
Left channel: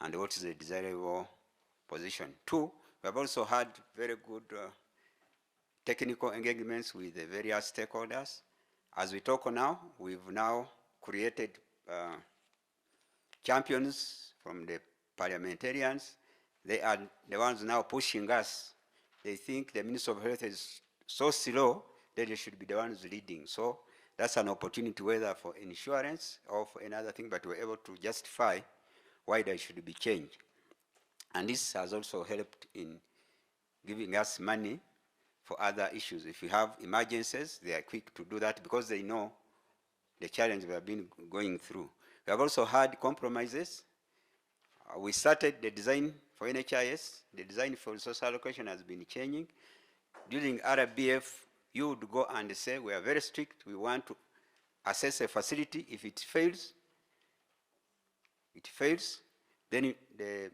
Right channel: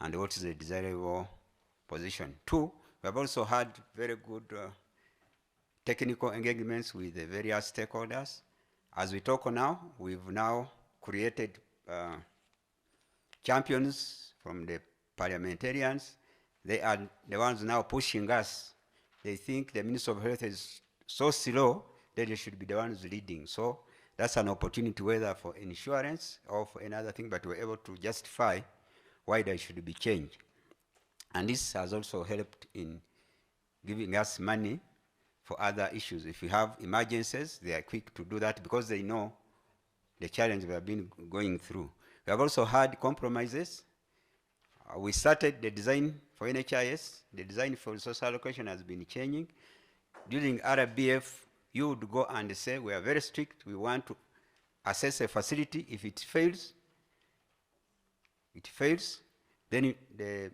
and what is the desirable position. 2, we have also had very good technical engagements with the various stakeholders. As we talk now, we've now created champions from the parliamentarians. They are the ones now pushing us. They think the Minister of Health is so slow that they should be the ones leading. So that's an opportunity, whether for insurance or for another thing, but we're able to justify why there should be change. And this has also helped in giving us money for other issues. If we have emergencies, they are quick to do that because they know the challenge we have been going through. We have also had compromises. We started the design for NHIS. The design for resource allocation has been changing. During RBF, you would go and say, we are very strict. We want to assess a facility. If it fails, then the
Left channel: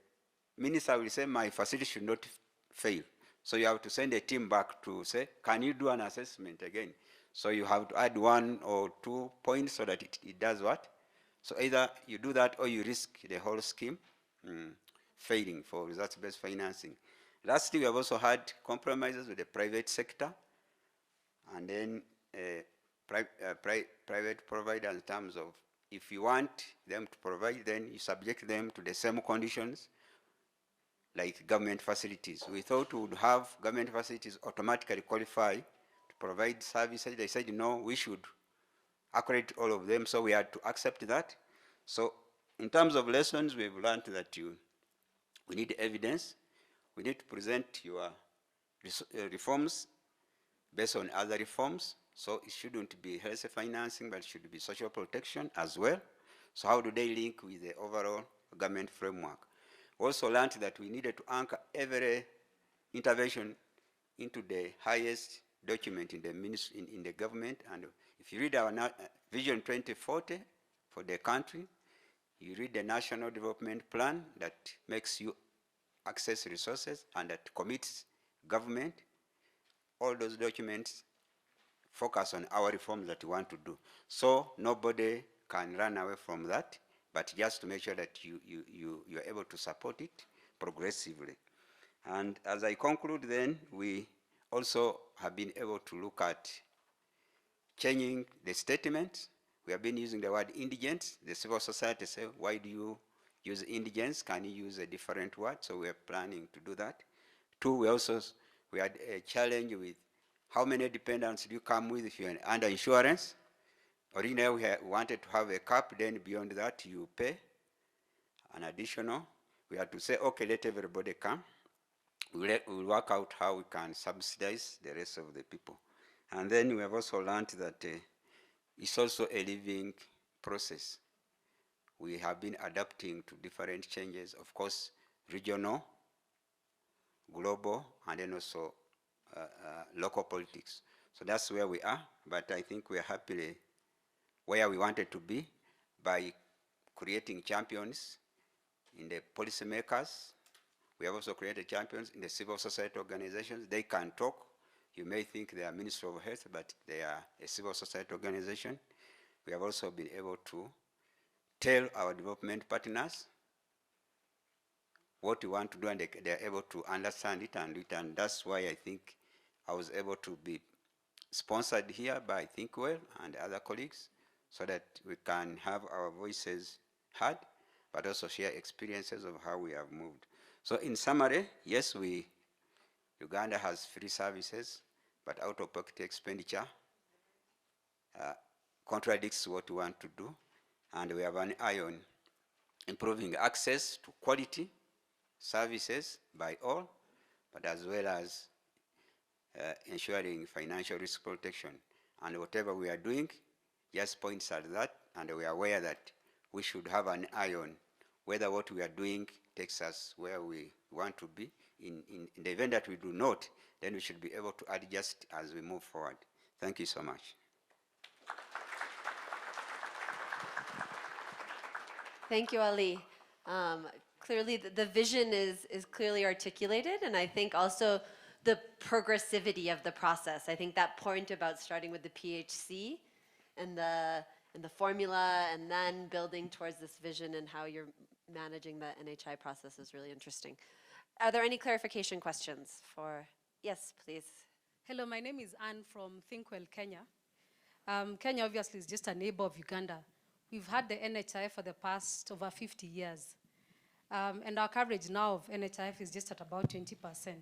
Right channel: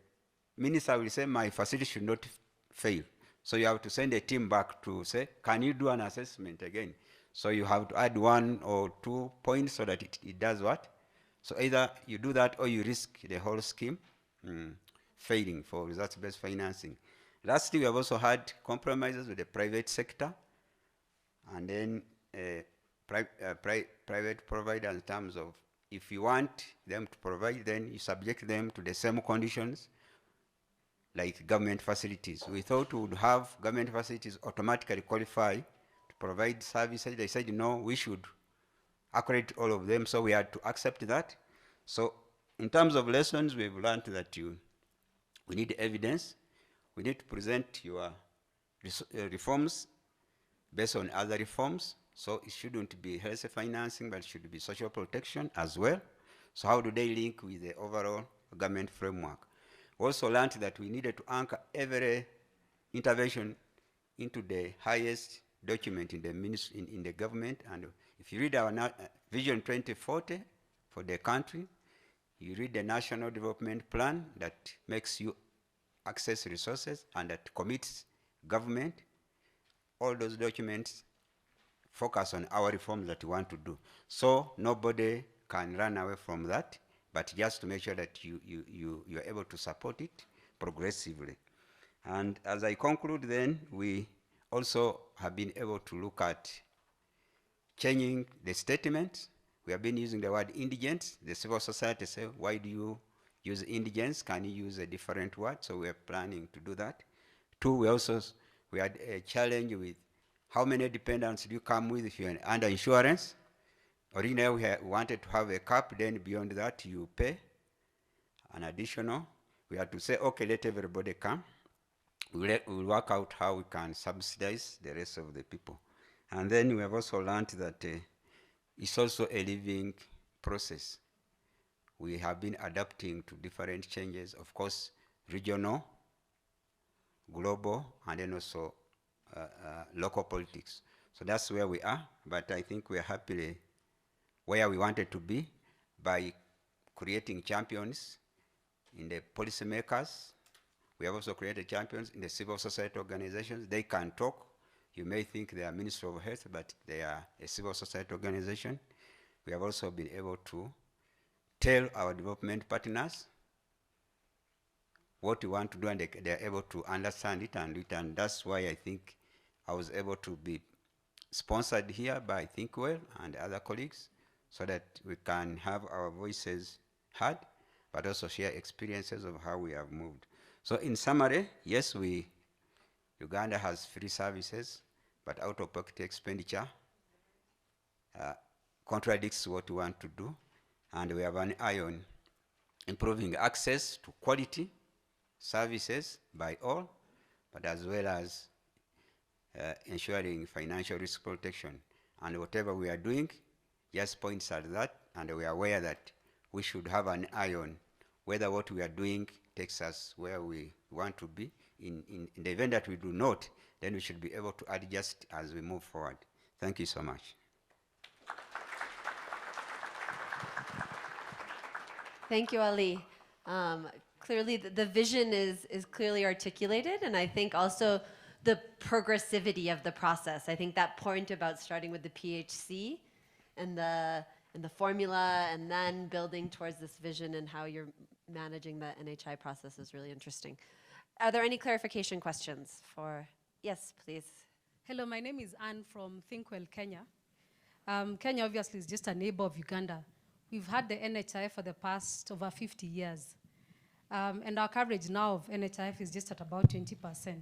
minister will say, my facility should not fail. So you have to send a team back to say, can you do an assessment again? So you have to add 1 or 2 points so that it does what? So either you do that or you risk the whole scheme failing for results-based financing. Lastly, we have also had compromises with the private sector and then private providers in terms of if you want them to provide, then you subject them to the same conditions like government facilities. We thought we would have government facilities automatically qualify to provide services. They said, no, we should accredit all of them, so we had to accept that. So in terms of lessons, we've learned that we need evidence. We need to present your reforms based on other reforms. So it shouldn't be health financing, but it should be social protection as well. So how do they link with the overall government framework? We also learned that we needed to anchor every intervention into the highest document in the government. And if you read our Vision 2040 for the country, you read the National Development Plan that makes you access resources and that commits government, all those documents focus on our reforms that we want to do. So nobody can run away from that, but just to make sure that you are able to support it progressively. And as I conclude then, we also have been able to look at changing the statements. We have been using the word indigents. The civil society say, why do you use indigents? Can you use a different word? So we are planning to do that. 2, we had a challenge with how many dependents do you come with if you're under insurance. Originally, we wanted to have a cap, then beyond that, you pay an additional. We had to say, okay, let everybody come. We'll work out how we can subsidize the rest of the people. And then we have also learned that it's also a living process. We have been adapting to different changes. Of course, regional global, and then also local politics. So that's where we are, but I think we are happily where we wanted to be by creating champions in the policymakers. We have also created champions in the civil society organizations. They can talk. You may think they are Ministry of Health, but they are a civil society organization. We have also been able to tell our development partners what we want to do, and they are able to understand it and do it. And that's why I think I was able to be sponsored here by ThinkWell and other colleagues, so that we can have our voices heard, but also share experiences of how we have moved. So in summary, yes, Uganda has free services, but out-of-pocket expenditure contradicts what we want to do, and we have an eye on improving access to quality services by all, but as well as ensuring financial risk protection. And whatever we are doing just points at that, and we are aware that we should have an eye on whether what we are doing takes us where we want to be. In the event that we do not, then we should be able to adjust as we move forward. Thank you so much. Thank you, Ali. Clearly, the vision is clearly articulated, and I think also the progressivity of the process. I think that point about starting with the PHC and the formula, and then building towards this vision and how you're managing the NHI process is really interesting. Are there any clarification questions for? Yes, please. Hello, my name is Anne from ThinkWell, Kenya. Kenya obviously is just a neighbor of Uganda. We've had the NHIF for the past over 50 years. And our coverage now of NHIF is just at about 20%.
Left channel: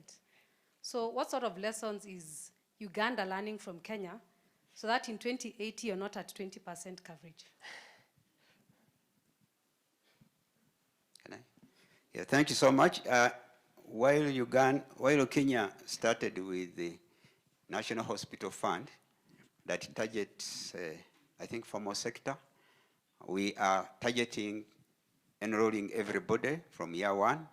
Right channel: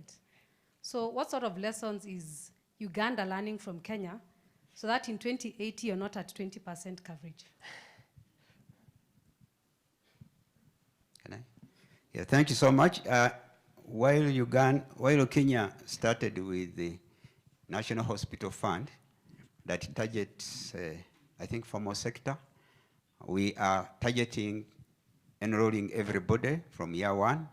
So what sort of lessons is Uganda learning from Kenya so that in 2080 you're not at 20% coverage? Can I? Yeah, thank you so much. While Kenya started with the National Hospital Fund that targets, I think, formal sector, we are targeting enrolling everybody from year one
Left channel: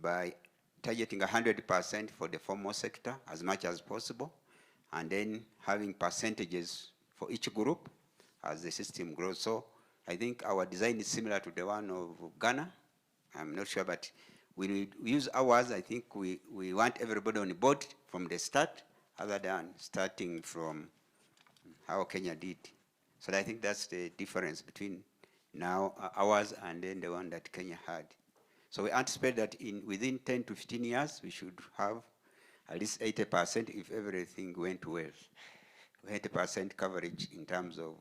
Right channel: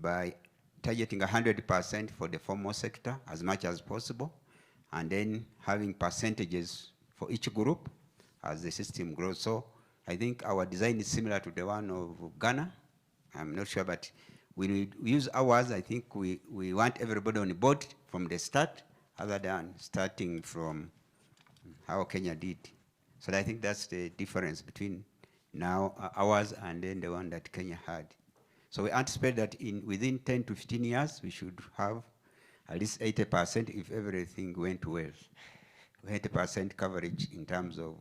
by targeting 100% for the formal sector as much as possible, and then having percentages for each group as the system grows. So I think our design is similar to the one of Ghana. I'm not sure, but we use ours. I think we want everybody on board from the start, other than starting from how Kenya did. So I think that's the difference between now ours and then the one that Kenya had. So we anticipate that within 10 to 15 years, we should have at least 80% if everything went well. 80% coverage in terms of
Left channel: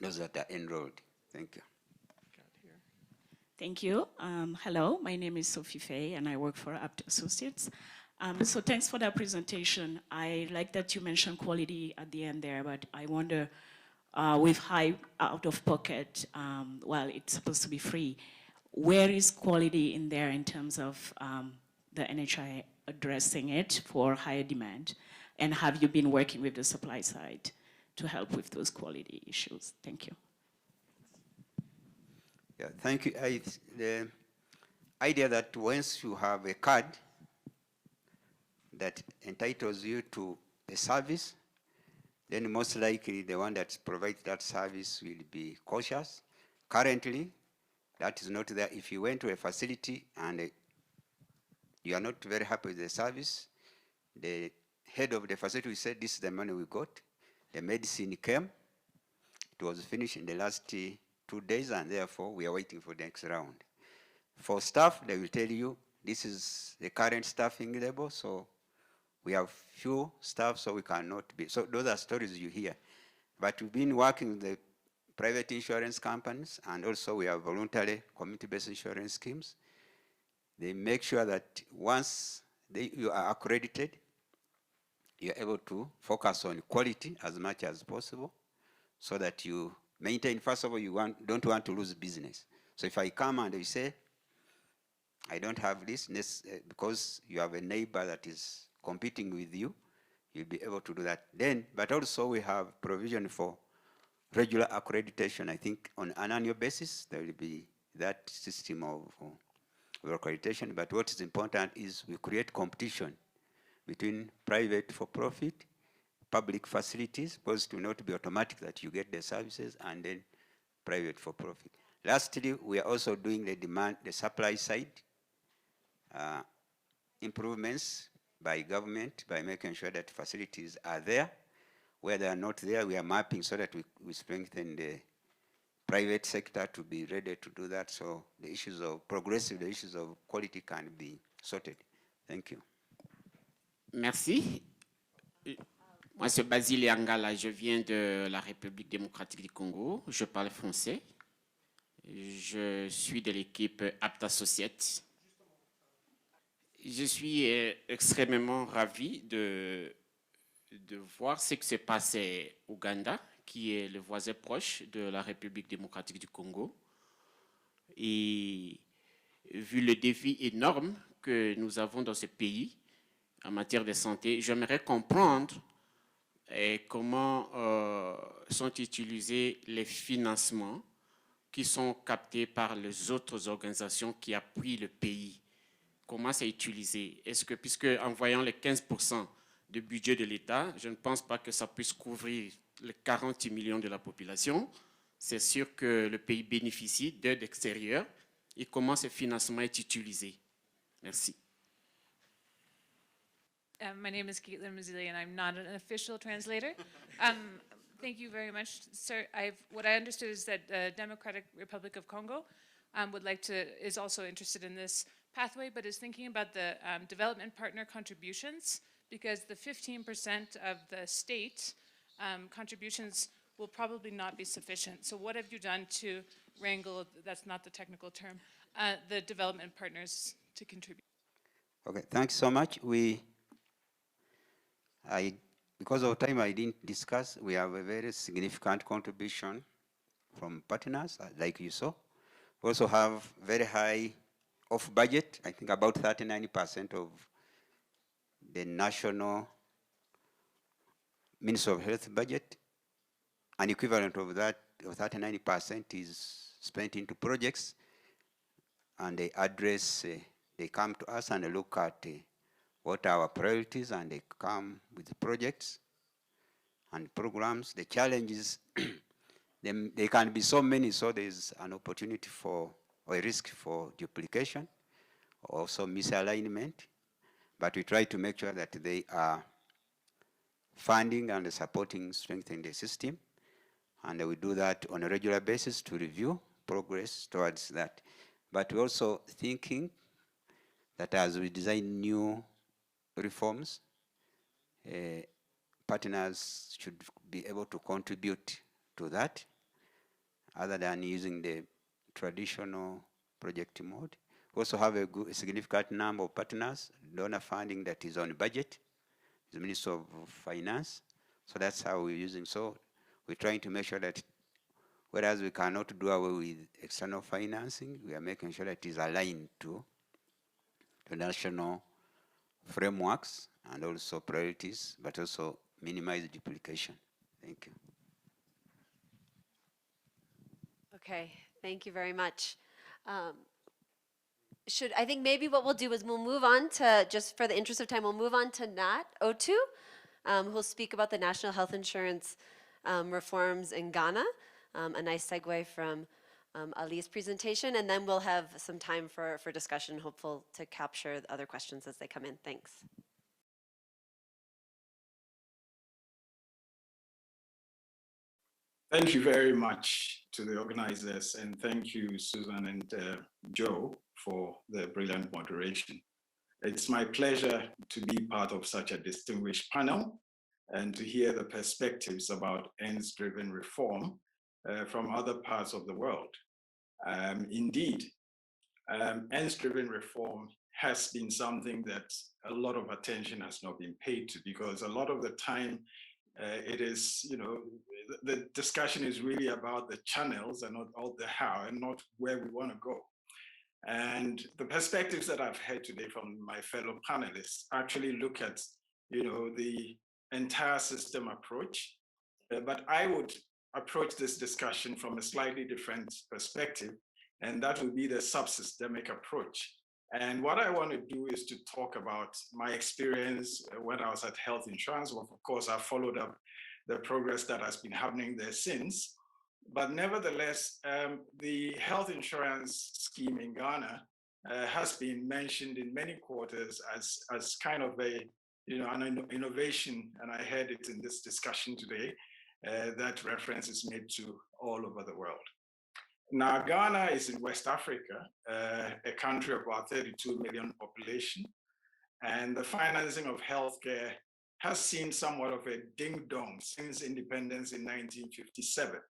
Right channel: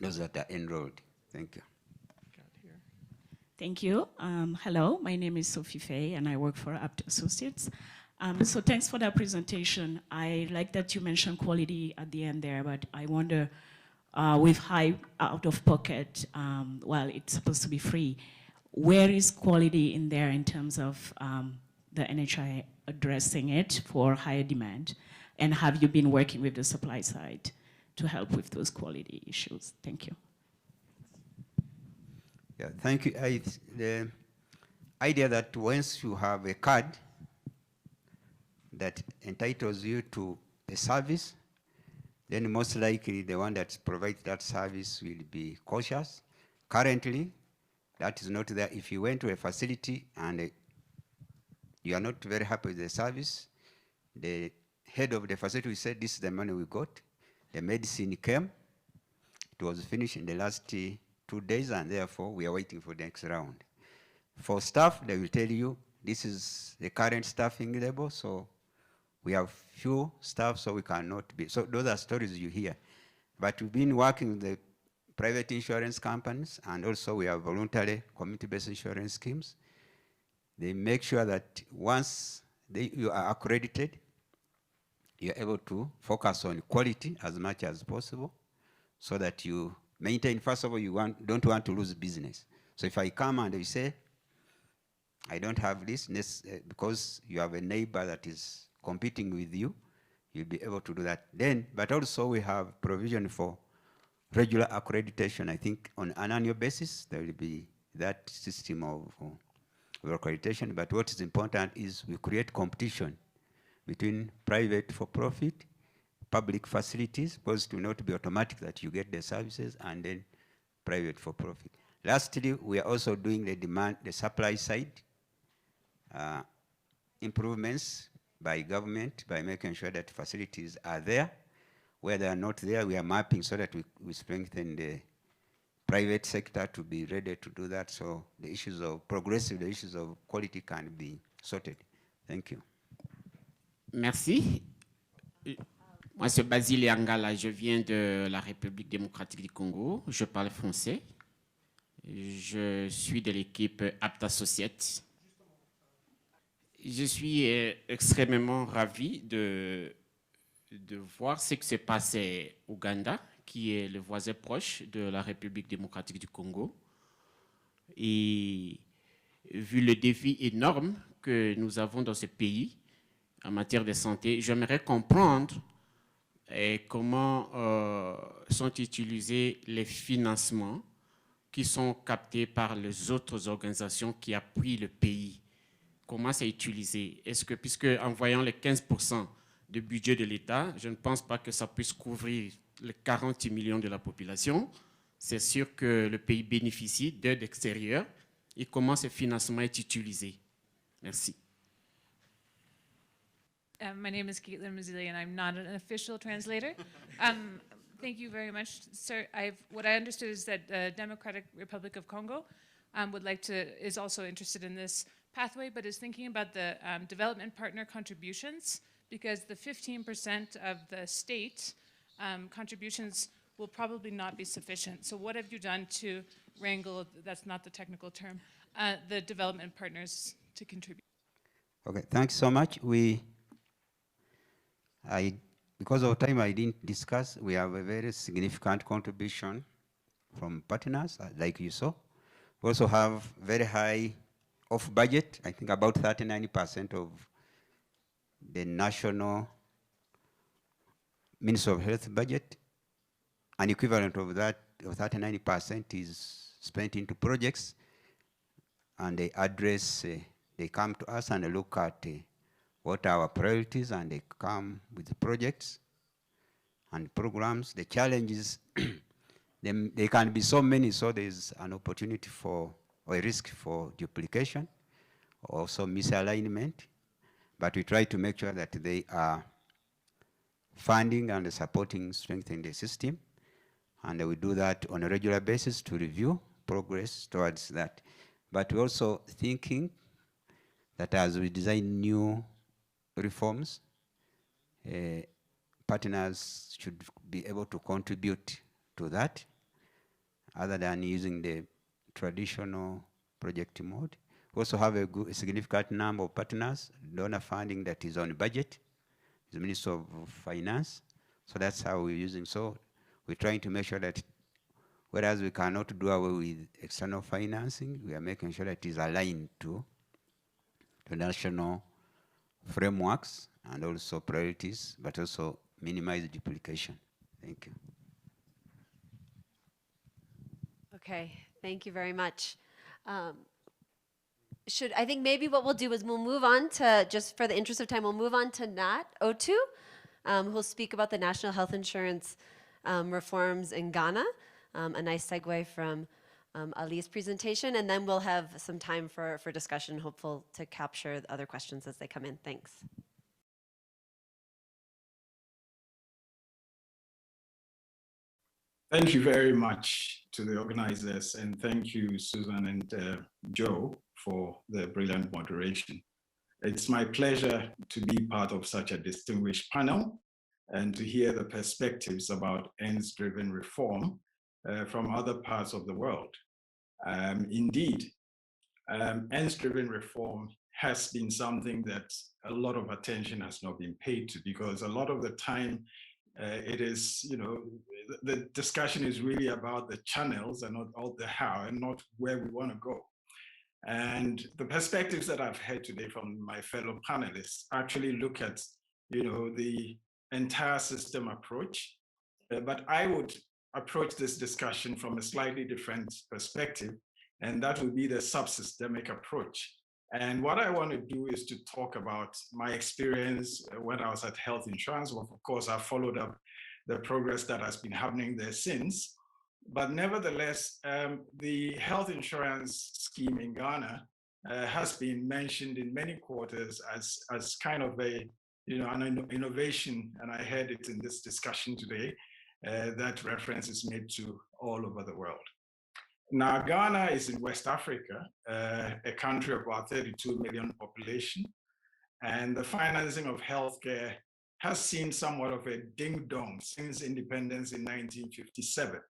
those that are enrolled. Thank you. Thank you. Hello, my name is Sophie Fay, and I work for Apt Associates. So thanks for that presentation. I like that you mentioned quality at the end there, but I wonder, with high out-of-pocket, well, it's supposed to be free, where is quality in there in terms of the NHI addressing it for higher demand? And have you been working with the supply side to help with those quality issues? Thank you. Yeah, thank you. The idea that once you have a card that entitles you to a service, then most likely the one that provides that service will be cautious. Currently, that is not there. If you went to a facility and you are not very happy with the service, the head of the facility said, this is the money we got. The medicine came. It was finished in the last 2 days, and therefore we are waiting for the next round. For staff, they will tell you, this is the current staffing level, so we have few staff, so we cannot be. So those are stories you hear. But we've been working with the private insurance companies, and also we have voluntary community-based insurance schemes. They make sure that once you are accredited, you're able to focus on quality as much as possible, so that you maintain, first of all, don't want to lose business. So if I come and you say, I don't have this, because you have a neighbor that is competing with you, you'll be able to do that. Then, but also we have provision for regular accreditation. I think on an annual basis, there will be that system of of accreditation, but what is important is we create competition between private for-profit, public facilities, because it will not be automatic that you get the services, and then private for-profit. Lastly, we are also doing the supply side improvements by government by making sure that facilities are there. Where they are not there, we are mapping so that we strengthen the private sector to be ready to do that, so the issues of the issues of quality can be sorted. Thank you. Merci. Moi, c'est Basile Angala, je viens de la République démocratique du Congo, je parle français. Je suis de l'équipe Apt Associates. Je suis extrêmement ravi de voir ce qui s'est passé au Ouganda, qui est le voisin proche de la République démocratique du Congo. Et vu le défi énorme que nous avons dans ce pays en matière de santé, j'aimerais comprendre comment sont utilisés les financements qui sont captés par les autres organisations qui appuient le pays. Comment c'est utilisé? Est-ce que, puisque en voyant les 15% du budget de l'État, je ne pense pas que ça puisse couvrir les 40 millions de la population, c'est sûr que le pays bénéficie d'aide extérieure. Et comment ce financement est utilisé? Merci. My name is Caitlin Mazzilli, and I'm not an official translator. Thank you very much, sir. What I understood is that the Democratic Republic of Congo is also interested in this pathway, but is thinking about the development partner contributions, because the 15% of the state contributions will probably not be sufficient. So what have you done to wrangle, that's not the technical term, the development partners to contribute? Okay, thanks so much. Because of time, I didn't discuss. We have a very significant contribution from partners, like you saw. We also have very high off budget. I think about 39% of the national Ministry of Health budget. An equivalent of that, of 39% is spent into projects, and they address, they come to us and look at what are our priorities, and they come with projects and programs. The challenges, they can be so many, so there's an opportunity for, or a risk for duplication, also misalignment, but we try to make sure that they are funding and supporting, strengthening the system, and we do that on a regular basis to review progress towards that. But we're also thinking that as we design new reforms, partners should be able to contribute to that, other than using the traditional project mode. We also have a significant number of partners, donor funding that is on budget, the Ministry of Finance. So that's how we're using. So we're trying to make sure that whereas we cannot do away with external financing, we are making sure that it is aligned to national frameworks and also priorities, but also minimize duplication. Thank you. Okay, thank you very much. I think maybe what we'll do is we'll move on to, just for the interest of time, we'll move on to Nat Otu, who'll speak about the national health insurance reforms in Ghana, a nice segue from Ali's presentation, and then we'll have some time for discussion, hopeful to capture the other questions as they come in. Thanks. Thank you very much to the organizers, and thank you, Susan and Joe, for the brilliant moderation. It's my pleasure to be part of such a distinguished panel and to hear the perspectives about ends-driven reform from other parts of the world. Indeed, ends-driven reform has been something that a lot of attention has not been paid to, because a lot of the time it is, the discussion is really about the channels and not all the how, and not where we want to go. And the perspectives that I've heard today from my fellow panelists actually look at, the entire system approach. But I would approach this discussion from a slightly different perspective, and that would be the subsystemic approach. And what I want to do is to talk about my experience when I was at health insurance. Well, of course, I followed up the progress that has been happening there since. But nevertheless, the health insurance scheme in Ghana has been mentioned in many quarters as kind of a, an innovation, and I heard it in this discussion today, that reference is made to all over the world. Now, Ghana is in West Africa, a country of about 32 million population, and the financing of healthcare has seen somewhat of a ding-dong since independence in 1957.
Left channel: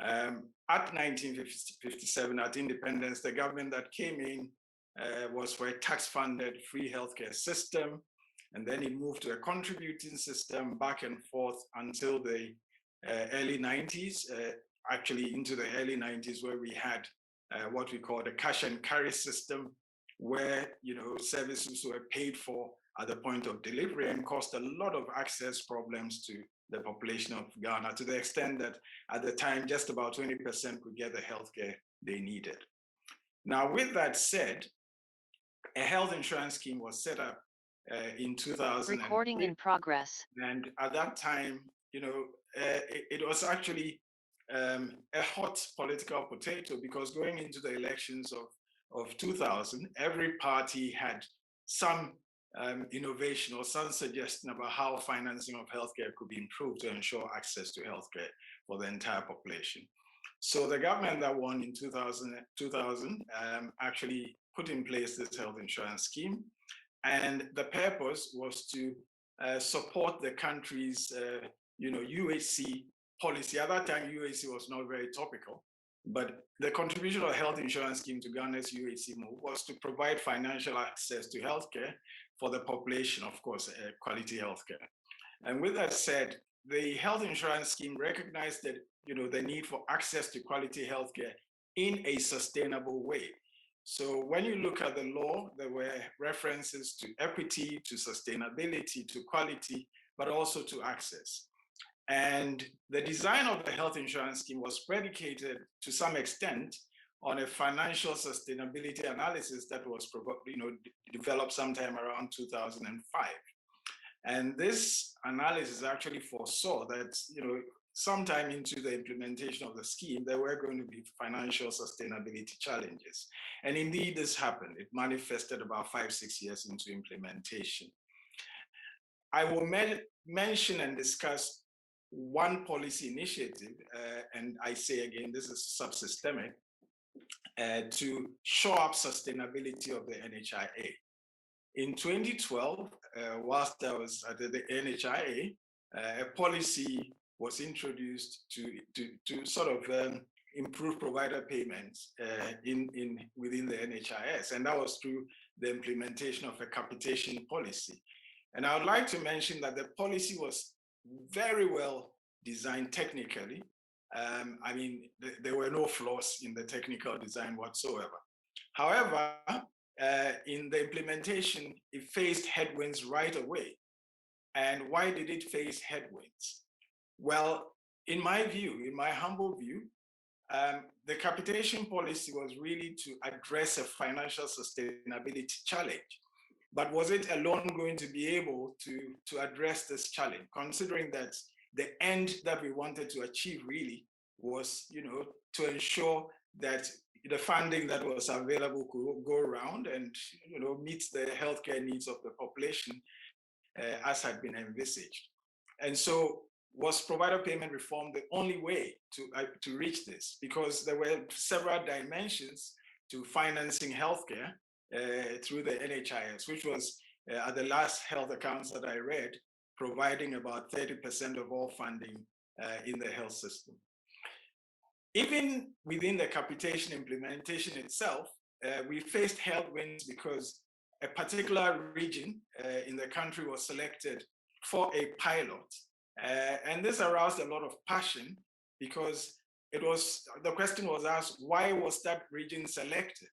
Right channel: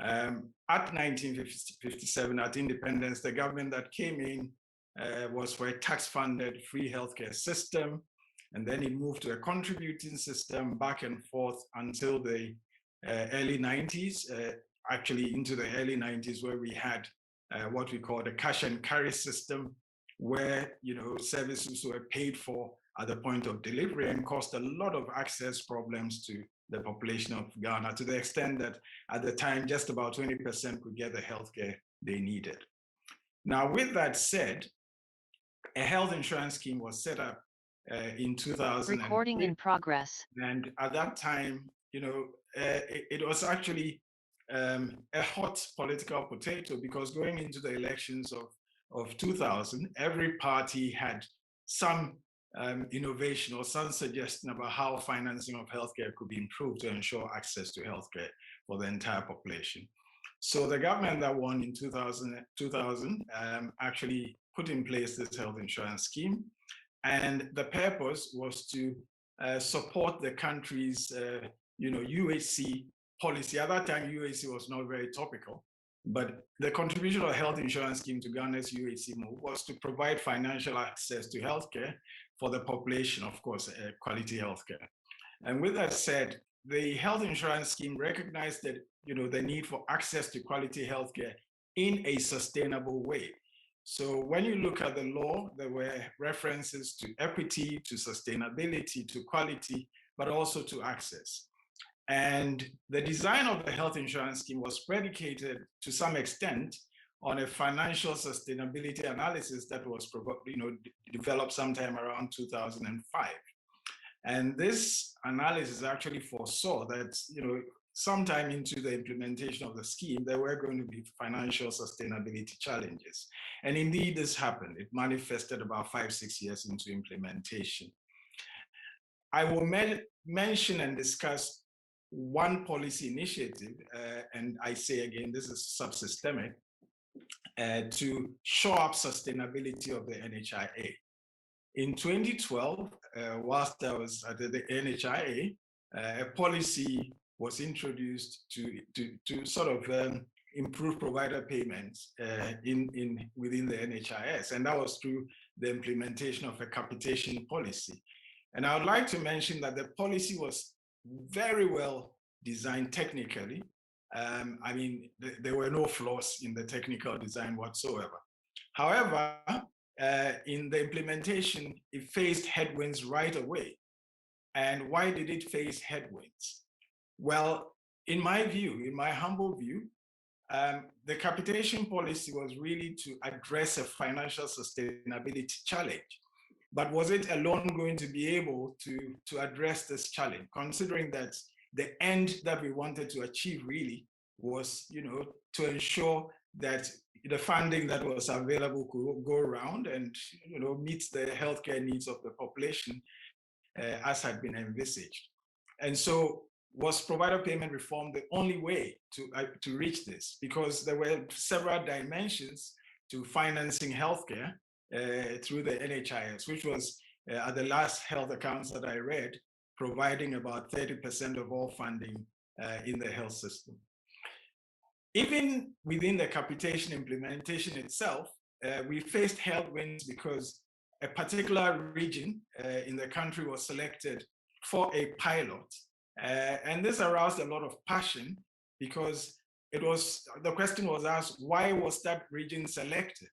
At 1957, at independence, the government that came in was for a tax-funded free healthcare system, and then it moved to a contributing system back and forth until the early 90s, actually into the early 90s, where we had what we call the cash and carry system, where services were paid for at the point of delivery and caused a lot of access problems to the population of Ghana, to the extent that at the time just about 20% could get the healthcare they needed. Now, with that said, a health insurance scheme was set up in 2000. Recording in progress. And at that time, it was actually a hot political potato, because going into the elections of 2000, every party had some innovation or some suggestion about how financing of healthcare could be improved to ensure access to healthcare for the entire population. So the government that won in 2000 actually put in place this health insurance scheme. And the purpose was to support the country's UHC policy. At that time, UHC was not very topical, but the contribution of the health insurance scheme to Ghana's UHC move was to provide financial access to healthcare for the population, of course, quality healthcare. And with that said, the health insurance scheme recognized that, the need for access to quality healthcare in a sustainable way. So when you look at the law, there were references to equity, to sustainability, to quality, but also to access. And the design of the health insurance scheme was predicated to some extent on a financial sustainability analysis that was developed sometime around 2005. And this analysis actually foresaw that, sometime into the implementation of the scheme, there were going to be financial sustainability challenges. And indeed, this happened. It manifested about 5-6 years into implementation. I will mention and discuss one policy initiative, and I say again, this is subsystemic, to shore up sustainability of the NHIA. In 2012, whilst I was at the NHIA, a policy was introduced to sort of improve provider payments within the NHIS, and that was through the implementation of a capitation policy. And I would like to mention that the policy was very well designed technically. I mean, there were no flaws in the technical design whatsoever. However, in the implementation, it faced headwinds right away. And why did it face headwinds? Well, in my view, in my humble view, the capitation policy was really to address a financial sustainability challenge. But was it alone going to be able to address this challenge, considering that the end that we wanted to achieve really was, to ensure that the funding that was available could go around and, meet the healthcare needs of the population as had been envisaged. And so was provider payment reform the only way to reach this? Because there were several dimensions to financing healthcare through the NHIS, which was at the last health accounts that I read, providing about 30% of all funding in the health system. Even within the capitation implementation itself, we faced headwinds because a particular region in the country was selected for a pilot. And this aroused a lot of passion because the question was asked, why was that region selected?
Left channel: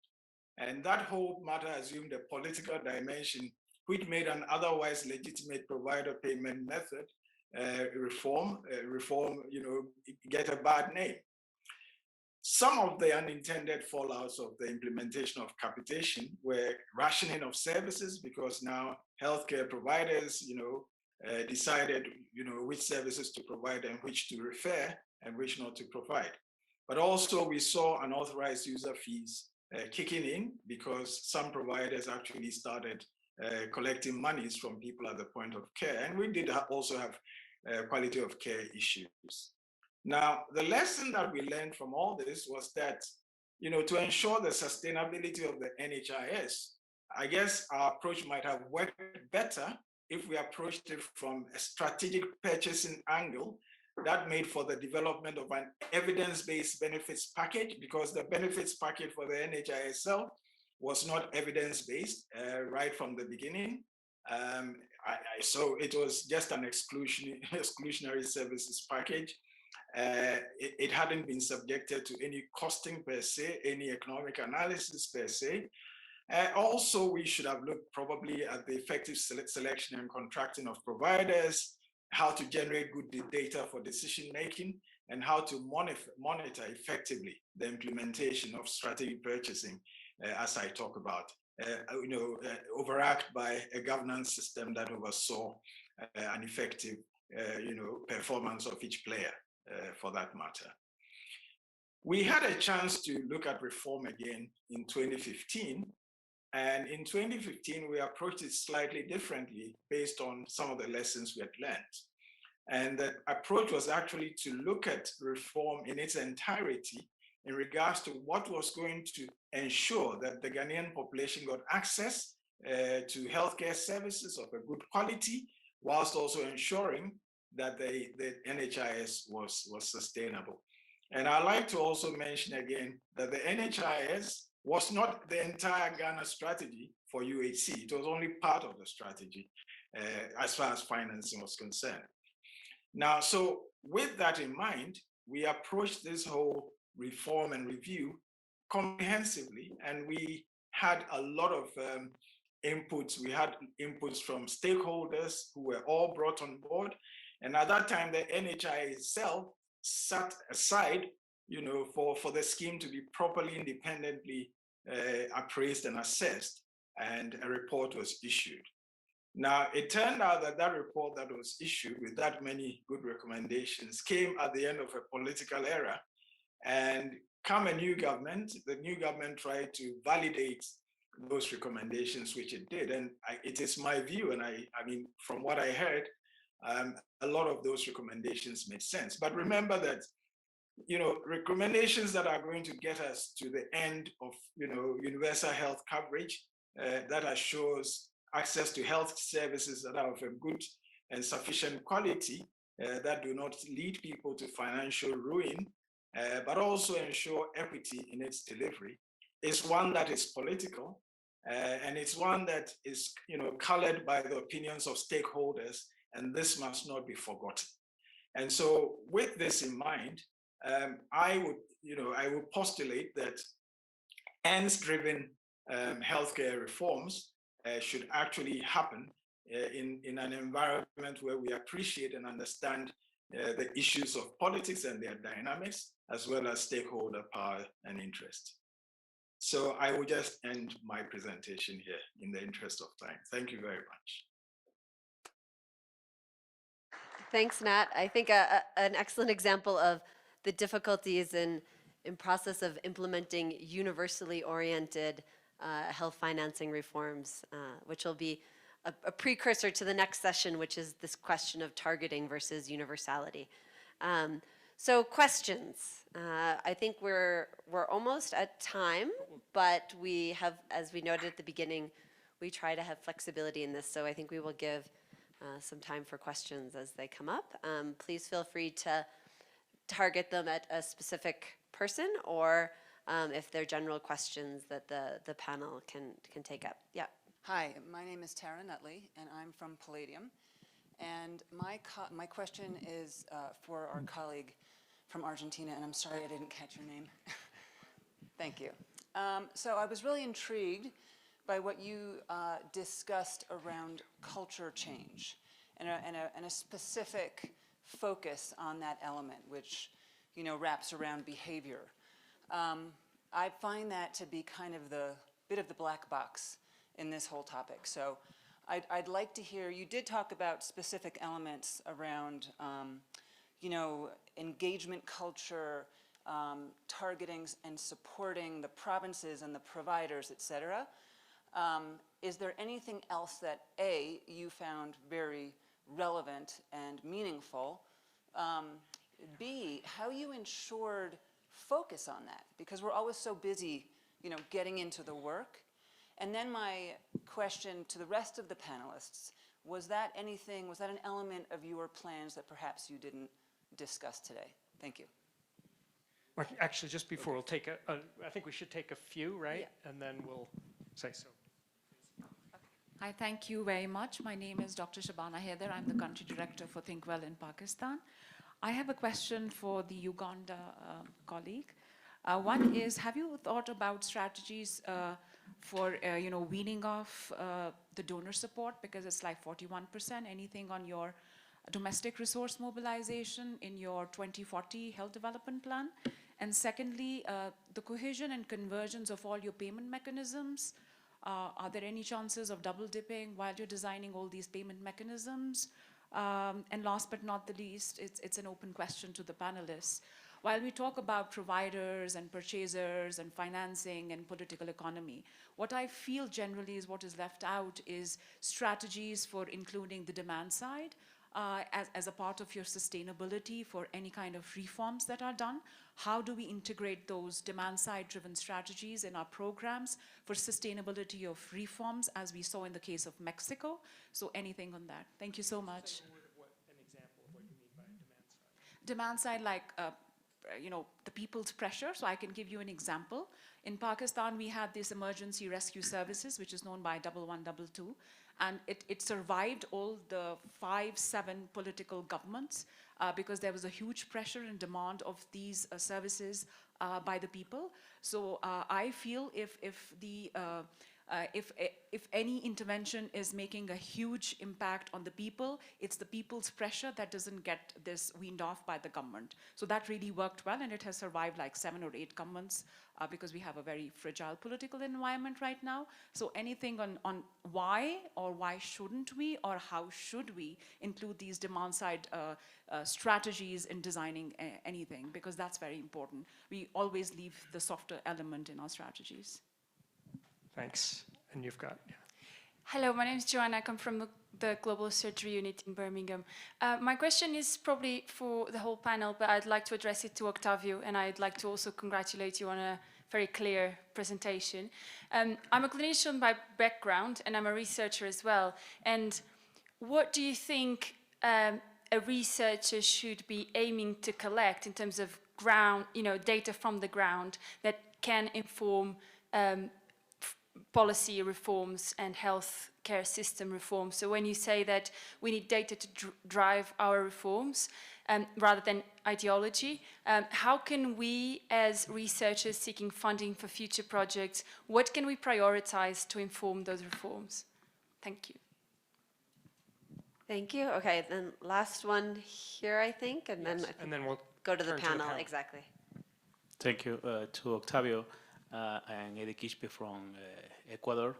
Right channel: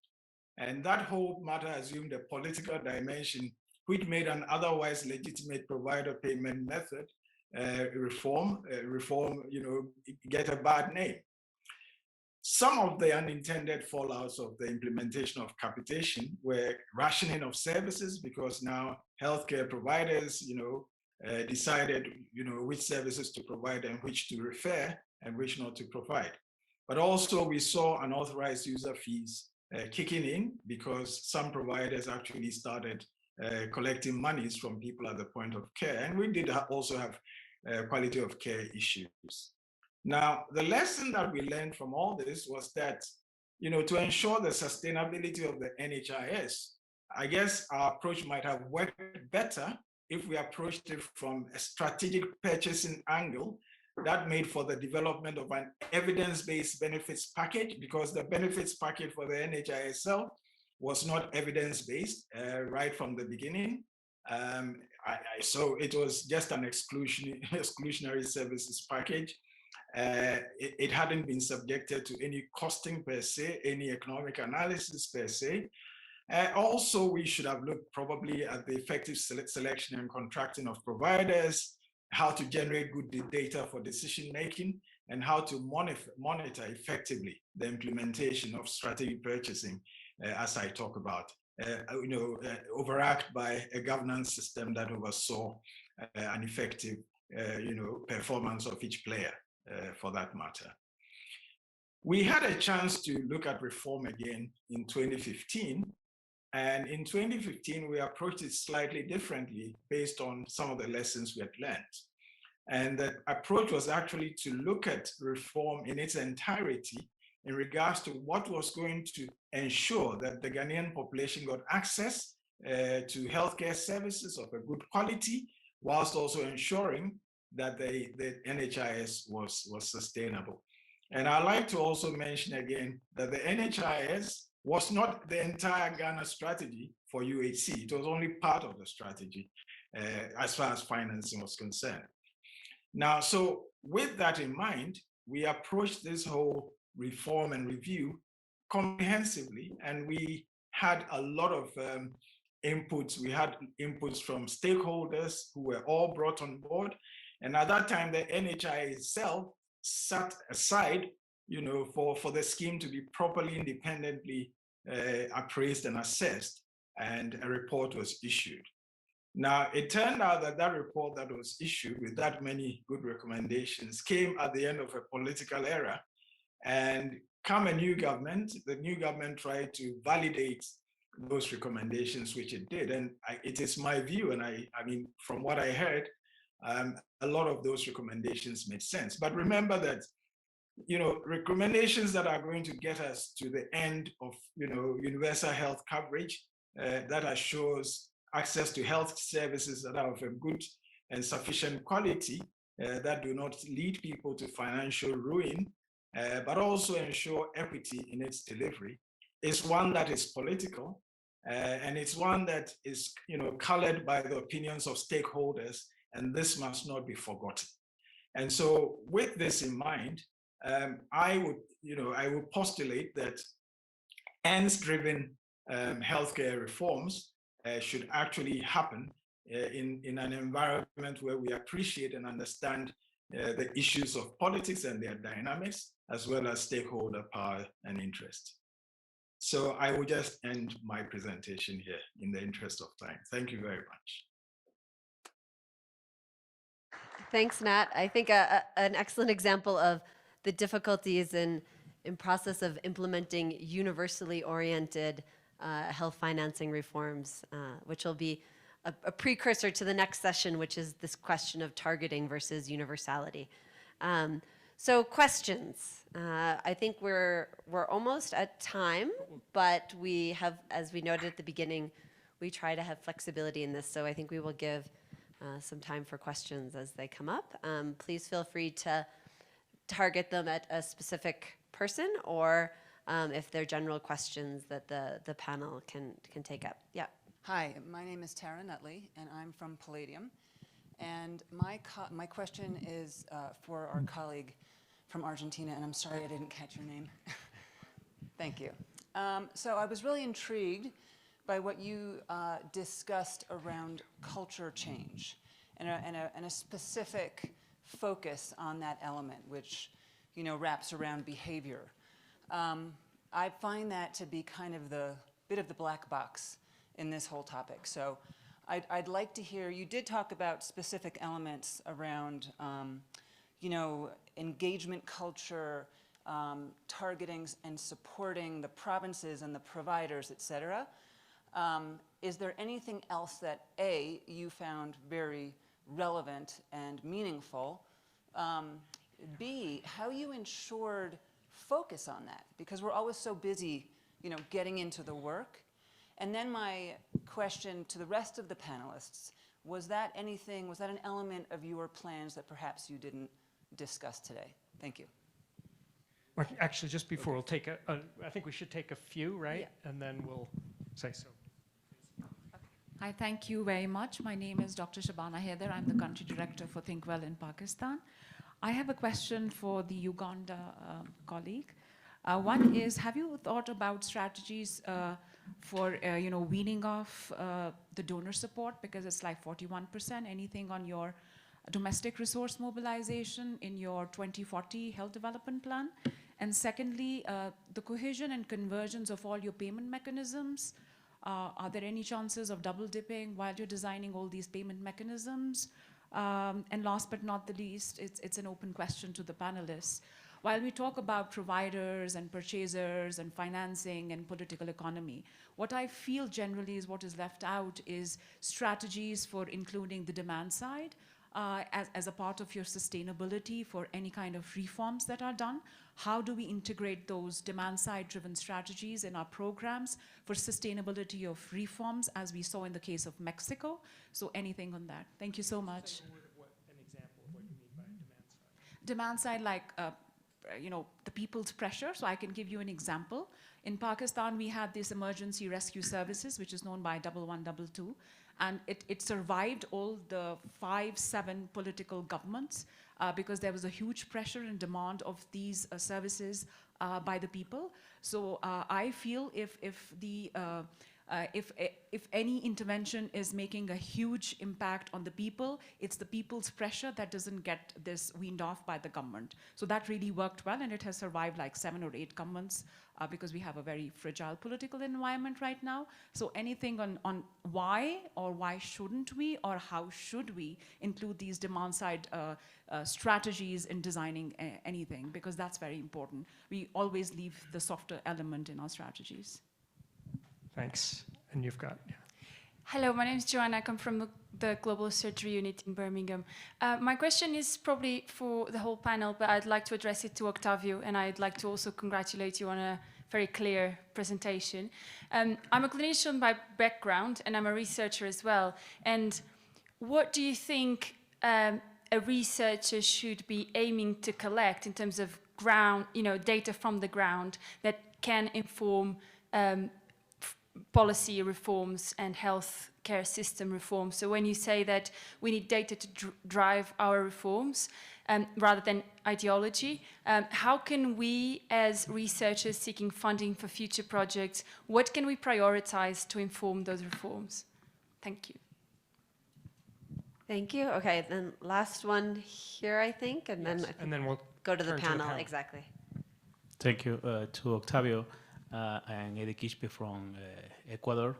And that whole matter assumed a political dimension, which made an otherwise legitimate provider payment method reform, get a bad name. some of the unintended fallouts of the implementation of capitation were rationing of services, because now healthcare providers, decided, which services to provide and which to refer and which not to provide. But also we saw unauthorized user fees kicking in, because some providers actually started collecting monies from people at the point of care. And we did also have quality of care issues. Now, the lesson that we learned from all this was that, to ensure the sustainability of the NHIS, I guess our approach might have worked better if we approached it from a strategic purchasing angle that made for the development of an evidence-based benefits package, because the benefits package for the NHIS itself was not evidence-based right from the beginning. So it was just an exclusionary services package. It hadn't been subjected to any costing per se, any economic analysis per se. Also, we should have looked probably at the effective selection and contracting of providers, how to generate good data for decision making, and how to monitor effectively the implementation of strategic purchasing, as I talk about, overarched by a governance system that oversaw an effective, performance of each player, for that matter. We had a chance to look at reform again in 2015. And in 2015, we approached it slightly differently based on some of the lessons we had learned. And the approach was actually to look at reform in its entirety in regards to what was going to ensure that the Ghanaian population got access to healthcare services of a good quality, whilst also ensuring that the NHIS was sustainable. And I'd like to also mention again that the NHIS was not the entire Ghana strategy for UHC. It was only part of the strategy as far as financing was concerned. Now, so with that in mind, we approached this whole reform and review comprehensively, and we had a lot of inputs. We had inputs from stakeholders who were all brought on board. And at that time, the NHI itself sat aside, for the scheme to be properly independently appraised and assessed, and a report was issued. Now, it turned out that that report that was issued with that many good recommendations came at the end of a political era, and come a new government, the new government tried to validate those recommendations, which it did. And it is my view, and I mean, from what I heard, a lot of those recommendations made sense. But remember that, recommendations that are going to get us to the end of, universal health coverage that assures access to health services that are of a good and sufficient quality, that do not lead people to financial ruin, but also ensure equity in its delivery, is one that is political, and it's one that is, colored by the opinions of stakeholders, and this must not be forgotten. And so, with this in mind, I would postulate that ends-driven healthcare reforms should actually happen in an environment where we appreciate and understand the issues of politics and their dynamics, as well as stakeholder power and interest. So I will just end my presentation here in the interest of time. Thank you very much. Thanks, Nat. I think an excellent example of the difficulties in process of implementing universally oriented health financing reforms, which will be a precursor to the next session, which is this question of targeting versus universality. So questions. I think we're almost at time, but we have, as we noted at the beginning, we try to have flexibility in this. So I think we will give some time for questions as they come up. Please feel free to target them at a specific person, or if they're general questions that the panel can take up. Yeah. Hi, my name is Tara Nutley, and I'm from Palladium. And my question is for our colleague from Argentina, and I'm sorry I didn't catch your name. Thank you. So I was really intrigued by what you discussed around culture change and a specific focus on that element, which wraps around behavior. I find that to be kind of the bit of the black box in this whole topic. So I'd like to hear, you did talk about specific elements around, you know, engagement culture, targeting and supporting the provinces and the providers, et cetera. Is there anything else that A, you found very relevant and meaningful? B, how you ensured focus on that? Because we're always so busy, you know, getting into the work. And then my question to the rest of the panelists, was that anything, was that an element of your plans that perhaps you didn't discuss today? Thank you. Well, actually, just before we'll take I think we should take a few, right? Yeah. And then we'll say so. Hi, thank you very much. My name is Dr. Shabana Haider. I'm the country director for ThinkWell in Pakistan. I have a question for the Uganda colleague. One is, have you thought about strategies for you know, weaning off the donor support, because it's like 41%? Anything on your domestic resource mobilization in your 2040 health development plan? And secondly, the cohesion and convergence of all your payment mechanisms. Are there any chances of double dipping while you're designing all these payment mechanisms? And last but not the least, it's an open question to the panelists. While we talk about providers and purchasers and financing and political economy, what I feel generally is what is left out is strategies for including the demand side as a part of your sustainability for any kind of reforms that are done. How do we integrate those demand side driven strategies in our programs for sustainability of reforms, as we saw in the case of Mexico? So anything on that? Thank you so much. An example of what you mean by demand side. Demand side, like you know, the people's pressure. So I can give you an example. In Pakistan, we had this emergency rescue services, which is known by 1122, and it survived all the 5-7 political governments because there was a huge pressure and demand of these services by the people. So I feel if any intervention is making a huge impact on the people, it's the people's pressure that doesn't get this weaned off by the government. So that really worked well, and it has survived like 7 or 8 governments because we have a very fragile political environment right now. So anything on why or why shouldn't we or how should we include these demand side strategies in designing anything, because that's very important. We always leave the softer element in our strategies. Thanks. And you've got, yeah. Hello, my name is Joanna. I come from the Global Surgery Unit in Birmingham. My question is probably for the whole panel, but I'd like to address it to Octavio, and I'd like to also congratulate you on a very clear presentation. I'm a clinician by background, and I'm a researcher as well. And what do you think a researcher should be aiming to collect in terms of ground, you know, data from the ground that can inform policy reforms and healthcare system reforms? So when you say that we need data to drive our reforms rather than ideology, how can we as researchers seeking funding for future projects, what can we prioritize to inform those reforms? Thank you. Thank you. Okay, then last one here, I think, and then And then we'll go to the turn panel. Exactly. Thank you to Octavio. I'm Eddie Quispe from Ecuador.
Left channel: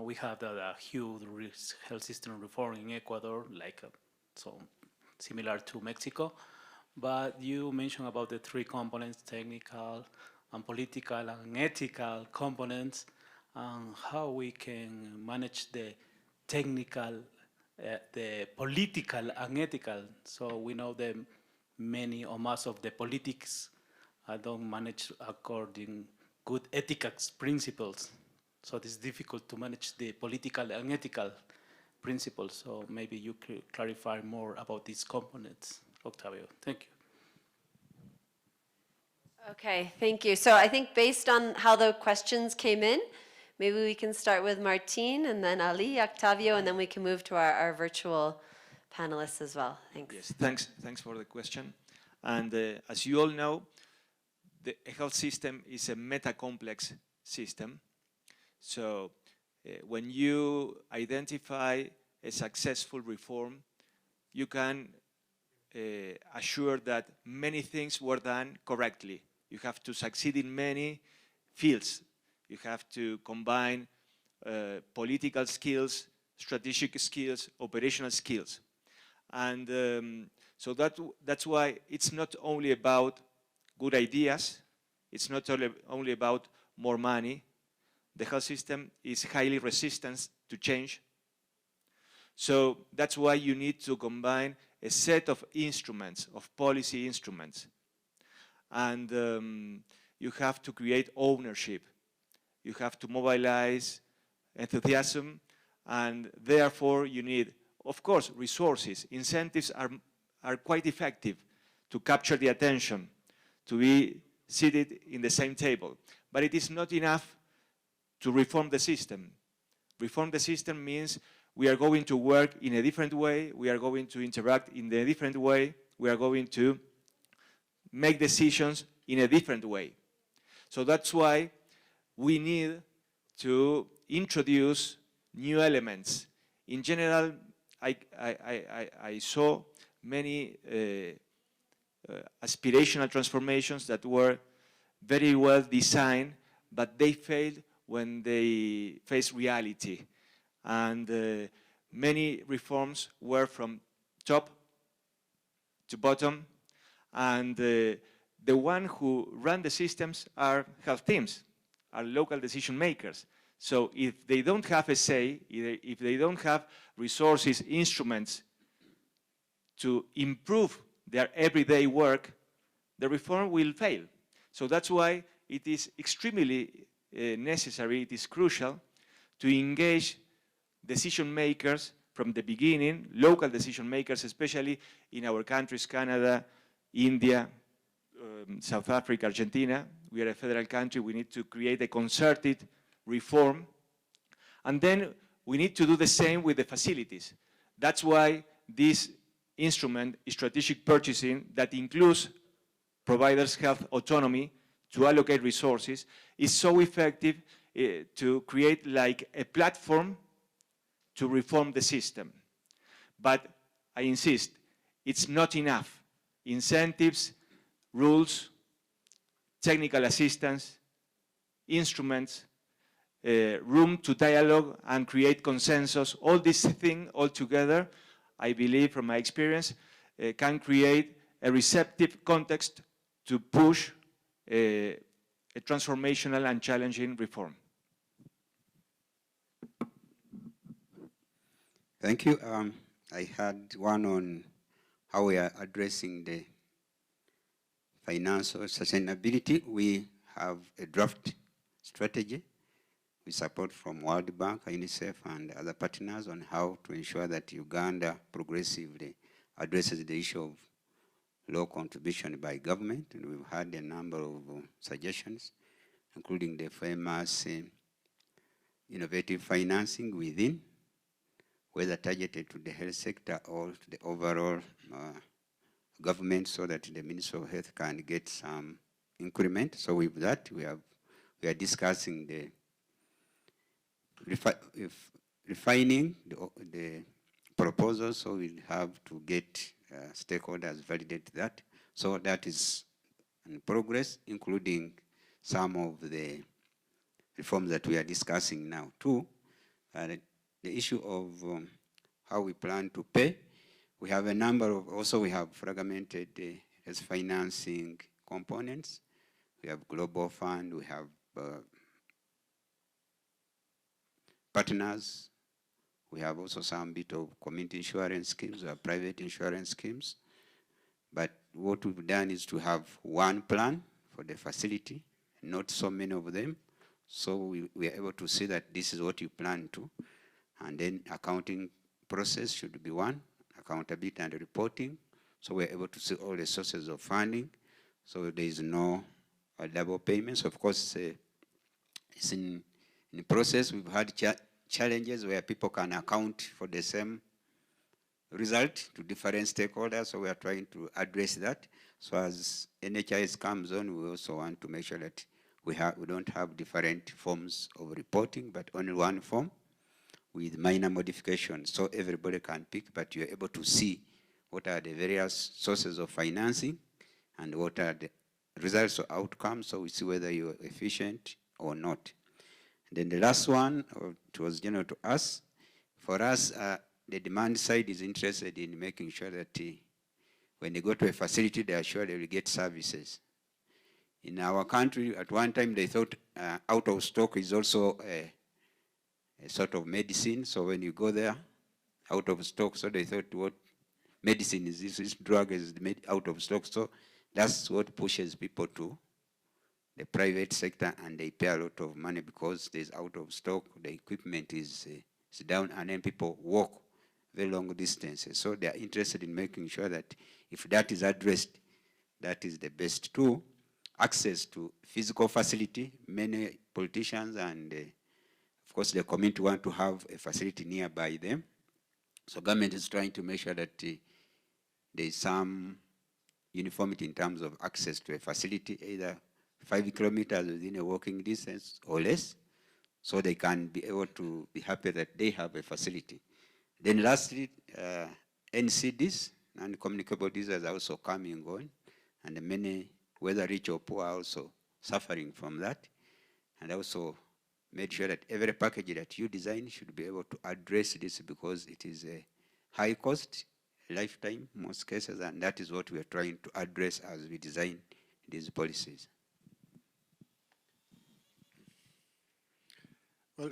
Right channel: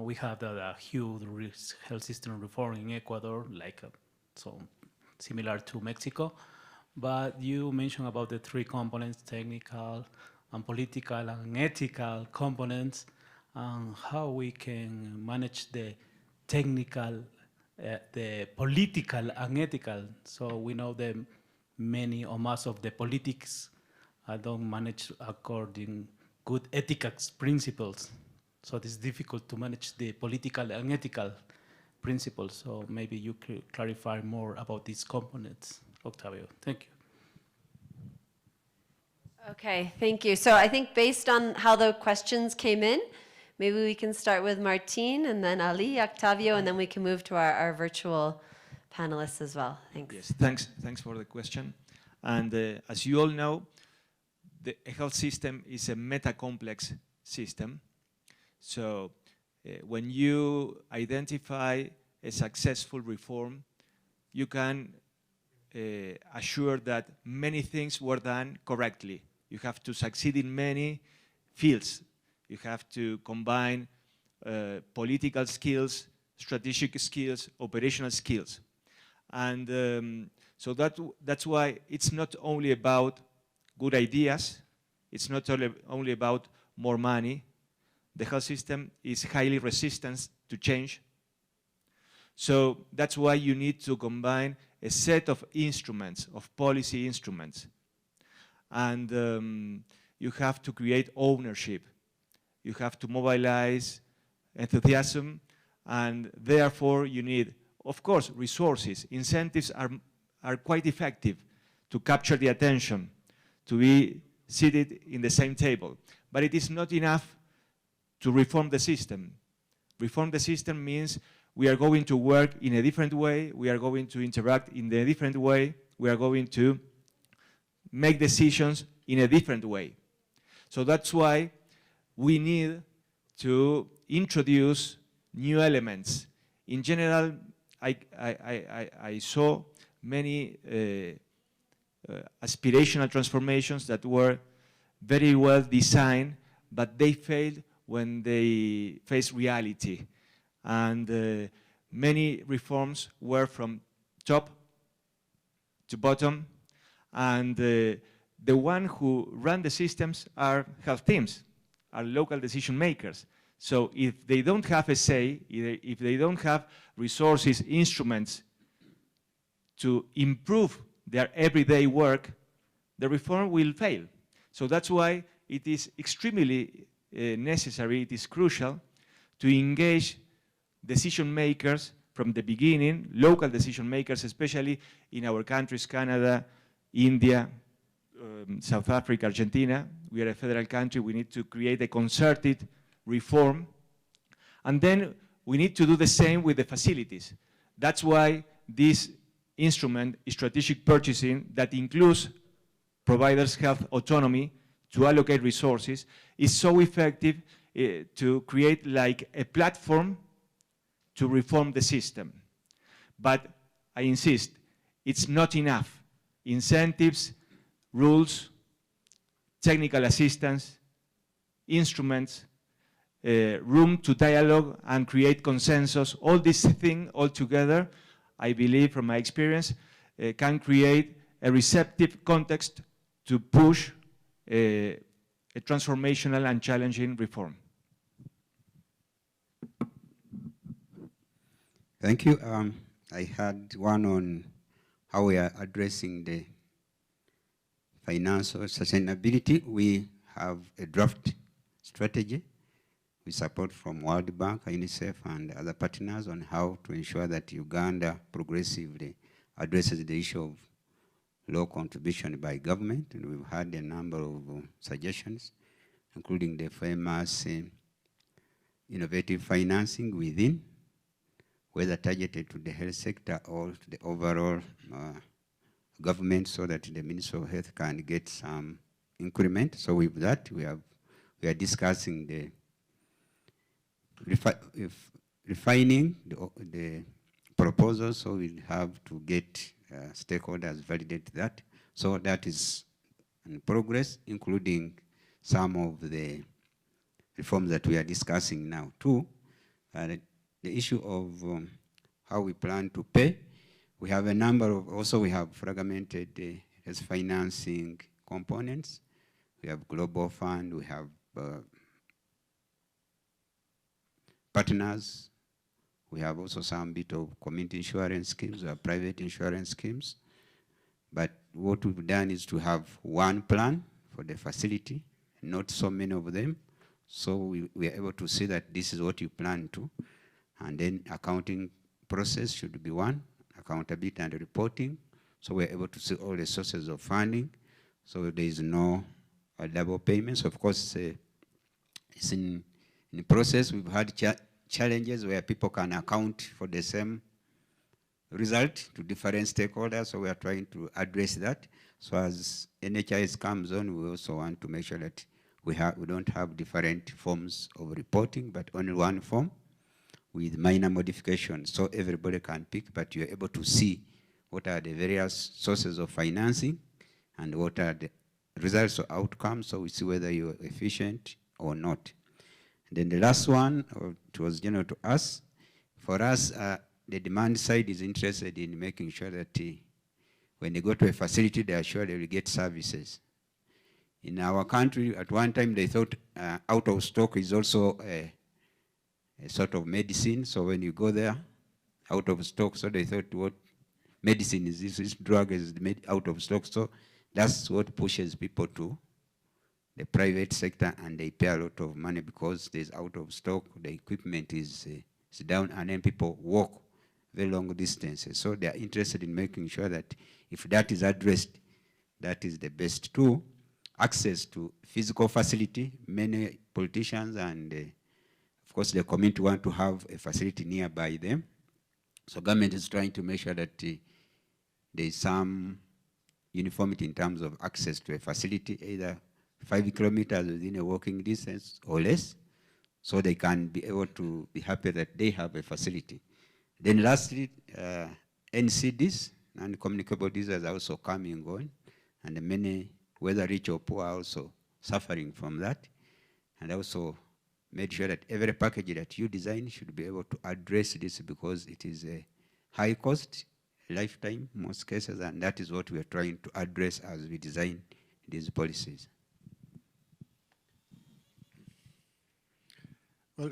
We have a huge health system reform in Ecuador, like so similar to Mexico. But you mentioned about the 3 components: technical, and political, and ethical components, and how we can manage the technical, the political, and ethical. So we know that many or most of the politics don't manage according good ethics principles. So it is difficult to manage the political and ethical principles. So maybe you could clarify more about these components, Octavio. Thank you. Okay, thank you. So I think based on how the questions came in, maybe we can start with Martin and then Ali, Octavio, and then we can move to our virtual panelists as well. Thanks. Yes, thanks for the question. And as you all know, the health system is a meta-complex system. So when you identify a successful reform, you can assure that many things were done correctly. You have to succeed in many fields. You have to combine political skills, strategic skills, operational skills. And so that's why it's not only about good ideas, it's not only about more money. The health system is highly resistant to change. So that's why you need to combine a set of instruments, of policy instruments. And you have to create ownership. You have to mobilize enthusiasm, and therefore you need, of course, resources. Incentives are quite effective to capture the attention, to be seated in the same table. But it is not enough to reform the system. Reform the system means we are going to work in a different way, we are going to interact in a different way, we are going to make decisions in a different way. So that's why we need to introduce new elements. In general, I saw many aspirational transformations that were very well designed, but they failed when they faced reality. And many reforms were from top to bottom, and the one who run the systems are health teams, are local decision makers. So if they don't have a say, if they don't have resources, instruments to improve their everyday work, the reform will fail. So that's why it is extremely necessary, it is crucial to engage decision makers from the beginning, local decision makers, especially in our countries, Canada, India, South Africa, Argentina. We are a federal country, we need to create a concerted reform. And then we need to do the same with the facilities. That's why this instrument, strategic purchasing, that includes providers' health autonomy to allocate resources, is so effective to create like a platform to reform the system. But I insist, it's not enough. Incentives, rules, technical assistance, instruments, room to dialogue and create consensus, all these things all together, I believe from my experience, can create a receptive context to push a transformational and challenging reform. Thank you. I had one on how we are addressing the financial sustainability. We have a draft strategy with support from World Bank, UNICEF, and other partners on how to ensure that Uganda progressively addresses the issue of low contribution by government. And we've had a number of suggestions, including the famous innovative financing within, whether targeted to the health sector or to the overall government, so that the Ministry of Health can get some increment. So with that, we are discussing the refining the proposal, so we'll have to get stakeholders validate that. So that is in progress, including some of the reforms that we are discussing now too. The issue of how we plan to pay. We have a number of, also we have fragmented as financing components. We have Global Fund, we have partners. We have also some bit of community insurance schemes or private insurance schemes. But what we've done is to have one plan for the facility, not so many of them. So we are able to see that this is what you plan to. And then accounting process should be one, accountability and reporting. So we're able to see all the sources of funding. So there is no double payments. Of course, it's in the process. We've had challenges where people can account for the same result to different stakeholders. So we are trying to address that. So as NHIS comes on, we also want to make sure that we don't have different forms of reporting, but only one form with minor modifications, so everybody can pick, but you're able to see what are the various sources of financing and what are the results or outcomes, so we see whether you're efficient or not. And then the last one, it was general to us. For us, the demand side is interested in making sure that when they go to a facility, they are sure they will get services. In our country, at one time, they thought out of stock is also a sort of medicine. So when you go there, out of stock, so they thought what medicine is this drug is made out of stock. So that's what pushes people to the private sector, and they pay a lot of money because there's out of stock, the equipment is down, and then people walk very long distances. So they are interested in making sure that if that is addressed, that is the best tool. Access to physical facility, many politicians and of course the community want to have a facility nearby them. So government is trying to make sure that there is some uniformity in terms of access to a facility, either 5 kilometers within a walking distance or less, so they can be able to be happy that they have a facility. Then lastly, NCDs, non-communicable diseases, are also coming on, and many, whether rich or poor, are also suffering from that. And also made sure that every package that you design should be able to address this, because it is a high cost, lifetime, most cases, and that is what we are trying to address as we design these policies. Well,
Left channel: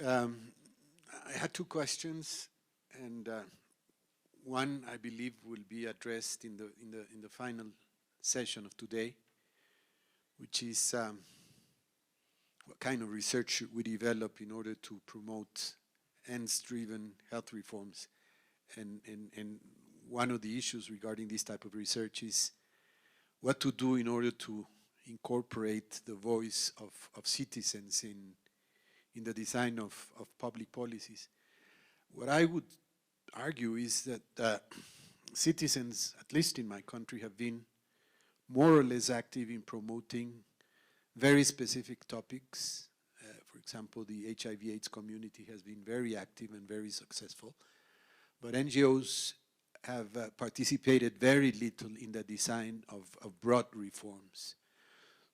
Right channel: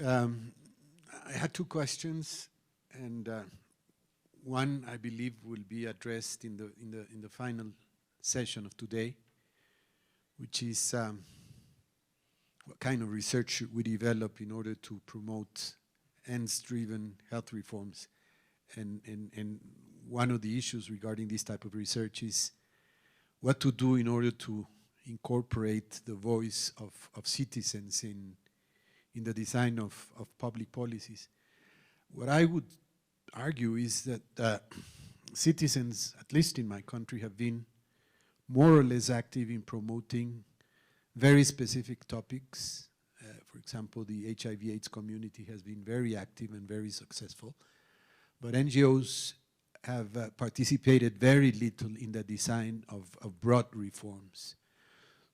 I had two questions, and one I believe will be addressed in the final session of today, which is what kind of research should we develop in order to promote ends-driven health reforms, and one of the issues regarding this type of research is what to do in order to incorporate the voice of citizens in the design of public policies. What I would argue is that citizens, at least in my country, have been more or less active in promoting very specific topics. For example, the HIV/AIDS community has been very active and very successful, but NGOs have participated very little in the design of broad reforms.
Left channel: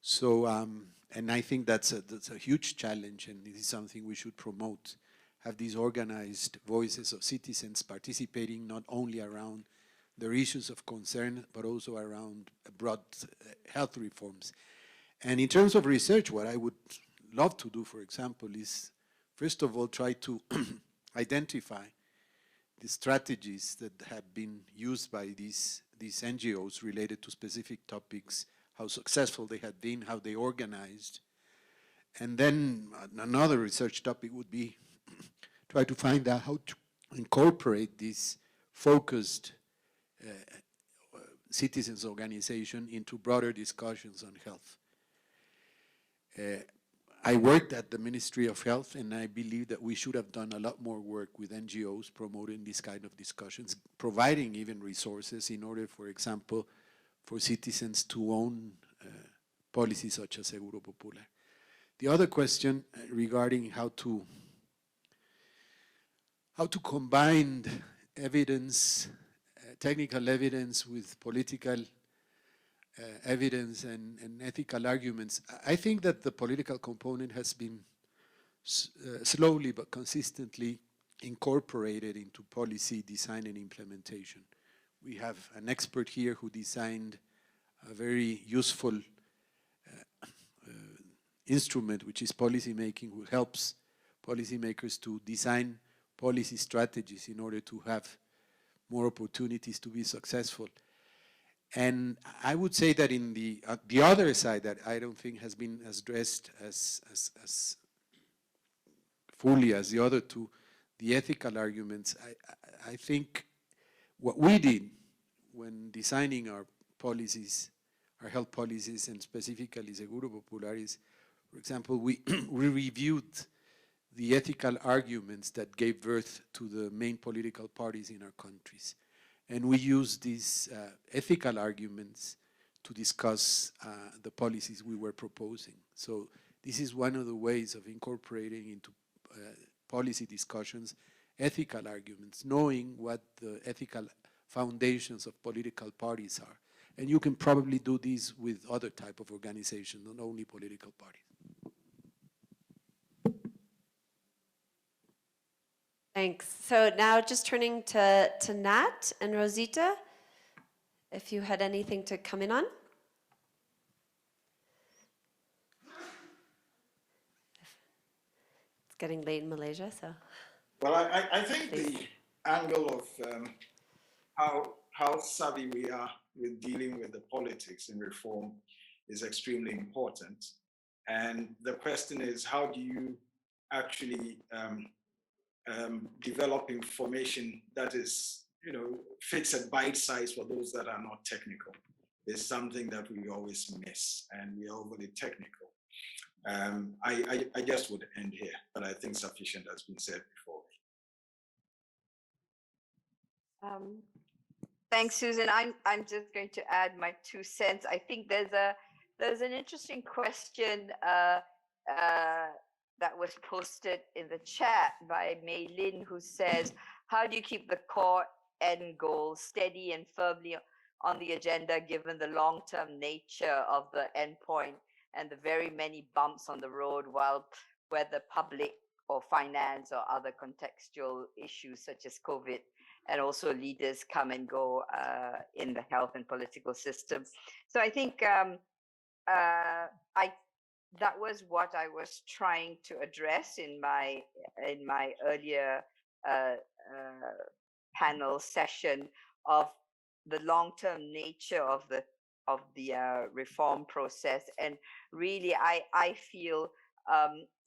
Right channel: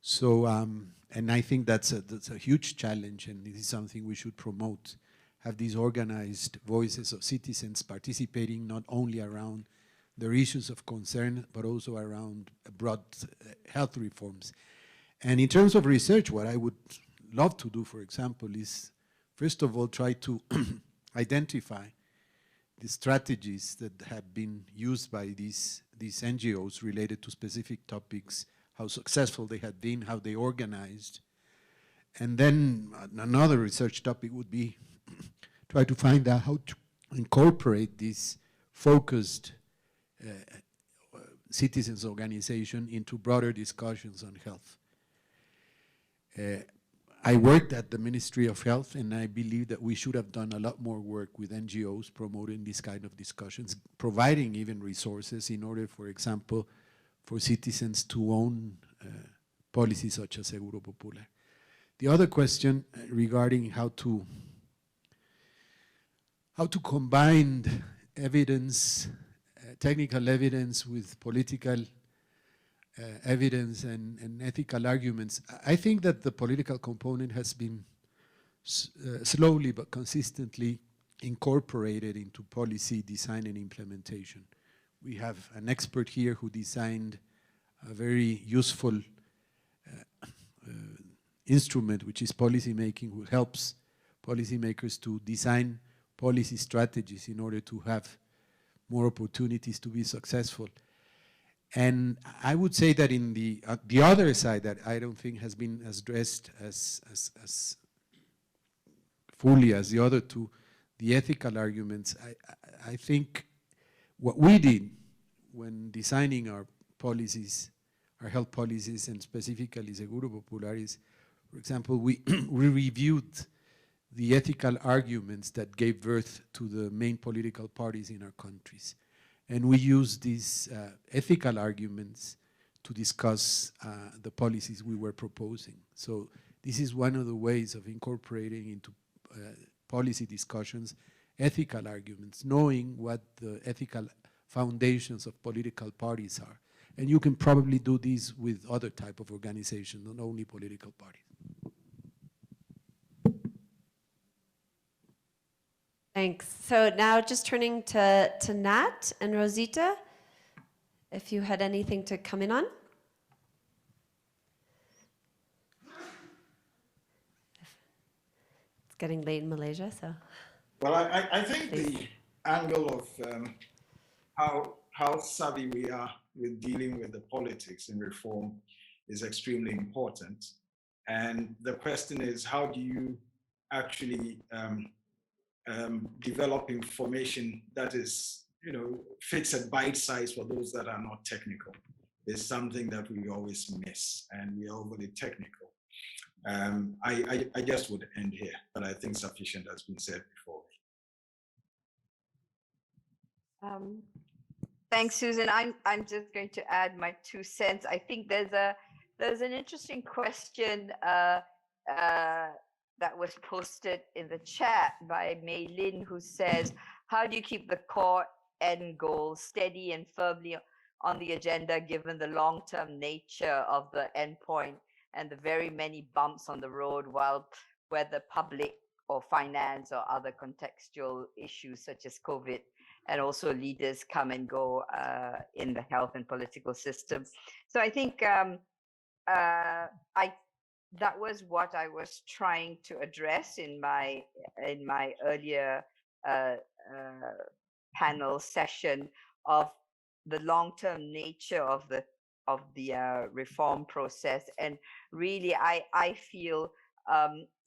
So, and I think that's a huge challenge, and this is something we should promote, have these organized voices of citizens participating not only around their issues of concern, but also around broad health reforms. And in terms of research, what I would love to do, for example, is first of all try to identify the strategies that have been used by these NGOs related to specific topics, how successful they had been, how they organized. And then another research topic would be try to find out how to incorporate this focused citizens organization into broader discussions on health. I worked at the Ministry of Health, and I believe that we should have done a lot more work with NGOs promoting this kind of discussions, providing even resources in order, for example, for citizens to own policies such as Seguro Popular. The other question regarding how to combine evidence, technical evidence with political evidence and ethical arguments. I think that the political component has been slowly but consistently incorporated into policy design and implementation. We have an expert here who designed a very useful instrument, which is policy making, who helps policymakers to design policy strategies in order to have more opportunities to be successful. And I would say that in the other side that I don't think has been addressed as fully as the other two, the ethical arguments, I think what we did when designing our policies, our health policies, and specifically Seguro Popular is, for example, we reviewed the ethical arguments that gave birth to the main political parties in our countries. And we use these ethical arguments to discuss the policies we were proposing. So this is one of the ways of incorporating into policy discussions ethical arguments, knowing what the ethical foundations of political parties are. And you can probably do this with other type of organization, not only political parties. Thanks. So now just turning to Nat and Rosita, if you had anything to come in on. It's getting late in Malaysia, so. Well, I think the angle of how savvy we are with dealing with the politics in reform is extremely important. And the question is, how do you actually develop information that is, fits a bite size for those that are not technical? Is something that we always miss, and we are overly technical. I just would end here, but I think sufficient has been said before. Thanks, Susan. I'm just going to add my 2 cents. I think there's an interesting question that was posted in the chat by Mei Lin, who says, how do you keep the core end goal steady and firmly on the agenda given the long-term nature of the endpoint and the very many bumps on the road, whether public or finance or other contextual issues such as COVID, and also leaders come and go in the health and political system. So I think that was what I was trying to address in my earlier panel session of the long-term nature of the reform process. And really, I feel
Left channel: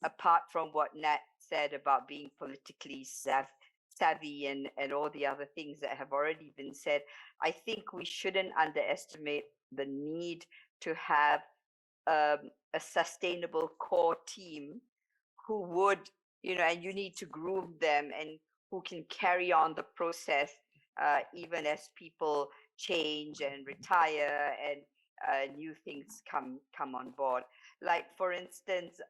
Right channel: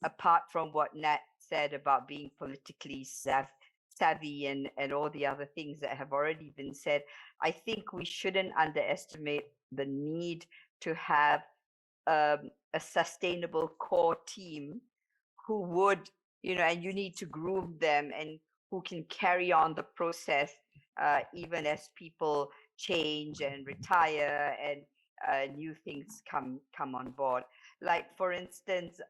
apart from what Nat said about being politically savvy and all the other things that have already been said, I think we shouldn't underestimate the need to have a sustainable core team who would, and you need to groom them and who can carry on the process even as people change and retire and new things come on board. Like, for instance,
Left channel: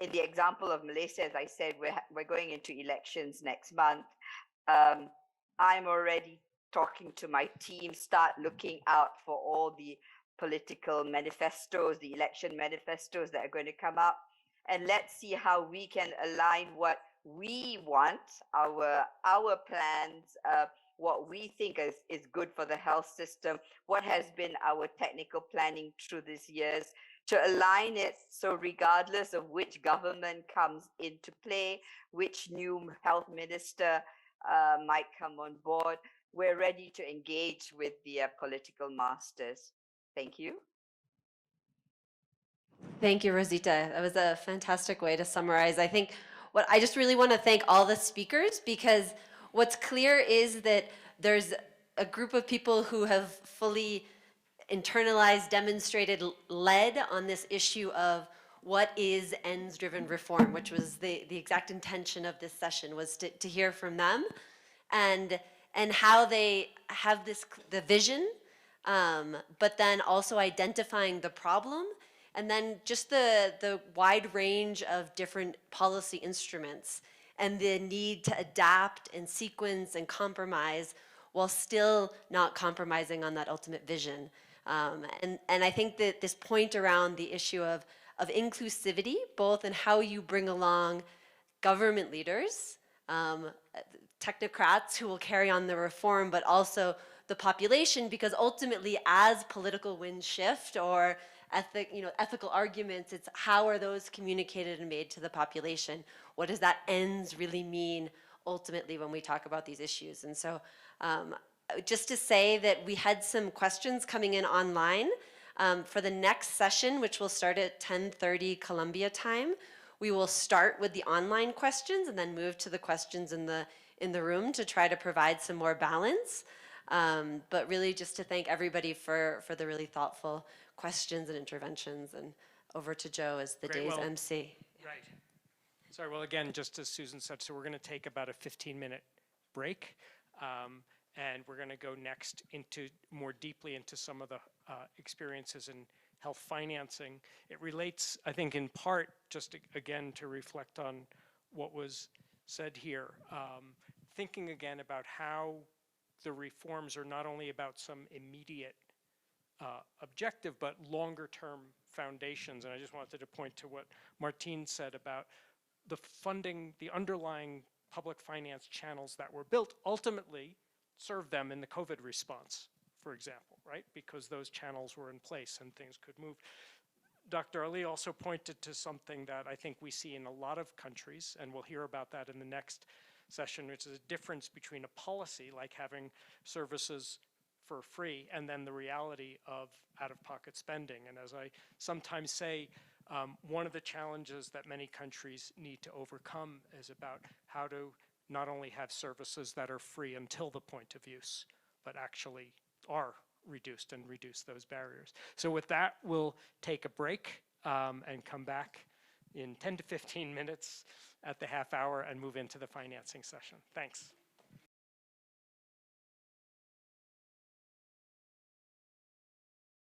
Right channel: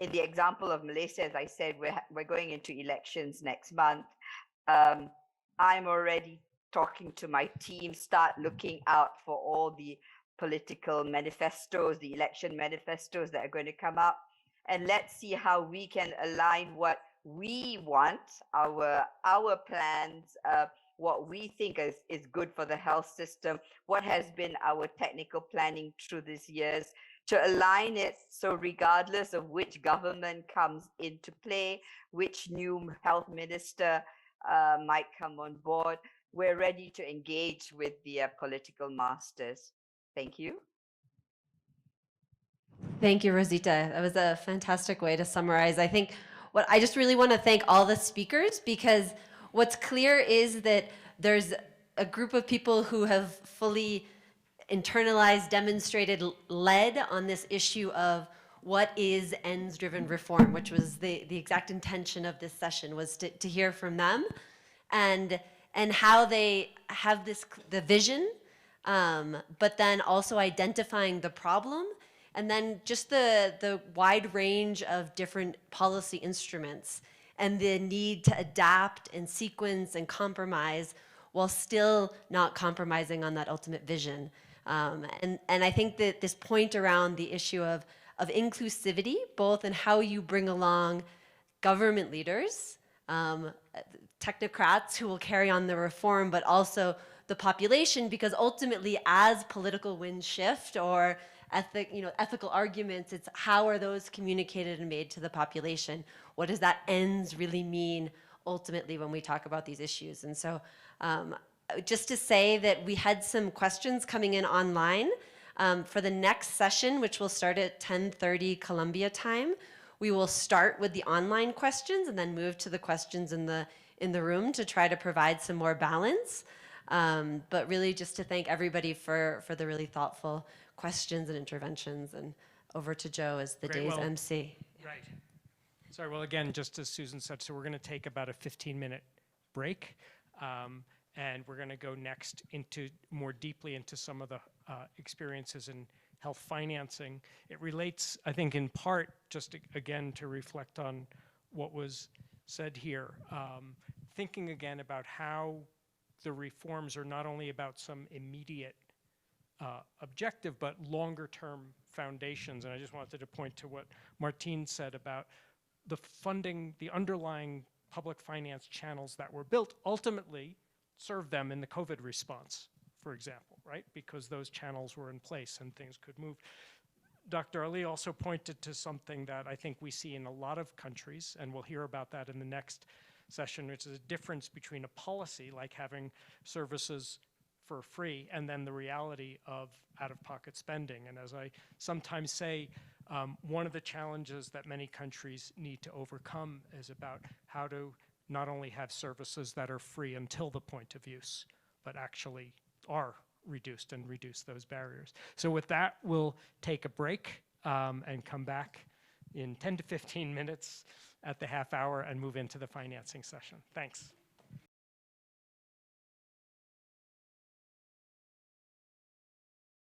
in the example of Malaysia, as I said, we're going into elections next month. I'm already talking to my team, start looking out for all the political manifestos, the election manifestos that are going to come up, and let's see how we can align what we want, our plans, what we think is good for the health system, what has been our technical planning through these years, to align it so regardless of which government comes into play, which new health minister might come on board, we're ready to engage with the political masters. Thank you. Thank you, Rosita. That was a fantastic way to summarize. I think what I just really want to thank all the speakers, because what's clear is that there's a group of people who have fully internalized, demonstrated, led on this issue of what is ends-driven reform, which was the exact intention of this session, was to hear from them and how they have the vision, but then also identifying the problem, and then just the wide range of different policy instruments and the need to adapt and sequence and compromise while still not compromising on that ultimate vision. And I think that this point around the issue of inclusivity, both in how you bring along government leaders, technocrats who will carry on the reform, but also the population, because ultimately as political winds shift or ethical arguments, it's how are those communicated and made to the population? What does that ends really mean ultimately when we talk about these issues? And so just to say that we had some questions coming in online for the next session, which will start at 10:30 Colombia time. We will start with the online questions and then move to the questions in the room to try to provide some more balance. But really just to thank everybody for the really thoughtful questions and interventions, and over to Joe as the day's MC. Right. Sorry, well, again, just as Susan said, so we're going to take about a 15-minute break, and we're going to go next more deeply into some of the experiences in health financing. It relates, I think, in part, just again, to reflect on what was said here, thinking again about how the reforms are not only about some immediate objective, but longer-term foundations. And I just wanted to point to what Martine said about the funding, the underlying public finance channels that were built ultimately served them in the COVID response, for example, right? Because those channels were in place and things could move. Dr. Ali also pointed to something that I think we see in a lot of countries, and we'll hear about that in the next session, which is a difference between a policy like having services for free and then the reality of out-of-pocket spending. And as I sometimes say, one of the challenges that many countries need to overcome is about how to not only have services that are free until the point of use, but actually are reduced and reduce those barriers. So with that, we'll take a break and come back in 10 to 15 minutes at the half hour and move into the financing session. Thanks.